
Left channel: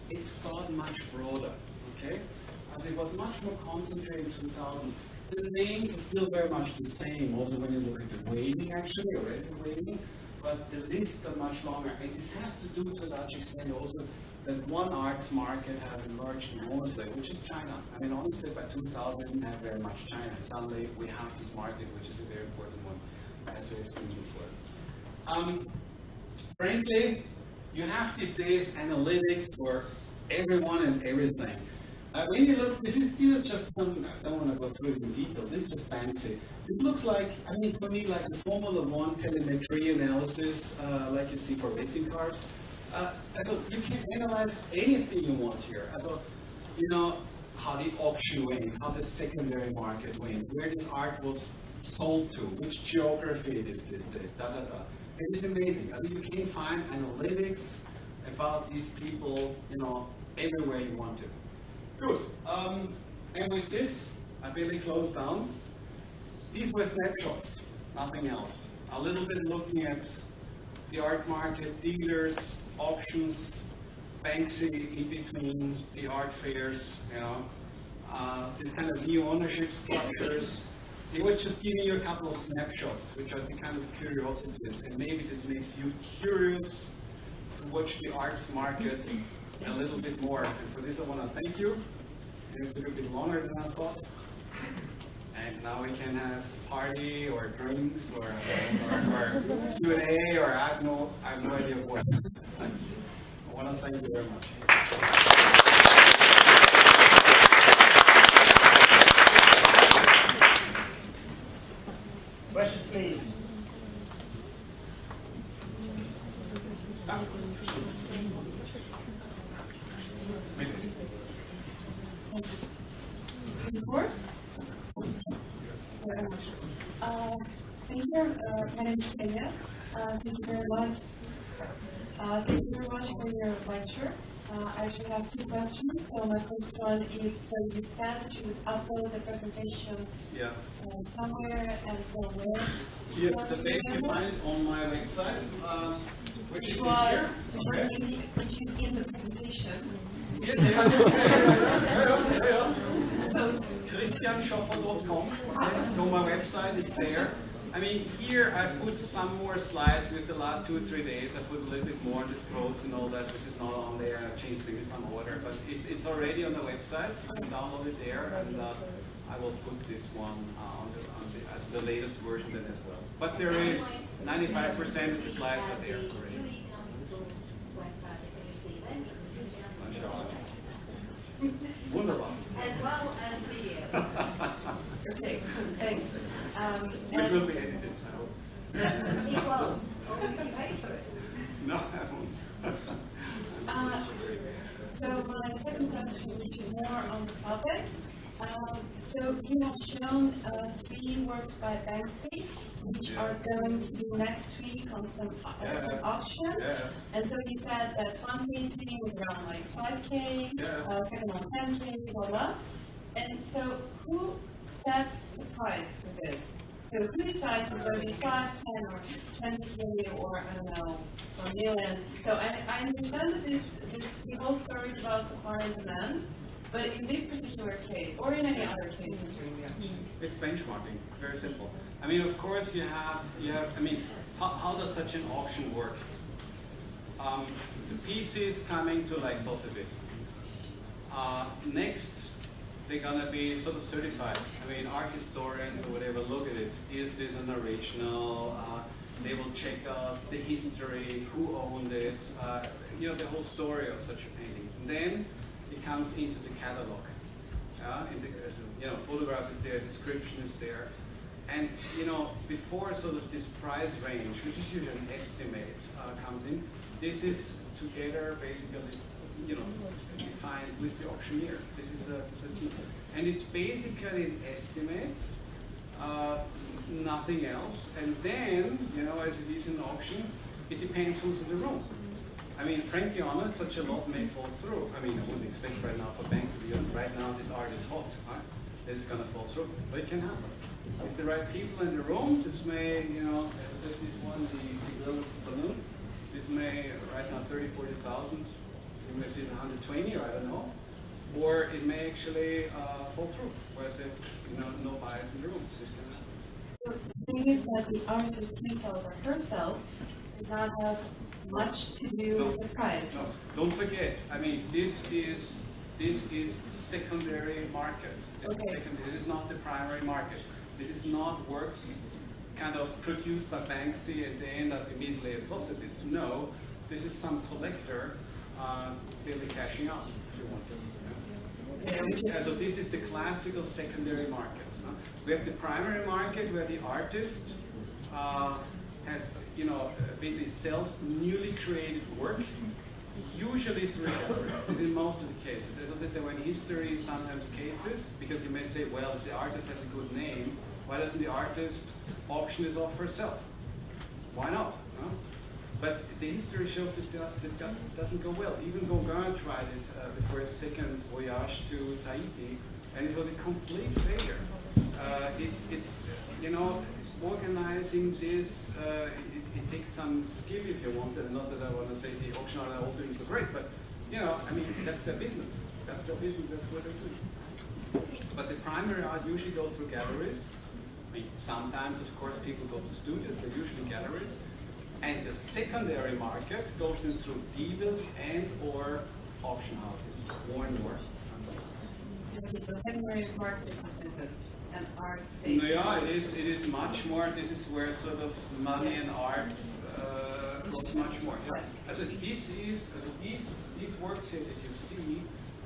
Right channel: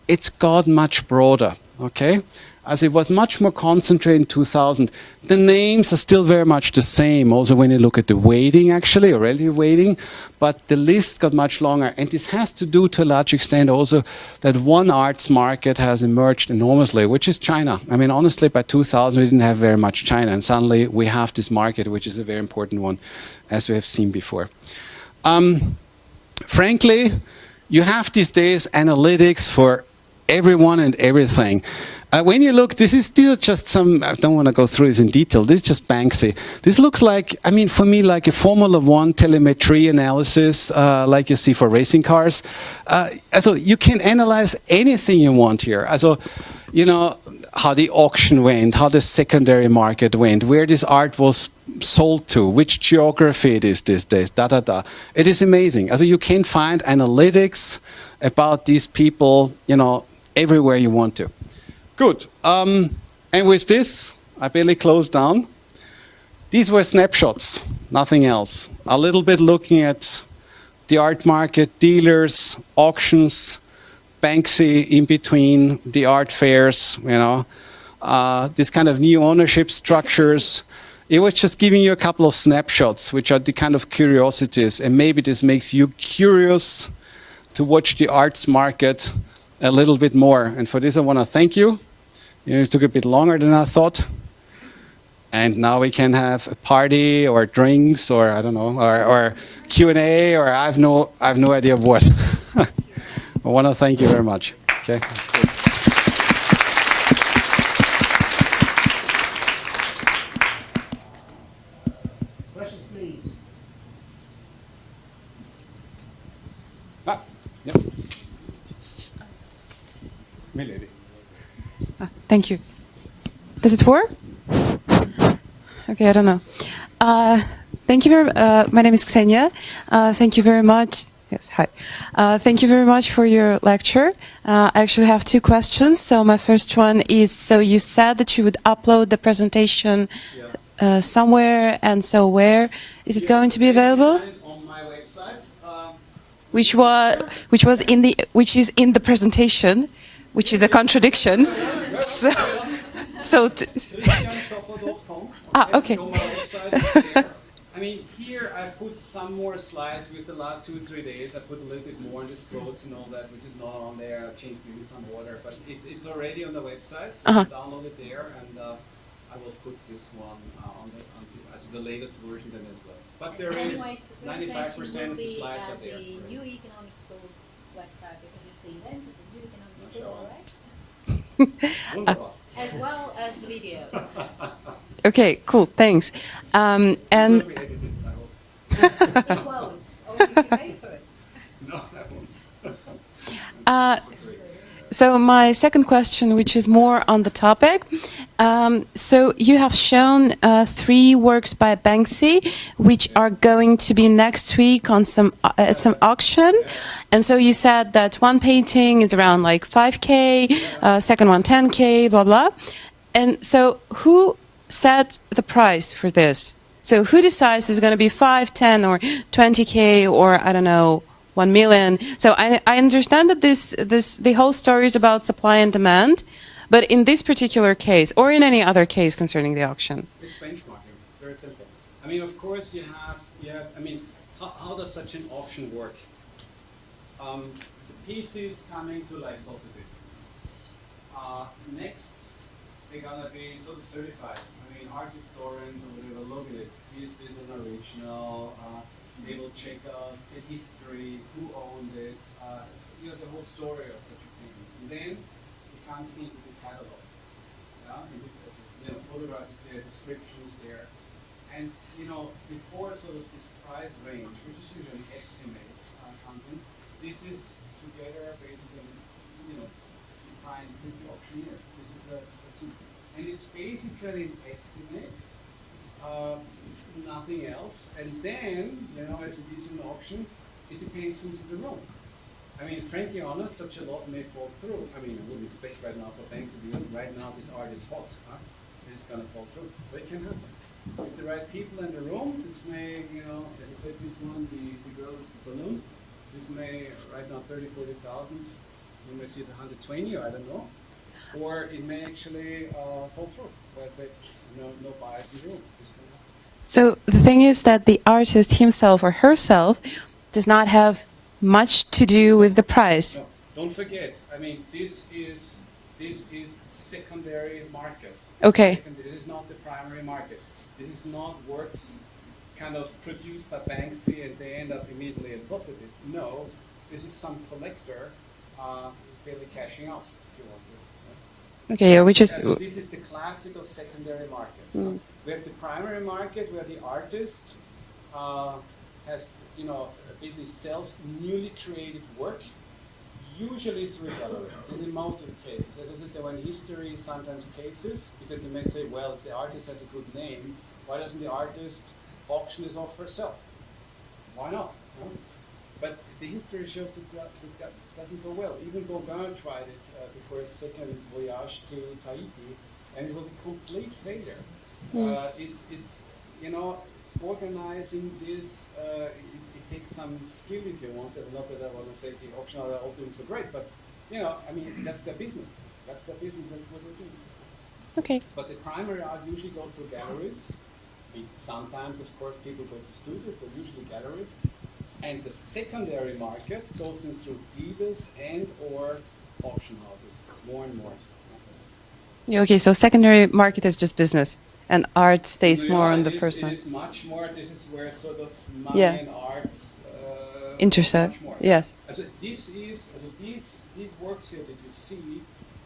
it's got much broader, okay? As it was much more concentrated in 2000. The names are still very much the same, also when you look at the weighting, actually, or relative weighting, but the list got much longer. And this has to do, to a large extent, also that one arts market has emerged enormously, which is China. I mean, honestly, by 2000, we didn't have very much China, and suddenly we have this market, which is a very important one, as we have seen before. Frankly, you have these days analytics for everyone and everything. When you look, this is still just some, I don't want to go through this in detail, this is just Banksy. This looks like, I mean, for me, like a Formula One telemetry analysis, like you see for racing cars. So you can analyze anything you want here. So, you know, how the auction went, how the secondary market went, where this art was sold to, which geography it is these days, It is amazing. So you can find analytics about these people, you know, everywhere you want to. Good. And with this, I barely close down. These were snapshots, nothing else. A little bit looking at the art market, dealers, auctions, Banksy in between, the art fairs, you know, this kind of new ownership structures. It was just giving you a couple of snapshots, which are the kind of curiosities. And maybe this makes you curious to watch the arts market a little bit more. And for this, I want to thank you. It took a bit longer than I thought. And now we can have a party or drinks or, I don't know, or Q&A, or I have no idea of what. I want to thank you very much. Okay. Questions, please. Thank you. Does it work? Okay, I don't know. Thank you very. My name is Ksenia. Thank you very much. Yes, hi. Thank you very much for your lecture. I actually have two questions. So my first one is: so you said that you would upload the presentation somewhere, and so where is it going to be available? On my website, which is in the presentation, which is a contradiction. Okay. I mean, here I put some more slides with the last 2 or 3 days. I put a little bit more on this quotes and all that, which is not on there. I've changed maybe some order, but it's already on the website. You can download it there, and I will put this one as the latest version then as well. But there is 95% of the slides are there. Economic School's website, Wonderful. as well as the video. Okay, cool, thanks. And It will be edited, I hope. You won't. Or you can pay for it. No, I won't. So my second question, which is more on the topic. So you have shown 3 works by Banksy, which are going to be next week on at some auction. And so you said that one painting is around like 5K, second one 10K, blah, blah. And so who set the price for this? So who decides it's going to be 5, 10, or 20K, or I don't know, 1 million? So I understand that the whole story is about supply and demand, but in this particular case, or in any other case concerning the auction? It's benchmarking. It's very simple. I mean, of course, you have. I mean, how does such an auction work? The pieces coming to like Sotheby's. Next, they're gonna be sort of certified. I mean, art historians or whatever look at it. Is this an original? They will check out the history, who owned it, you know, the whole story of such a painting. then it comes into the catalog. Photograph is there, description is there, and before sort of this price range, which is usually an estimate, comes in, this is together basically, defined with the auctioneer. This is a key, and it's basically an estimate, nothing else. And then, as it is in the auction, it depends who's in the room. I mean, frankly honest, such a lot may fall through. I mean, I wouldn't expect right now for Banksy, because right now this art is hot. Right? It's going to fall through, but it can happen. If the right people in the room, this may, take this one, the girl with the balloon, this may, right now, 30, 40,000, you may see it 120, or I don't know, or it may actually fall through, where I say, no bias in the room. So the thing is that the artist himself or herself does not have much to do with the price. No, don't forget, I mean, this is secondary market. Okay. This is not the primary market. This is not works kind of produced by Banksy and they end up immediately at Societies. No, this is some collector really cashing out, if you want. Okay, which is... So this is the classical secondary market. We have the primary market where the artist has, basically sells newly created work, usually through gallery. This is in most of the cases. As I said, there were in history sometimes cases, because you may say, well, if the artist has a good name, why doesn't the artist auction this off herself? Why not? No? But the history shows that doesn't go well. Even Gauguin tried it before his second voyage to Tahiti, and it was a complete failure. It's organizing this, it takes some skill if you want it. Not that I want to say the auction are all doing so great, but I mean, that's their business. That's their business, that's what they're doing. Okay. But the primary art usually goes through galleries. I mean, sometimes, of course, people go to studios, but usually galleries. And the secondary market goes then through dealers and or auction houses, more and more. Yeah, okay, so secondary market is just business, and art stays more on the first one. It is much more. This is where sort of money and art intersect. Yes. So these works here that you see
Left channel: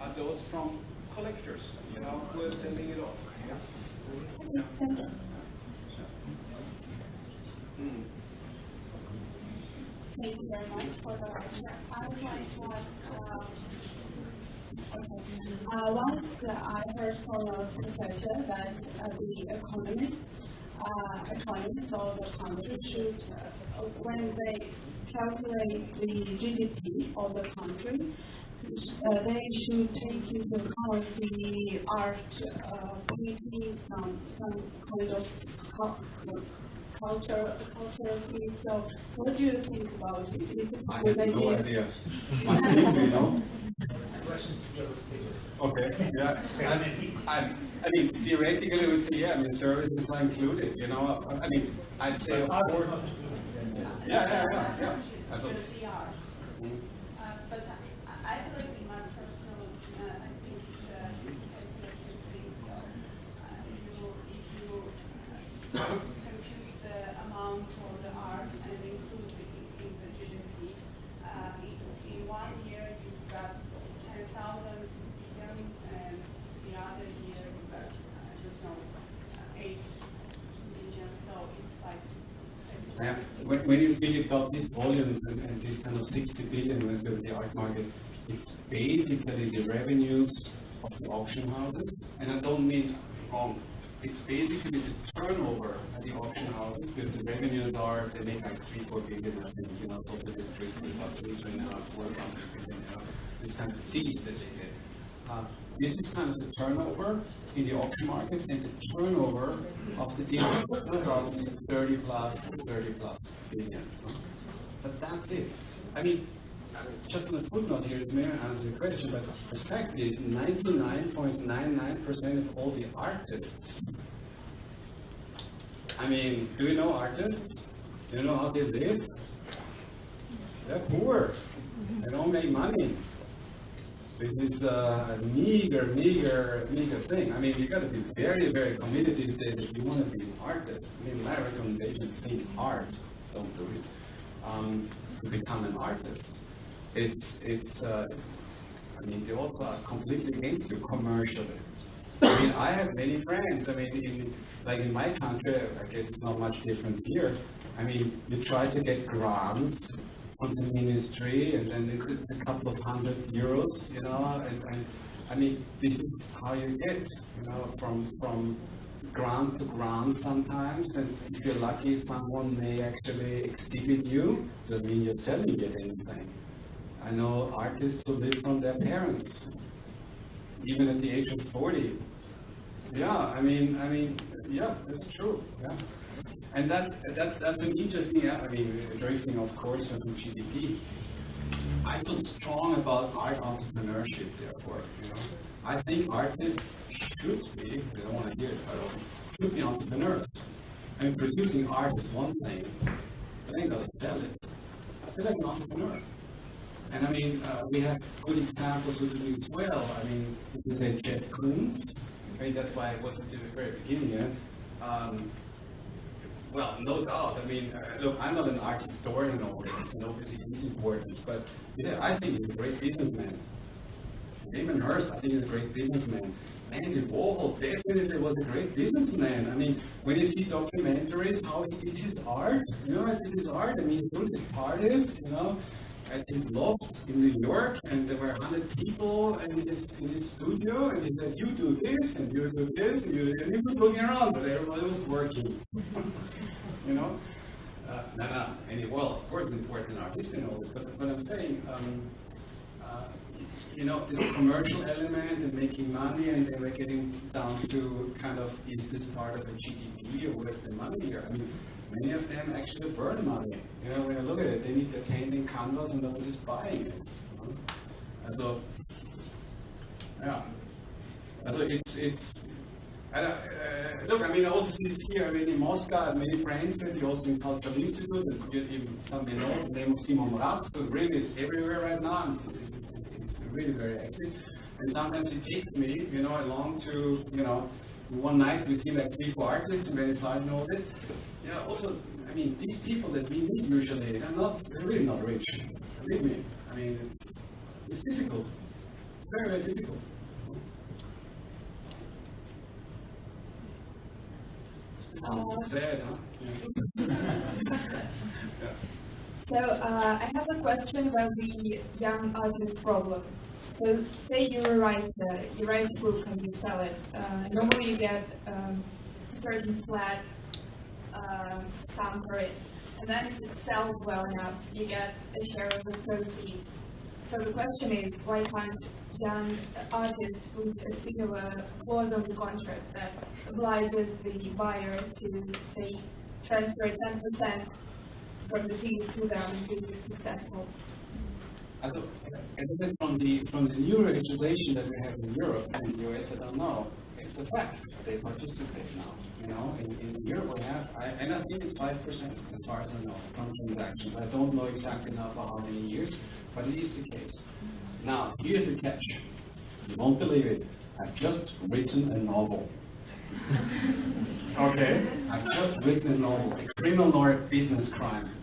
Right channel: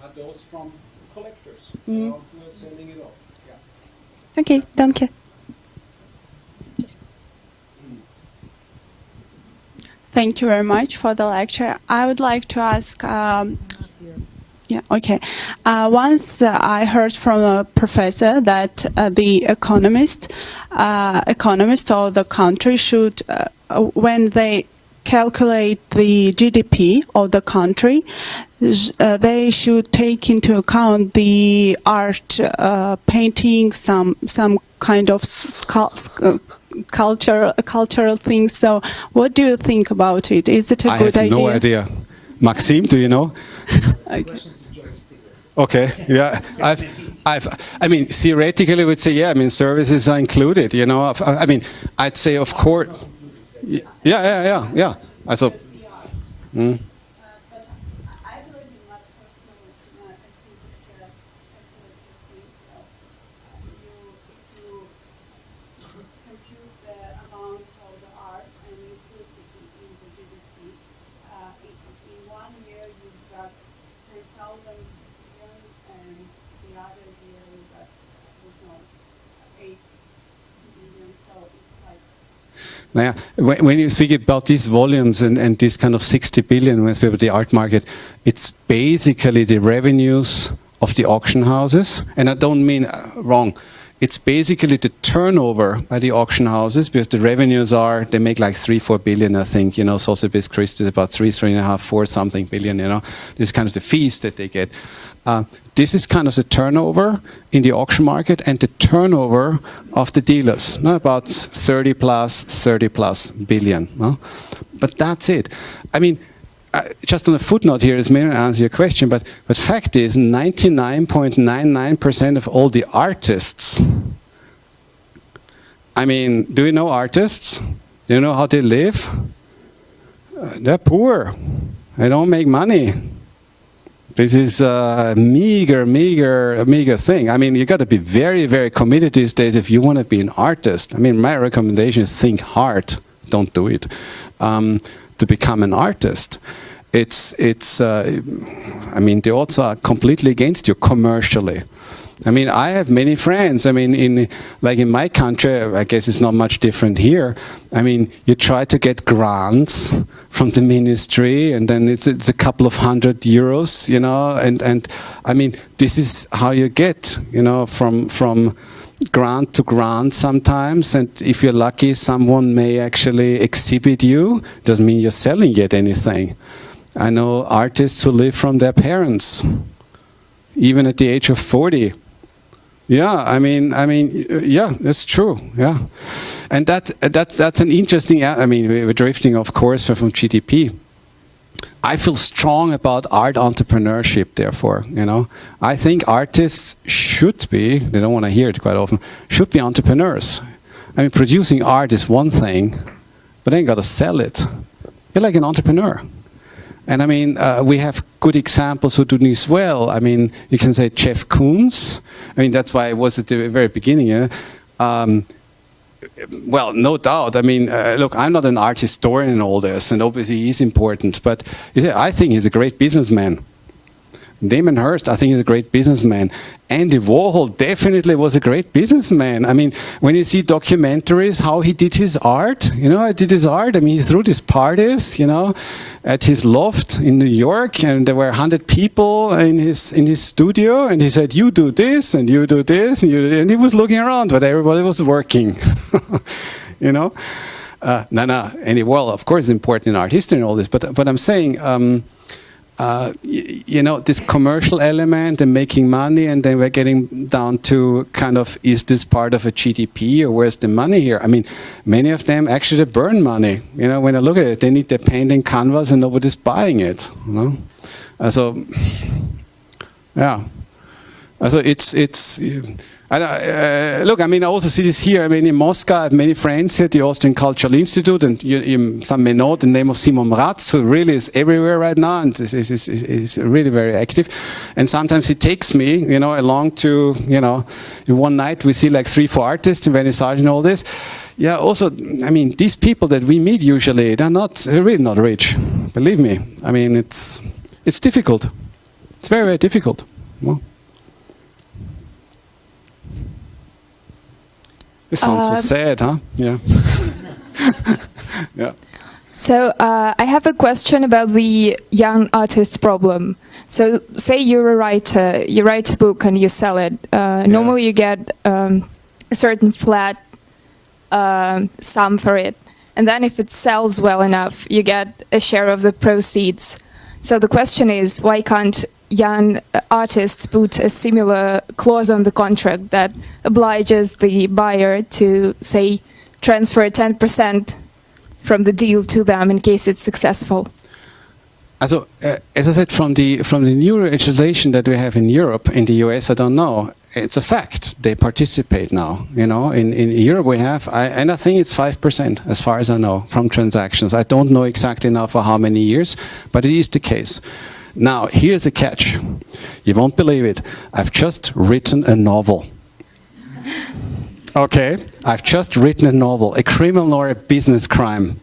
are those from collectors, who are selling it off. Yeah. Okay, danke. Thank you very much for the lecture. I would like to ask, once I heard from a professor that the economists of the country should, when they calculate the GDP of the country, they should take into account the art, painting, some kind of cultural things. So what do you think about it? Is it a good idea? I have no idea. Maxime, do you know? Okay, yeah. I mean, theoretically, I would say, yeah, I mean, services are included, I mean, I'd say, of course, yeah. Also, when you speak about these volumes and this kind of 60 billion, when we speak about the art market, it's basically the revenues of the auction houses. And I don't mean wrong. It's basically the turnover by the auction houses, because the revenues they make like 3-4 billion, I think. Sotheby's Christie is about 3.5, 4 something billion. This is kind of the fees that they get. This is kind of the turnover in the auction market and the turnover of the dealers, about 30 plus billion. But that's it. I mean, just on a footnote here, this may not answer your question, but fact is 99.99% of all the artists, I mean, do you know artists? Do you know how they live? They're poor. They don't make money. This is a meager thing. I mean, you got to be very, very committed these days if you want to be an artist. I mean, my recommendation is think hard, don't do it, to become an artist. I mean, they also are completely against you commercially. I mean, I have many friends. I mean, like in my country, I guess it's not much different here. I mean, you try to get grants from the ministry, and then it's a couple of €100, you know, and I mean, this is how you get, you know, from grant to grant sometimes, and if you're lucky, someone may actually exhibit you. Doesn't mean you're selling yet anything. I know artists who live from their parents, even at the age of 40. Yeah, I mean, yeah, that's true. Yeah, and that's an interesting. I mean, we're drifting, of course, from GDP. I feel strong about art entrepreneurship. Therefore, you know, I think artists should be. They don't want to hear it quite often. Should be entrepreneurs. I mean, producing art is one thing, but then you got to sell it. You're like an entrepreneur. And I mean, we have good examples who do this well. I mean, you can say Jeff Koons. I mean, that's why I was at the very beginning. Well, no doubt. I mean, look, I'm not an art historian in all this, and obviously he's important. But I think he's a great businessman. Damon Hirst, I think, is a great businessman. Andy Warhol definitely was a great businessman. I mean, when you see documentaries, how he did his art, you know, I mean, he threw these parties, you know, at his loft in New York, and there were 100 people in his studio, and he said, you do this, and you do this, and he was looking around, but everybody was working, you know. Andy Warhol, of course, is important in art history and all this, but I'm saying, you know, this commercial element and making money, and then we're getting down to kind of, is this part of a GDP, or where's the money here? I mean, many of them actually burn money. You know, when I look at it, they need their painting canvas and nobody's buying it. You know? So, yeah. So it's look, I mean, I also see this here. I mean, in Moscow, I have many friends here at the Austrian Cultural Institute, and some may know the name of Simon Mraz, who really is everywhere right now, and is really very active. And sometimes he takes me, you know, along to, you know, in one night we see like 3-4 artists in Venice Art and all this. Yeah, also, I mean, these people that we meet usually, they're really not rich. Believe me. I mean, it's difficult. It's very, very difficult. Well, this sounds so sad, huh? Yeah. Yeah. So I have a question about the young artist problem. So say you're a writer, you write a book and you sell it. Normally you get a certain flat sum for it. And then if it sells well enough, you get a share of the proceeds. So the question is, why can't young artists put a similar clause on the contract that obliges the buyer to, say, transfer 10% from the deal to them in case it's successful? Also, as I said, from the new legislation that we have in Europe, in the US, I don't know. It's a fact. They participate now. You know, in Europe we have, and I think it's 5%, as far as I know, from transactions. I don't know exactly now for how many years, but it is the case. Now, here's a catch. You won't believe it. I've just written a novel. Okay? I've just written a novel, a criminal or a business crime.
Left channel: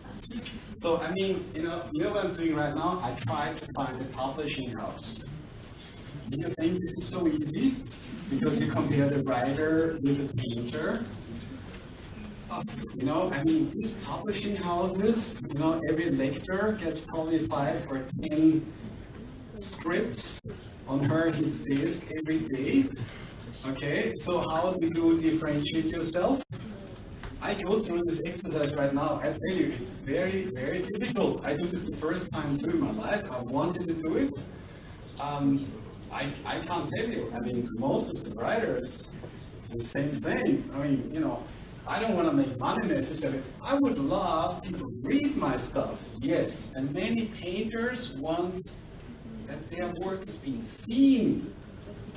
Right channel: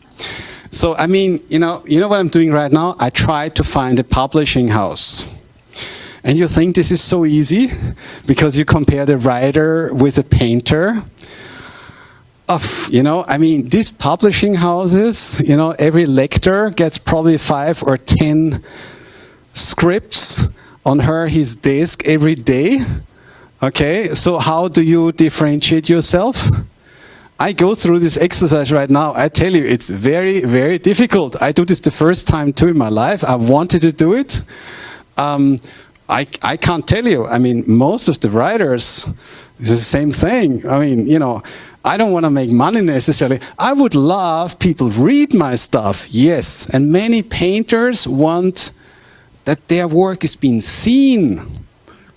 So, I mean, you know what I'm doing right now? I tried to find a publishing house. And you think this is so easy? Because you compare the writer with a painter. You know, I mean, these publishing houses, you know, every lecturer gets probably 5 or 10 scripts on his desk every day. Okay, so how do you differentiate yourself? I go through this exercise right now. I tell you, it's very, very difficult. I do this the first time too in my life. I wanted to do it. I can't tell you. I mean, most of the writers, it's the same thing. I mean, you know, I don't want to make money necessarily. I would love people read my stuff, yes. And many painters want that their work is being seen.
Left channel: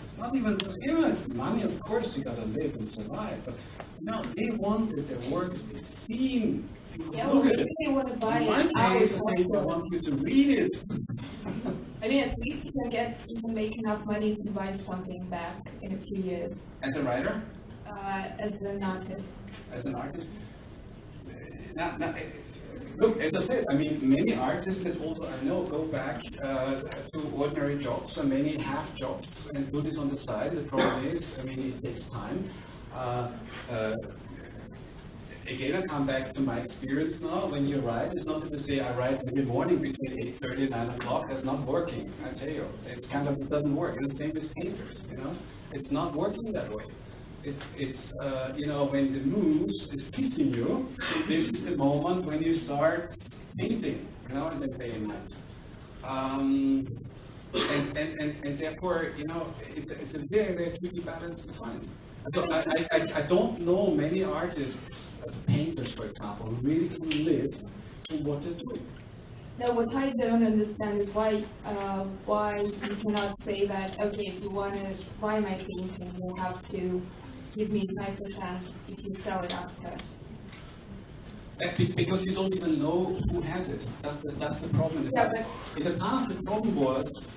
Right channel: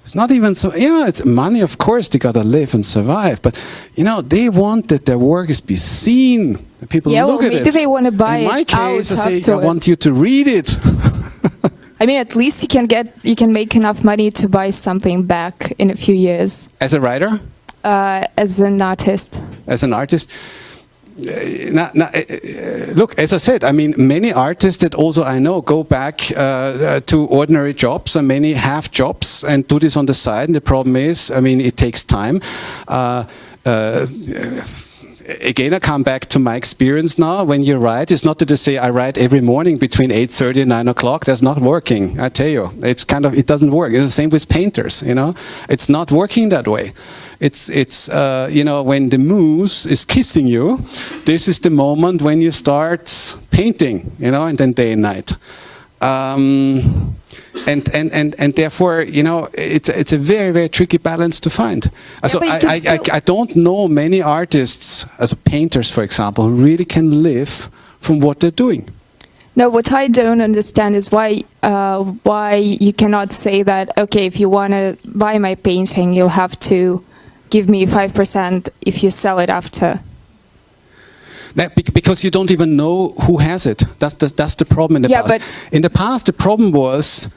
It's not even so, you know, it's money, of course, they gotta live and survive, but, you know, they want that their work is be seen, that people look at it. Maybe they want to buy it. In my case, I say, I want you to read it. I mean, at least you can make enough money to buy something back in a few years. As a writer? As an artist. As an artist? look, as I said, I mean, many artists that also I know go back to ordinary jobs, and many have jobs and do this on the side. And the problem is, I mean, it takes time. Again, I come back to my experience now. When you write, it's not that you say, I write every morning between 8:30 and 9 o'clock. That's not working, I tell you. It's kind of, it doesn't work. It's the same with painters, you know. It's not working that way. It's you know, when the muse is kissing you, this is the moment when you start painting, you know, and then day and night. And therefore, you know, it's a very, very tricky balance to find. So I don't know many artists, as painters, for example, who really can live from what they're doing. No, what I don't understand is why you cannot say that, okay, if you want to buy my painting, you'll have to give me 5% if you sell it after. Because you don't even know who has it. That's the problem in the past. But in the past, the problem was,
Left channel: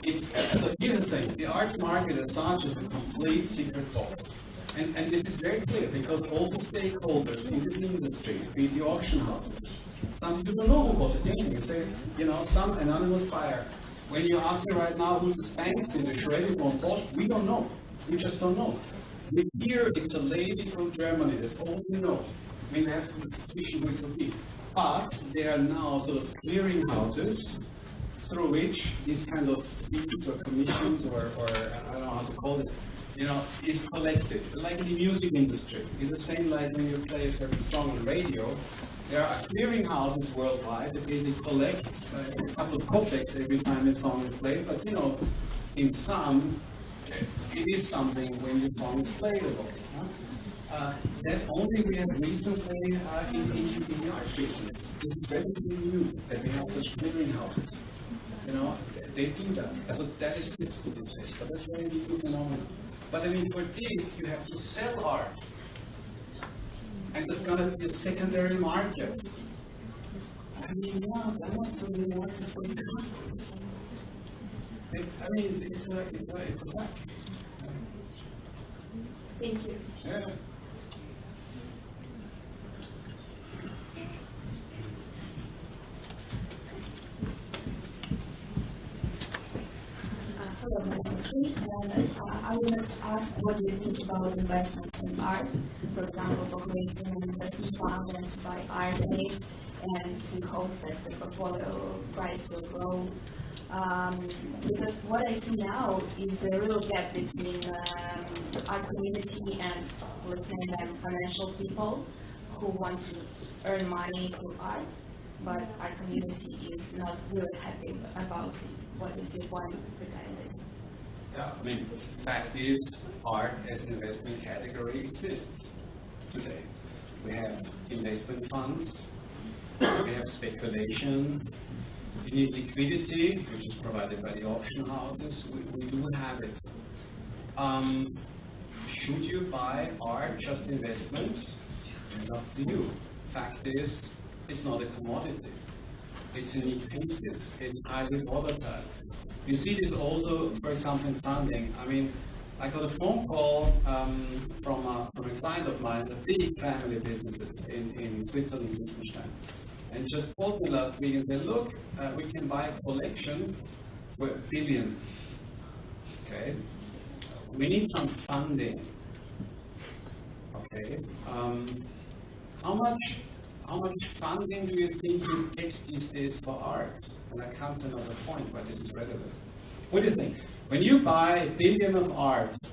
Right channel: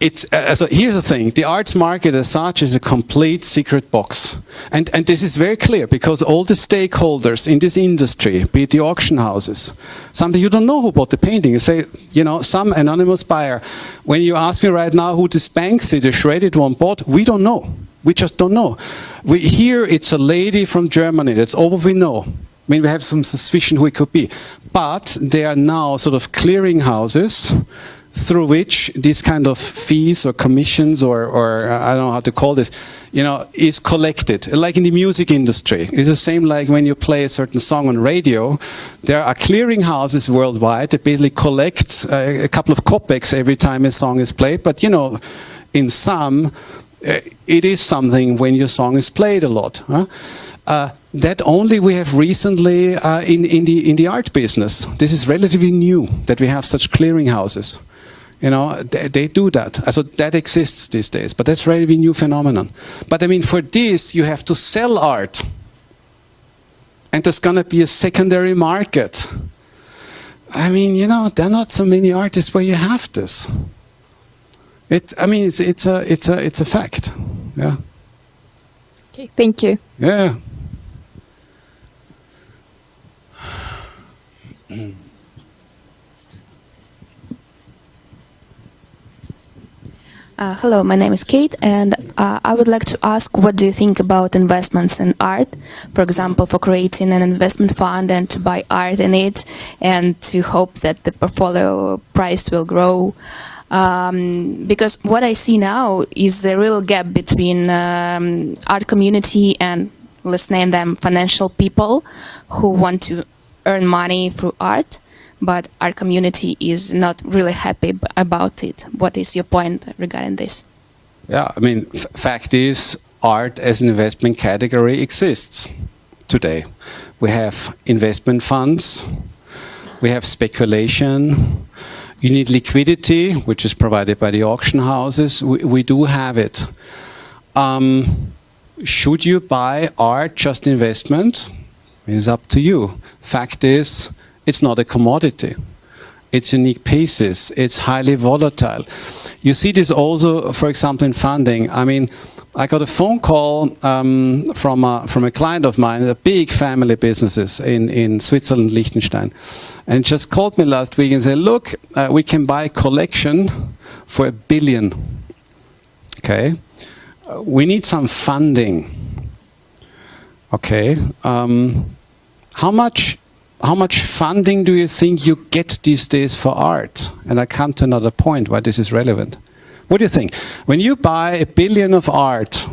so here's the thing, the arts market as such is a complete secret box. And this is very clear, because all the stakeholders in this industry, be it the auction houses, sometimes you don't know who bought the painting. You say, you know, some anonymous buyer. When you ask me right now who this Banksy, the shredded one, bought, we don't know. We just don't know. Here it's a lady from Germany, that's all we know. I mean, we have some suspicion who it could be. But there are now sort of clearinghouses through which these kind of fees or commissions or I don't know how to call this, you know, is collected. Like in the music industry. It's the same like when you play a certain song on radio. There are clearinghouses worldwide that basically collect a couple of kopecks every time a song is played. But, you know, in some, it is something when your song is played a lot. Huh? That only we have recently in the art business. This is relatively new that we have such clearinghouses. You know, they do that. So that exists these days, but that's a relatively new phenomenon. But I mean, for this, you have to sell art. And there's going to be a secondary market. I mean, you know, there are not so many artists where you have this. I mean, it's a fact. Yeah. Okay, thank you. Yeah. Hello, my name is Kate, and I would like to ask, what do you think about investments in art? For example, for creating an investment fund and to buy art in it, and to hope that the portfolio price will grow. Because what I see now is a real gap between art community and, let's name them, financial people who want to earn money through art. But our community is not really happy about it. What is your point regarding this? Yeah, I mean, fact is, art as an investment category exists today. We have investment funds, we have speculation, you need liquidity, which is provided by the auction houses. We do have it. Should you buy art just investment? It's up to you. Fact is, it's not a commodity. It's unique pieces. It's highly volatile. You see this also, for example, in funding. I mean, I got a phone call from a client of mine, a big family businesses in Switzerland, Liechtenstein. And just called me last week and said, look, we can buy a collection for $1 billion. Okay? We need some funding. Okay? How much funding do you think you get these days for art? And I come to another point why this is relevant. What do you think? When you buy $1 billion of art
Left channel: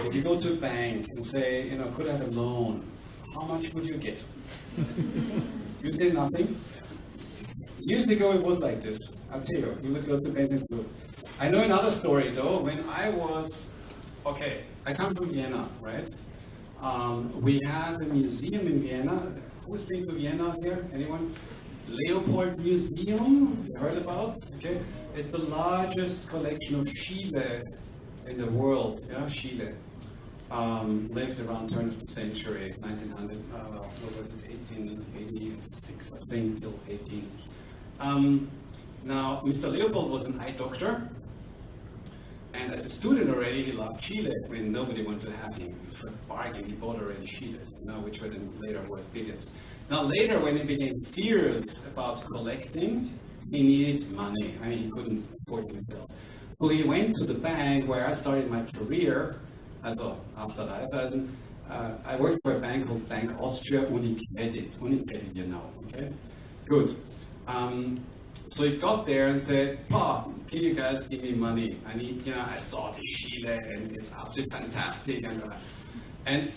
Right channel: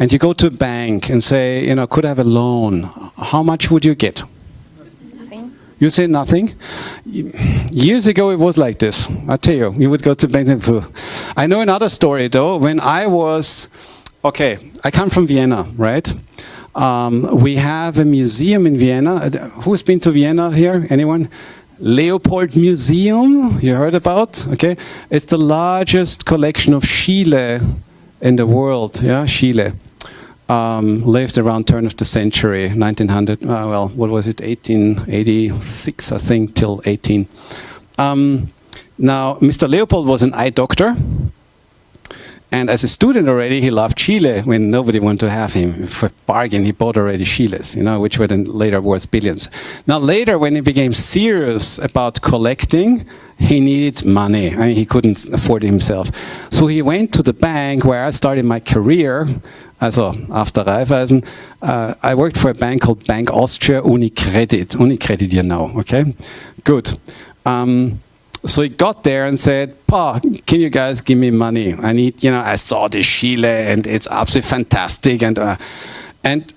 and you go to a bank and say, you know, could I have a loan? How much would you get? Nothing. You say nothing? Years ago it was like this. I tell you, you would go to bank and I know another story though. When I was, okay, I come from Vienna, right? We have a museum in Vienna. Who's been to Vienna here? Anyone? Leopold Museum, you heard about? Okay, it's the largest collection of Chile in the world. Yeah, Chile lived around turn of the century, 1900. Well, what was it? 1886, I think, till 18. Now, Mr. Leopold was an eye doctor. And as a student already, he loved Chile when nobody wanted to have him. For bargain, he bought already Chiles, you know, which were then later worth billions. Now later, when he became serious about collecting, he needed money. I mean, he couldn't afford it himself. So he went to the bank where I started my career. Also after Raiffeisen, I worked for a bank called Bank Austria Unicredit. Unicredit, you know, okay? Good. So he got there and said, "Pa, can you guys give me money? I need, you know, I saw this Chile and it's absolutely fantastic." And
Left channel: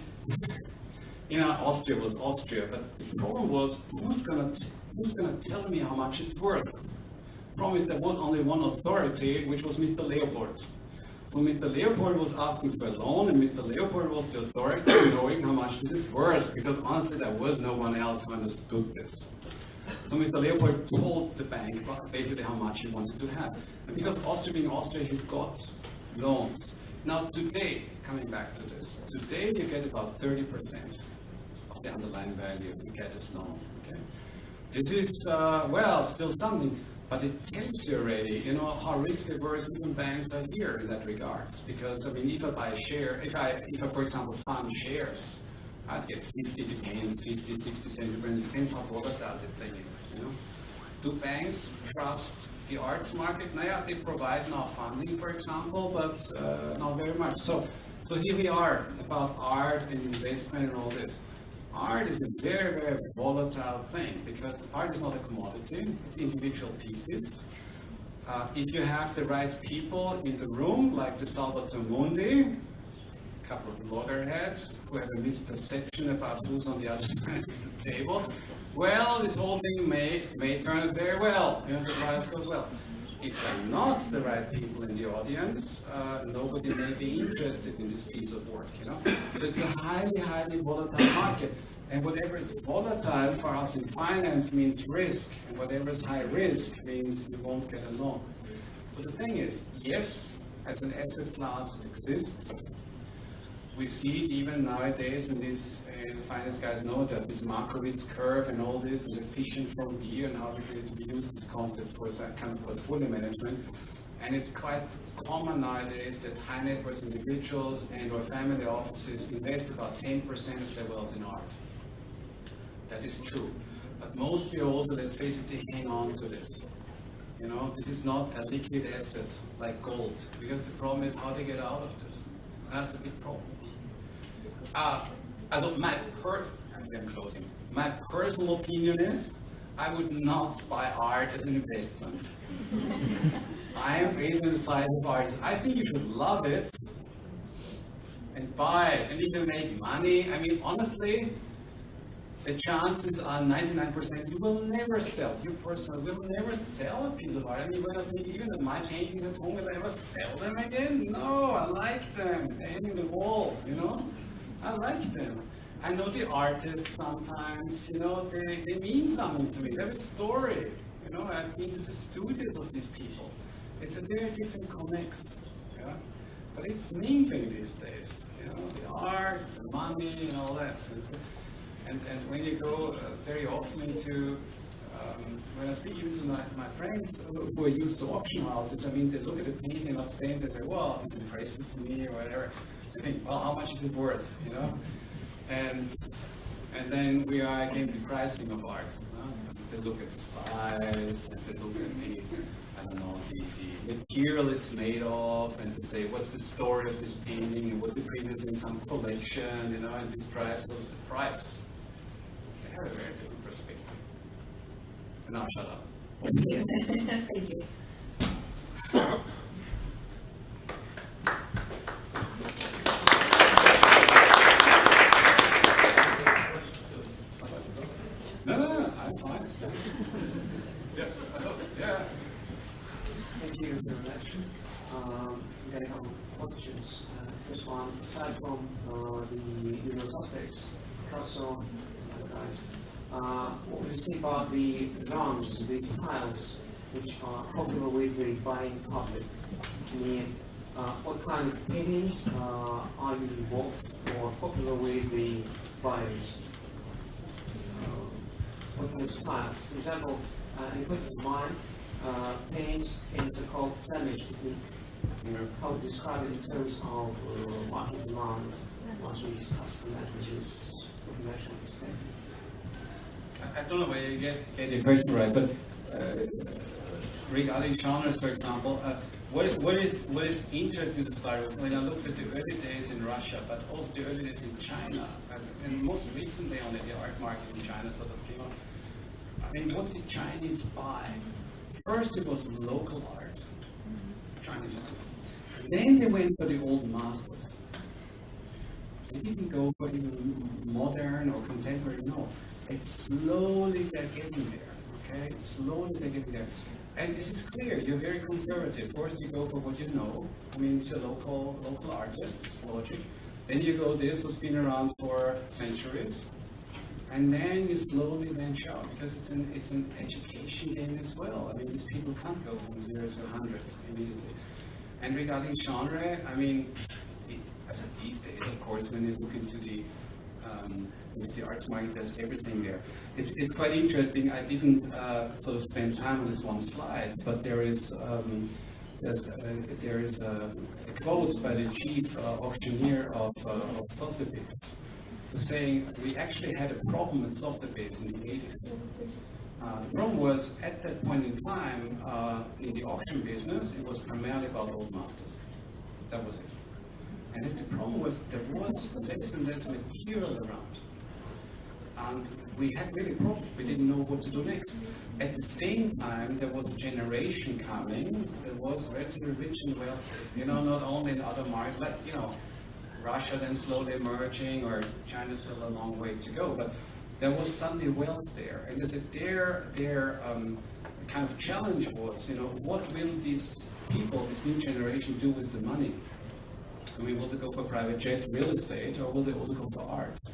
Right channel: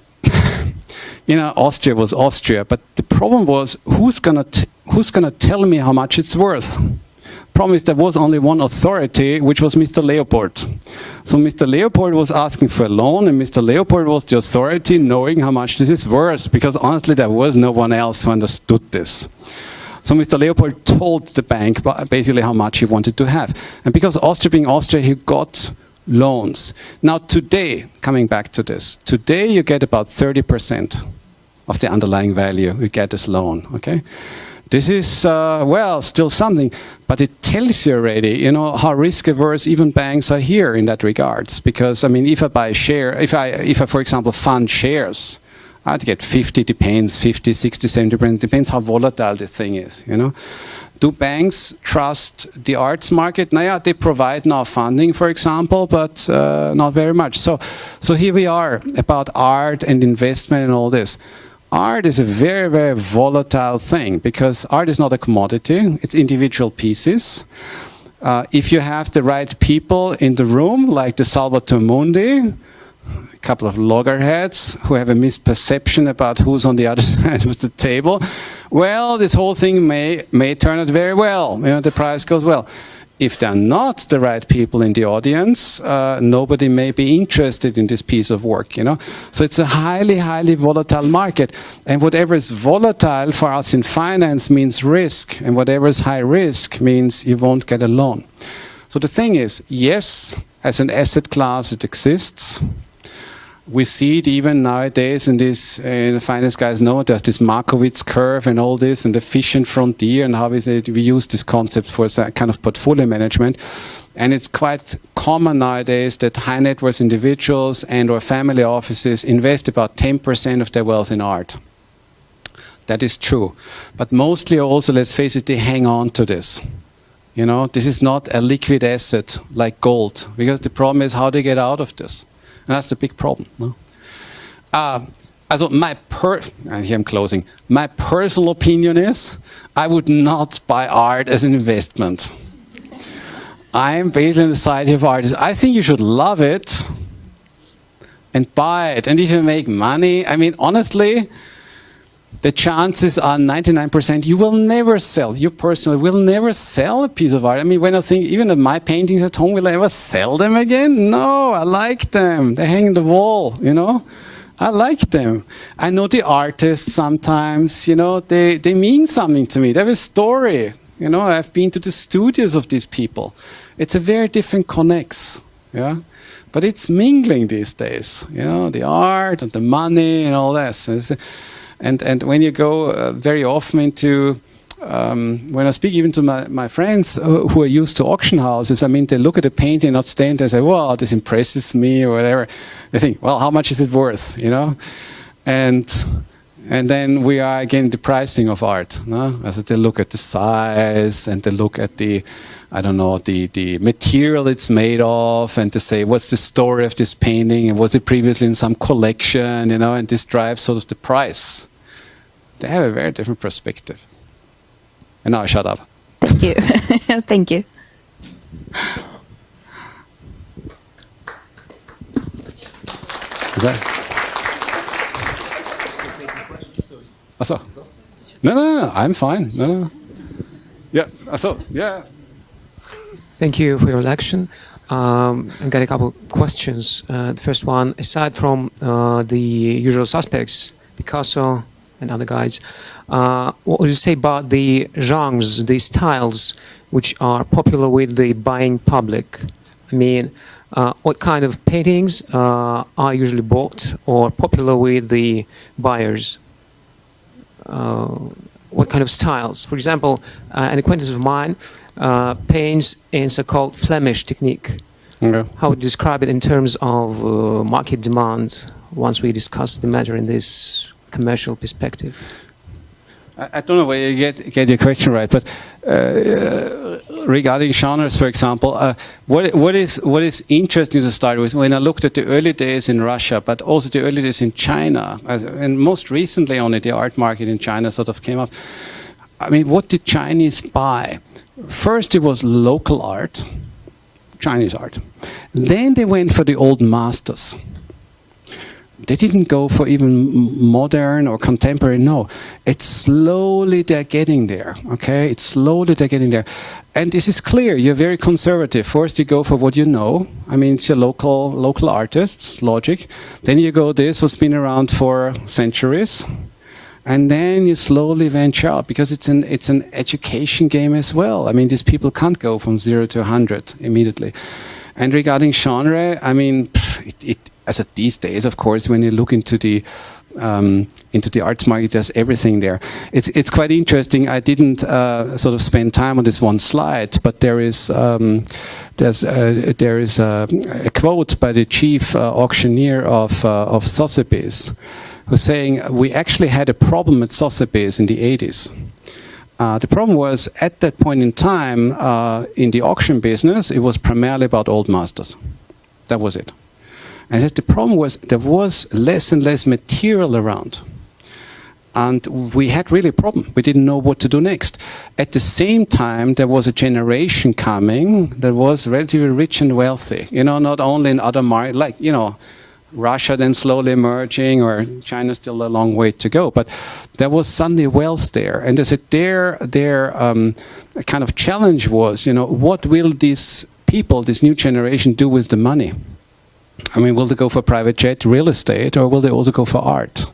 you know, Austria was Austria, but the problem was, who's gonna tell me how much it's worth? Problem is, there was only one authority, which was Mr. Leopold. So Mr. Leopold was asking for a loan, and Mr. Leopold was the authority knowing how much this is worth, because honestly, there was no one else who understood this. So Mr. Leopold told the bank basically how much he wanted to have. And because Austria being Austria, he got loans. Now today, coming back to this, today you get about 30% of the underlying value you get as loan, okay? This is, well, still something, but it tells you already, you know, how risk-averse even banks are here in that regards. Because, I mean, if I buy a share, if I, for example, fund shares, I'd get 50, depends, 50, 60, 70%, depends how volatile the thing is, you know. Do banks trust the arts market? Now, yeah, they provide now funding, for example, but not very much. So here we are about art and investment and all this. Art is a very, very volatile thing, because art is not a commodity, it's individual pieces. If you have the right people in the room, like the Salvator Mundi, a couple of loggerheads who have a misperception about who's on the other side of the table, well, this whole thing may turn out very well, you know, the price goes well. If they're not the right people in the audience, nobody may be interested in this piece of work, you know. So it's a highly, highly volatile market. And whatever is volatile for us in finance means risk. And whatever is high risk means you won't get a loan. So the thing is, yes, as an asset class, it exists. We see it even nowadays in this, the finance guys know there's this Markowitz curve and all this, and the efficient frontier, and how we use this concept for kind of portfolio management. And it's quite common nowadays that high net worth individuals and or family offices invest about 10% of their wealth in art. That is true. But mostly also, let's face it, they hang on to this. You know, this is not a liquid asset like gold, because the problem is how they get out of this. And that's the big problem. No? And here I'm closing. My personal opinion is, I would not buy art as an investment. I am based in the Society of Artists. I think you should love it and buy it. And if you make money, I mean, honestly, the chances are 99% you will never sell. You personally will never sell a piece of art. I mean, when I think, even of my paintings at home, will I ever sell them again? No, I like them. They hang on the wall, you know. I like them. I know the artists sometimes, you know, they mean something to me. They have a story. You know, I've been to the studios of these people. It's a very different connex, yeah. But it's mingling these days, you know, the art and the money and all this. And when you go very often into, when I speak even to my friends who are used to auction houses, I mean, they look at a painting, not stand there and say, "Wow, this impresses me," or whatever. They think, "Well, how much is it worth?" You know, and then we are again the pricing of art. No? As they look at the size and they look at the, I don't know, the material it's made of, and to say, what's the story of this painting, and was it previously in some collection, you know, and this drives sort of the price. They have a very different perspective. And now I shut up. Thank you. Thank you. Okay. Achso. No, I'm fine. No. Yeah, achso, yeah. Thank you for your lecture. I've got a couple of questions. The first one, aside from the usual suspects, Picasso and other guys, what would you say about the genres, the styles which are popular with the buying public? I mean, what kind of paintings are usually bought or popular with the buyers? What kind of styles? For example, an acquaintance of mine paints in so-called Flemish technique. how would you describe it in terms of market demand once we discuss the matter in this commercial perspective? I don't know whether you get your question right, but regarding genres, for example, what is interesting to start with, when I looked at the early days in Russia, but also the early days in China, and most recently only the art market in China sort of came up. I mean, what did Chinese buy? First it was local art, Chinese art. Then they went for the old masters. They didn't go for even modern or contemporary, no. It's slowly they're getting there, okay? It's slowly they're getting there. And this is clear, you're very conservative. First you go for what you know. I mean, it's your local artists, logic. Then you go this, what's been around for centuries. And then you slowly venture out, because it's an education game as well. I mean, these people can't go from 0 to 100 immediately. And regarding genre, I mean, as of these days, of course, when you look into the arts market, there's everything there. It's quite interesting. I didn't sort of spend time on this one slide, but there is a quote by the chief auctioneer of Sotheby's, who's saying, we actually had a problem at Sotheby's in the 80s. The problem was, at that point in time, in the auction business, it was primarily about old masters. That was it. And the problem was, there was less and less material around. And we had really a problem. We didn't know what to do next. At the same time, there was a generation coming that was relatively rich and wealthy. You know, not only in other markets, like, you know, Russia then slowly emerging, or China still a long way to go. But there was suddenly wealth there. And they said their kind of challenge was, you know, what will these people, this new generation, do with the money? I mean, will they go for private jet, real estate, or will they also go for art?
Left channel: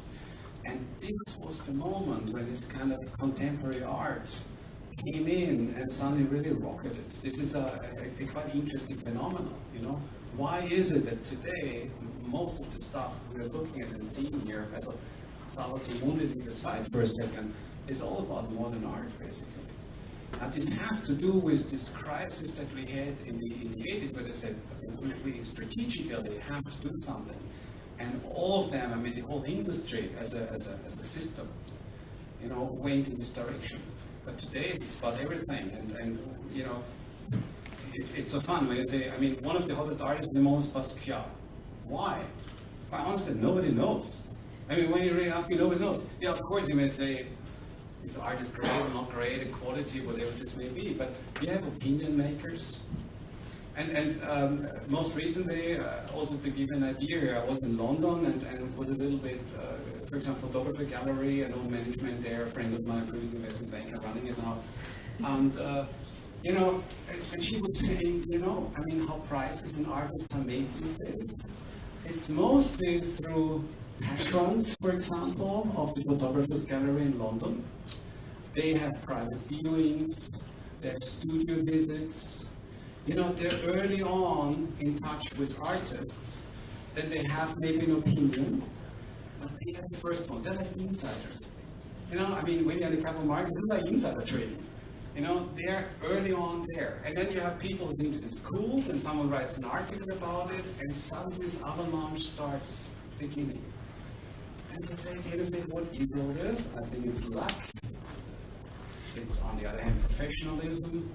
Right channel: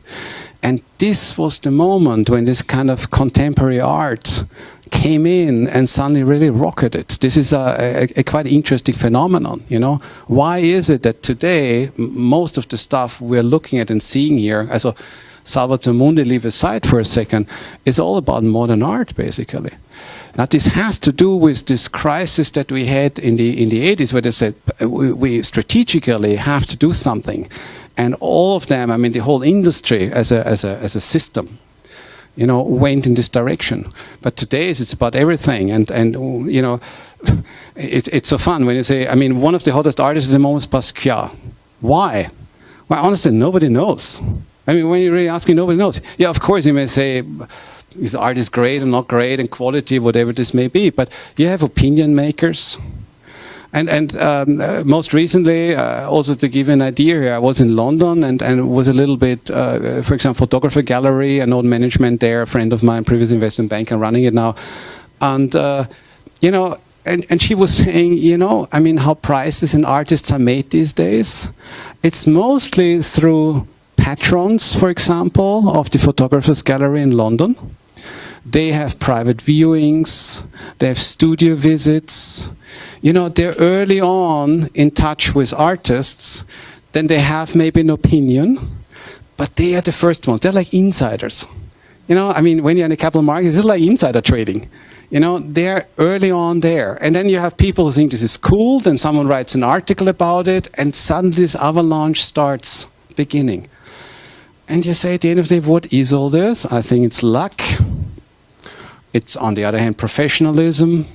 And this was the moment when this kind of contemporary art came in and suddenly really rocketed. This is a quite interesting phenomenon, you know. Why is it that today, most of the stuff we're looking at and seeing here, as a Salvatore Mundi leave aside for a second, is all about modern art, basically. Now, this has to do with this crisis that we had in the 80s, where they said we strategically have to do something, and all of them, I mean, the whole industry as a system, you know, went in this direction. But today it's about everything, and you know, it's so fun when you say, I mean, one of the hottest artists at the moment is Basquiat. Why? Well, honestly, nobody knows. I mean, when you really ask me, nobody knows. Yeah, of course, you may say, his art is great and not great, and quality, whatever this may be, but you have opinion makers. And most recently, also to give you an idea here, I was in London and was a little bit, for example, photographer gallery, an old management there, a friend of mine, previous investment banker, running it now. And, you know, and she was saying, you know, I mean, how prices and artists are made these days. It's mostly through patrons, for example, of the photographers gallery in London. They have private viewings, they have studio visits. You know, they're early on in touch with artists, then they have maybe an opinion, but they are the first ones. They're like insiders. You know, I mean, when you're in the capital markets, it's like insider trading. You know, they're early on there. And then you have people who think this is cool, then someone writes an article about it, and suddenly this avalanche starts beginning. And you say at the end of the day, what is all this? I think it's luck. It's, on the other hand, professionalism.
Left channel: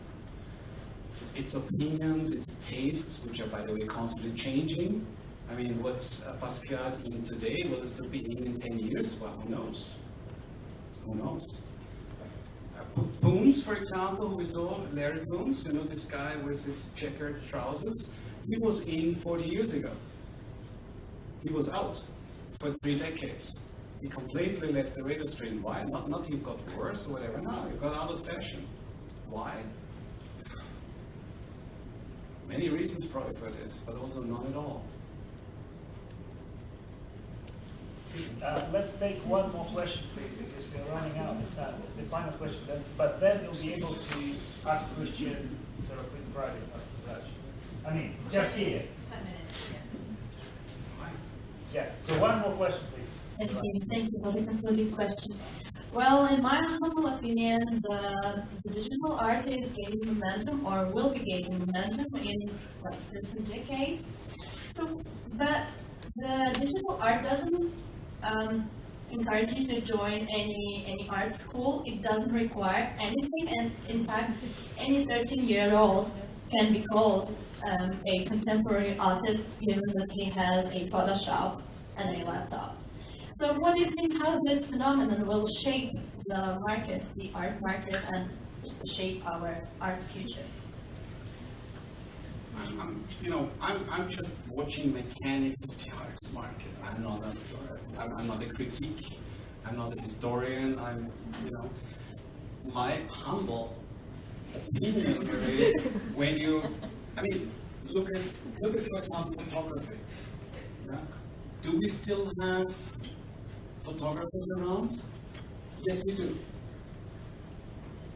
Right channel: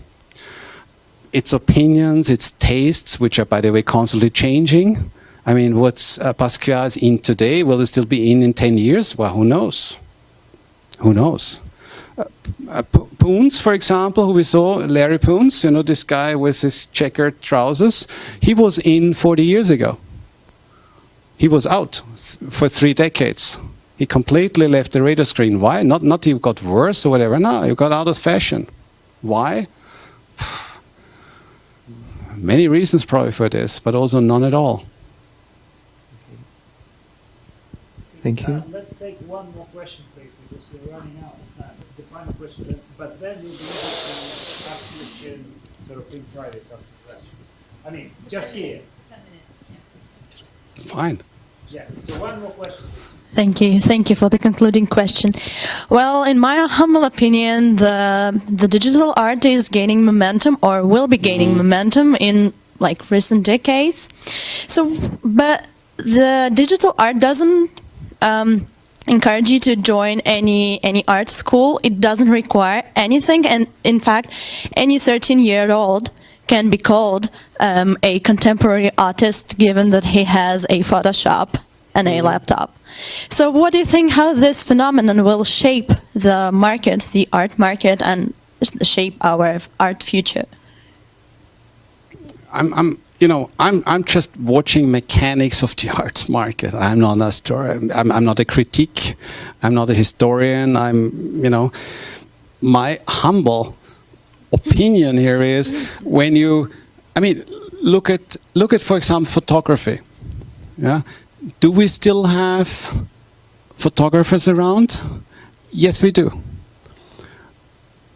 It's opinions, it's tastes, which are, by the way, constantly changing. I mean, what's Basquiat's in today? Will it still be in 10 years? Well, who knows? Who knows? Koons, for example, who we saw, Larry Koons, you know, this guy with his checkered trousers, he was in 40 years ago. He was out for 3 decades. He completely left the radar screen. Why? Not he got worse or whatever. No, he got out of fashion. Why? Many reasons probably for this, but also none at all. Thank you. Let's take one more question, please, because we're running out of time. The final question, but then you'll be able to ask question sort of in private after that. I mean, just here. 10 minutes. Yeah. Fine. Yeah. So one more question, please. Thank you for the concluding question. Well, in my humble opinion, the digital art is gaining momentum, or will be gaining momentum in like recent decades. So, but the digital art doesn't encourage you to join any art school. It doesn't require anything, and in fact, any 13-year-old can be called a contemporary artist, given that he has a Photoshop and a laptop. So what do you think how this phenomenon will shape the market, the art market, and shape our art future? I'm just watching mechanics of the arts market. I'm not a historian. I'm not a critique. I'm not a historian. My humble opinion here is when you, look at for example photography. Yeah, do we still have photographers around? Yes, we do.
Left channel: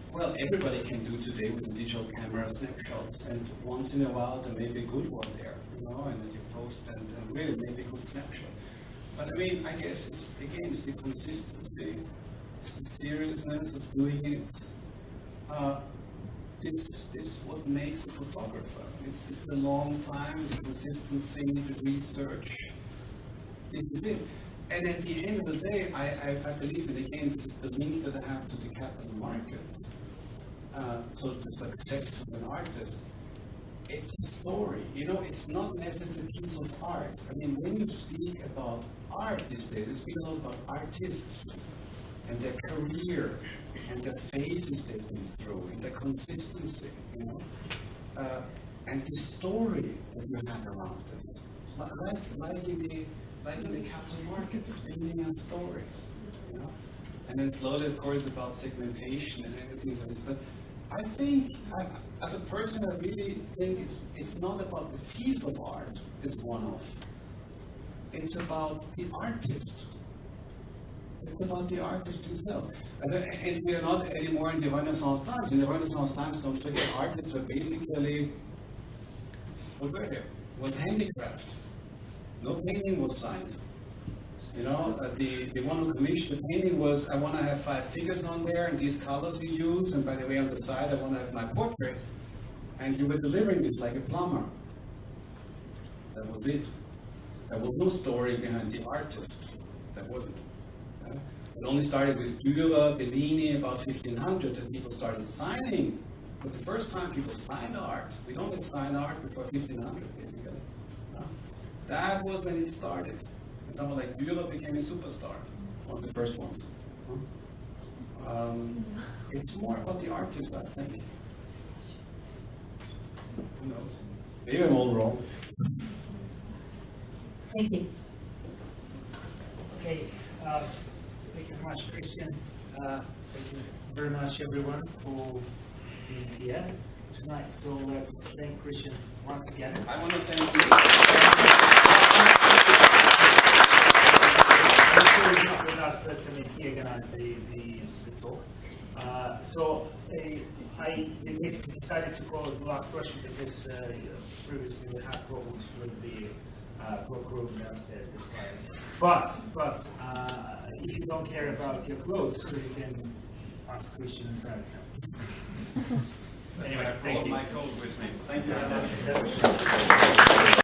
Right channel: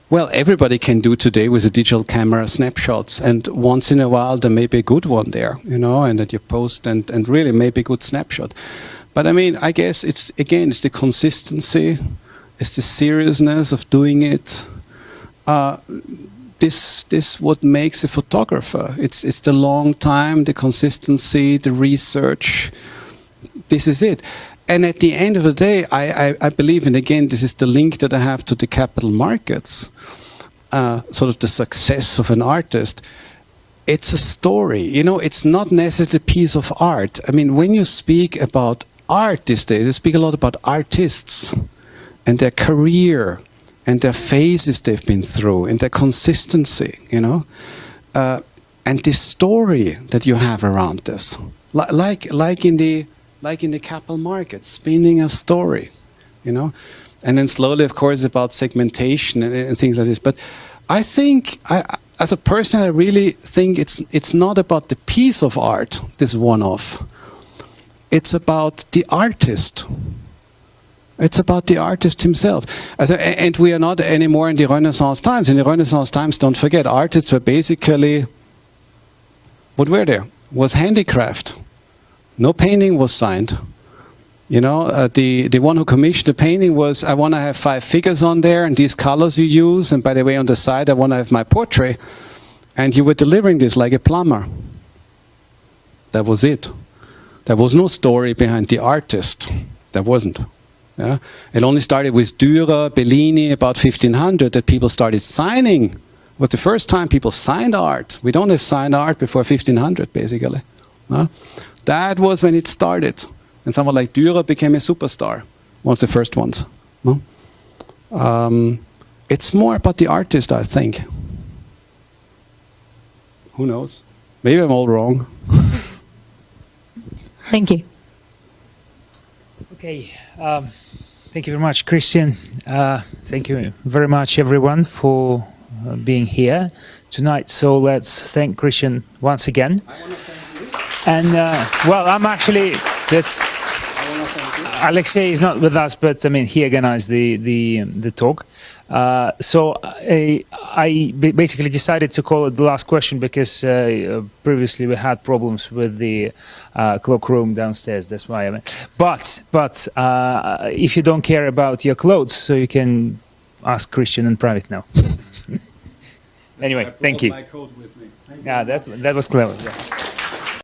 Well, everybody can do today with a digital camera snapshots, and once in a while there may be a good one there, and that you post and really maybe a good snapshot. But I guess it's the consistency, it's the seriousness of doing it. This what makes a photographer. It's the long time, the consistency, the research. This is it. And at the end of the day, I believe, and again, this is the link that I have to the capital markets, sort of the success of an artist. It's a story, it's not necessarily a piece of art. When you speak about art these days, you speak a lot about artists and their career and their phases they've been through and their consistency, and the story that you have around this. Like in the capital market, spinning a story, And then slowly, of course, about segmentation and things like this. But I think, as a person, I really think it's not about the piece of art, this one-off. It's about the artist. It's about the artist himself. And we are not anymore in the Renaissance times. In the Renaissance times, don't forget, artists were basically, what were there? Was handicraft. No painting was signed. The one who commissioned the painting was, I want to have 5 figures on there and these colors you use, and by the way on the side I want to have my portrait, and you were delivering this like a plumber. That was it. There was no story behind the artist. There wasn't. Yeah? It only started with Dürer, Bellini about 1500 that people started signing. It was the first time people signed art. We don't have signed art before 1500 basically. That was when it started. And someone like Dürer became a superstar, one of the first ones. It's more about the artist, I think. Who knows? Maybe I'm all wrong. Thank you. Okay, thank you very much, Christian. Thank you very much, everyone, for being here tonight. So let's thank Christian once again. And I'm actually, Alexei is not with us, but he organized the talk. So I basically decided to call it the last question because previously we had problems with the cloakroom downstairs. That's why. But if you don't care about your clothes, so you can ask Christian in private now. Anyway, thank you. Yeah, that was clever.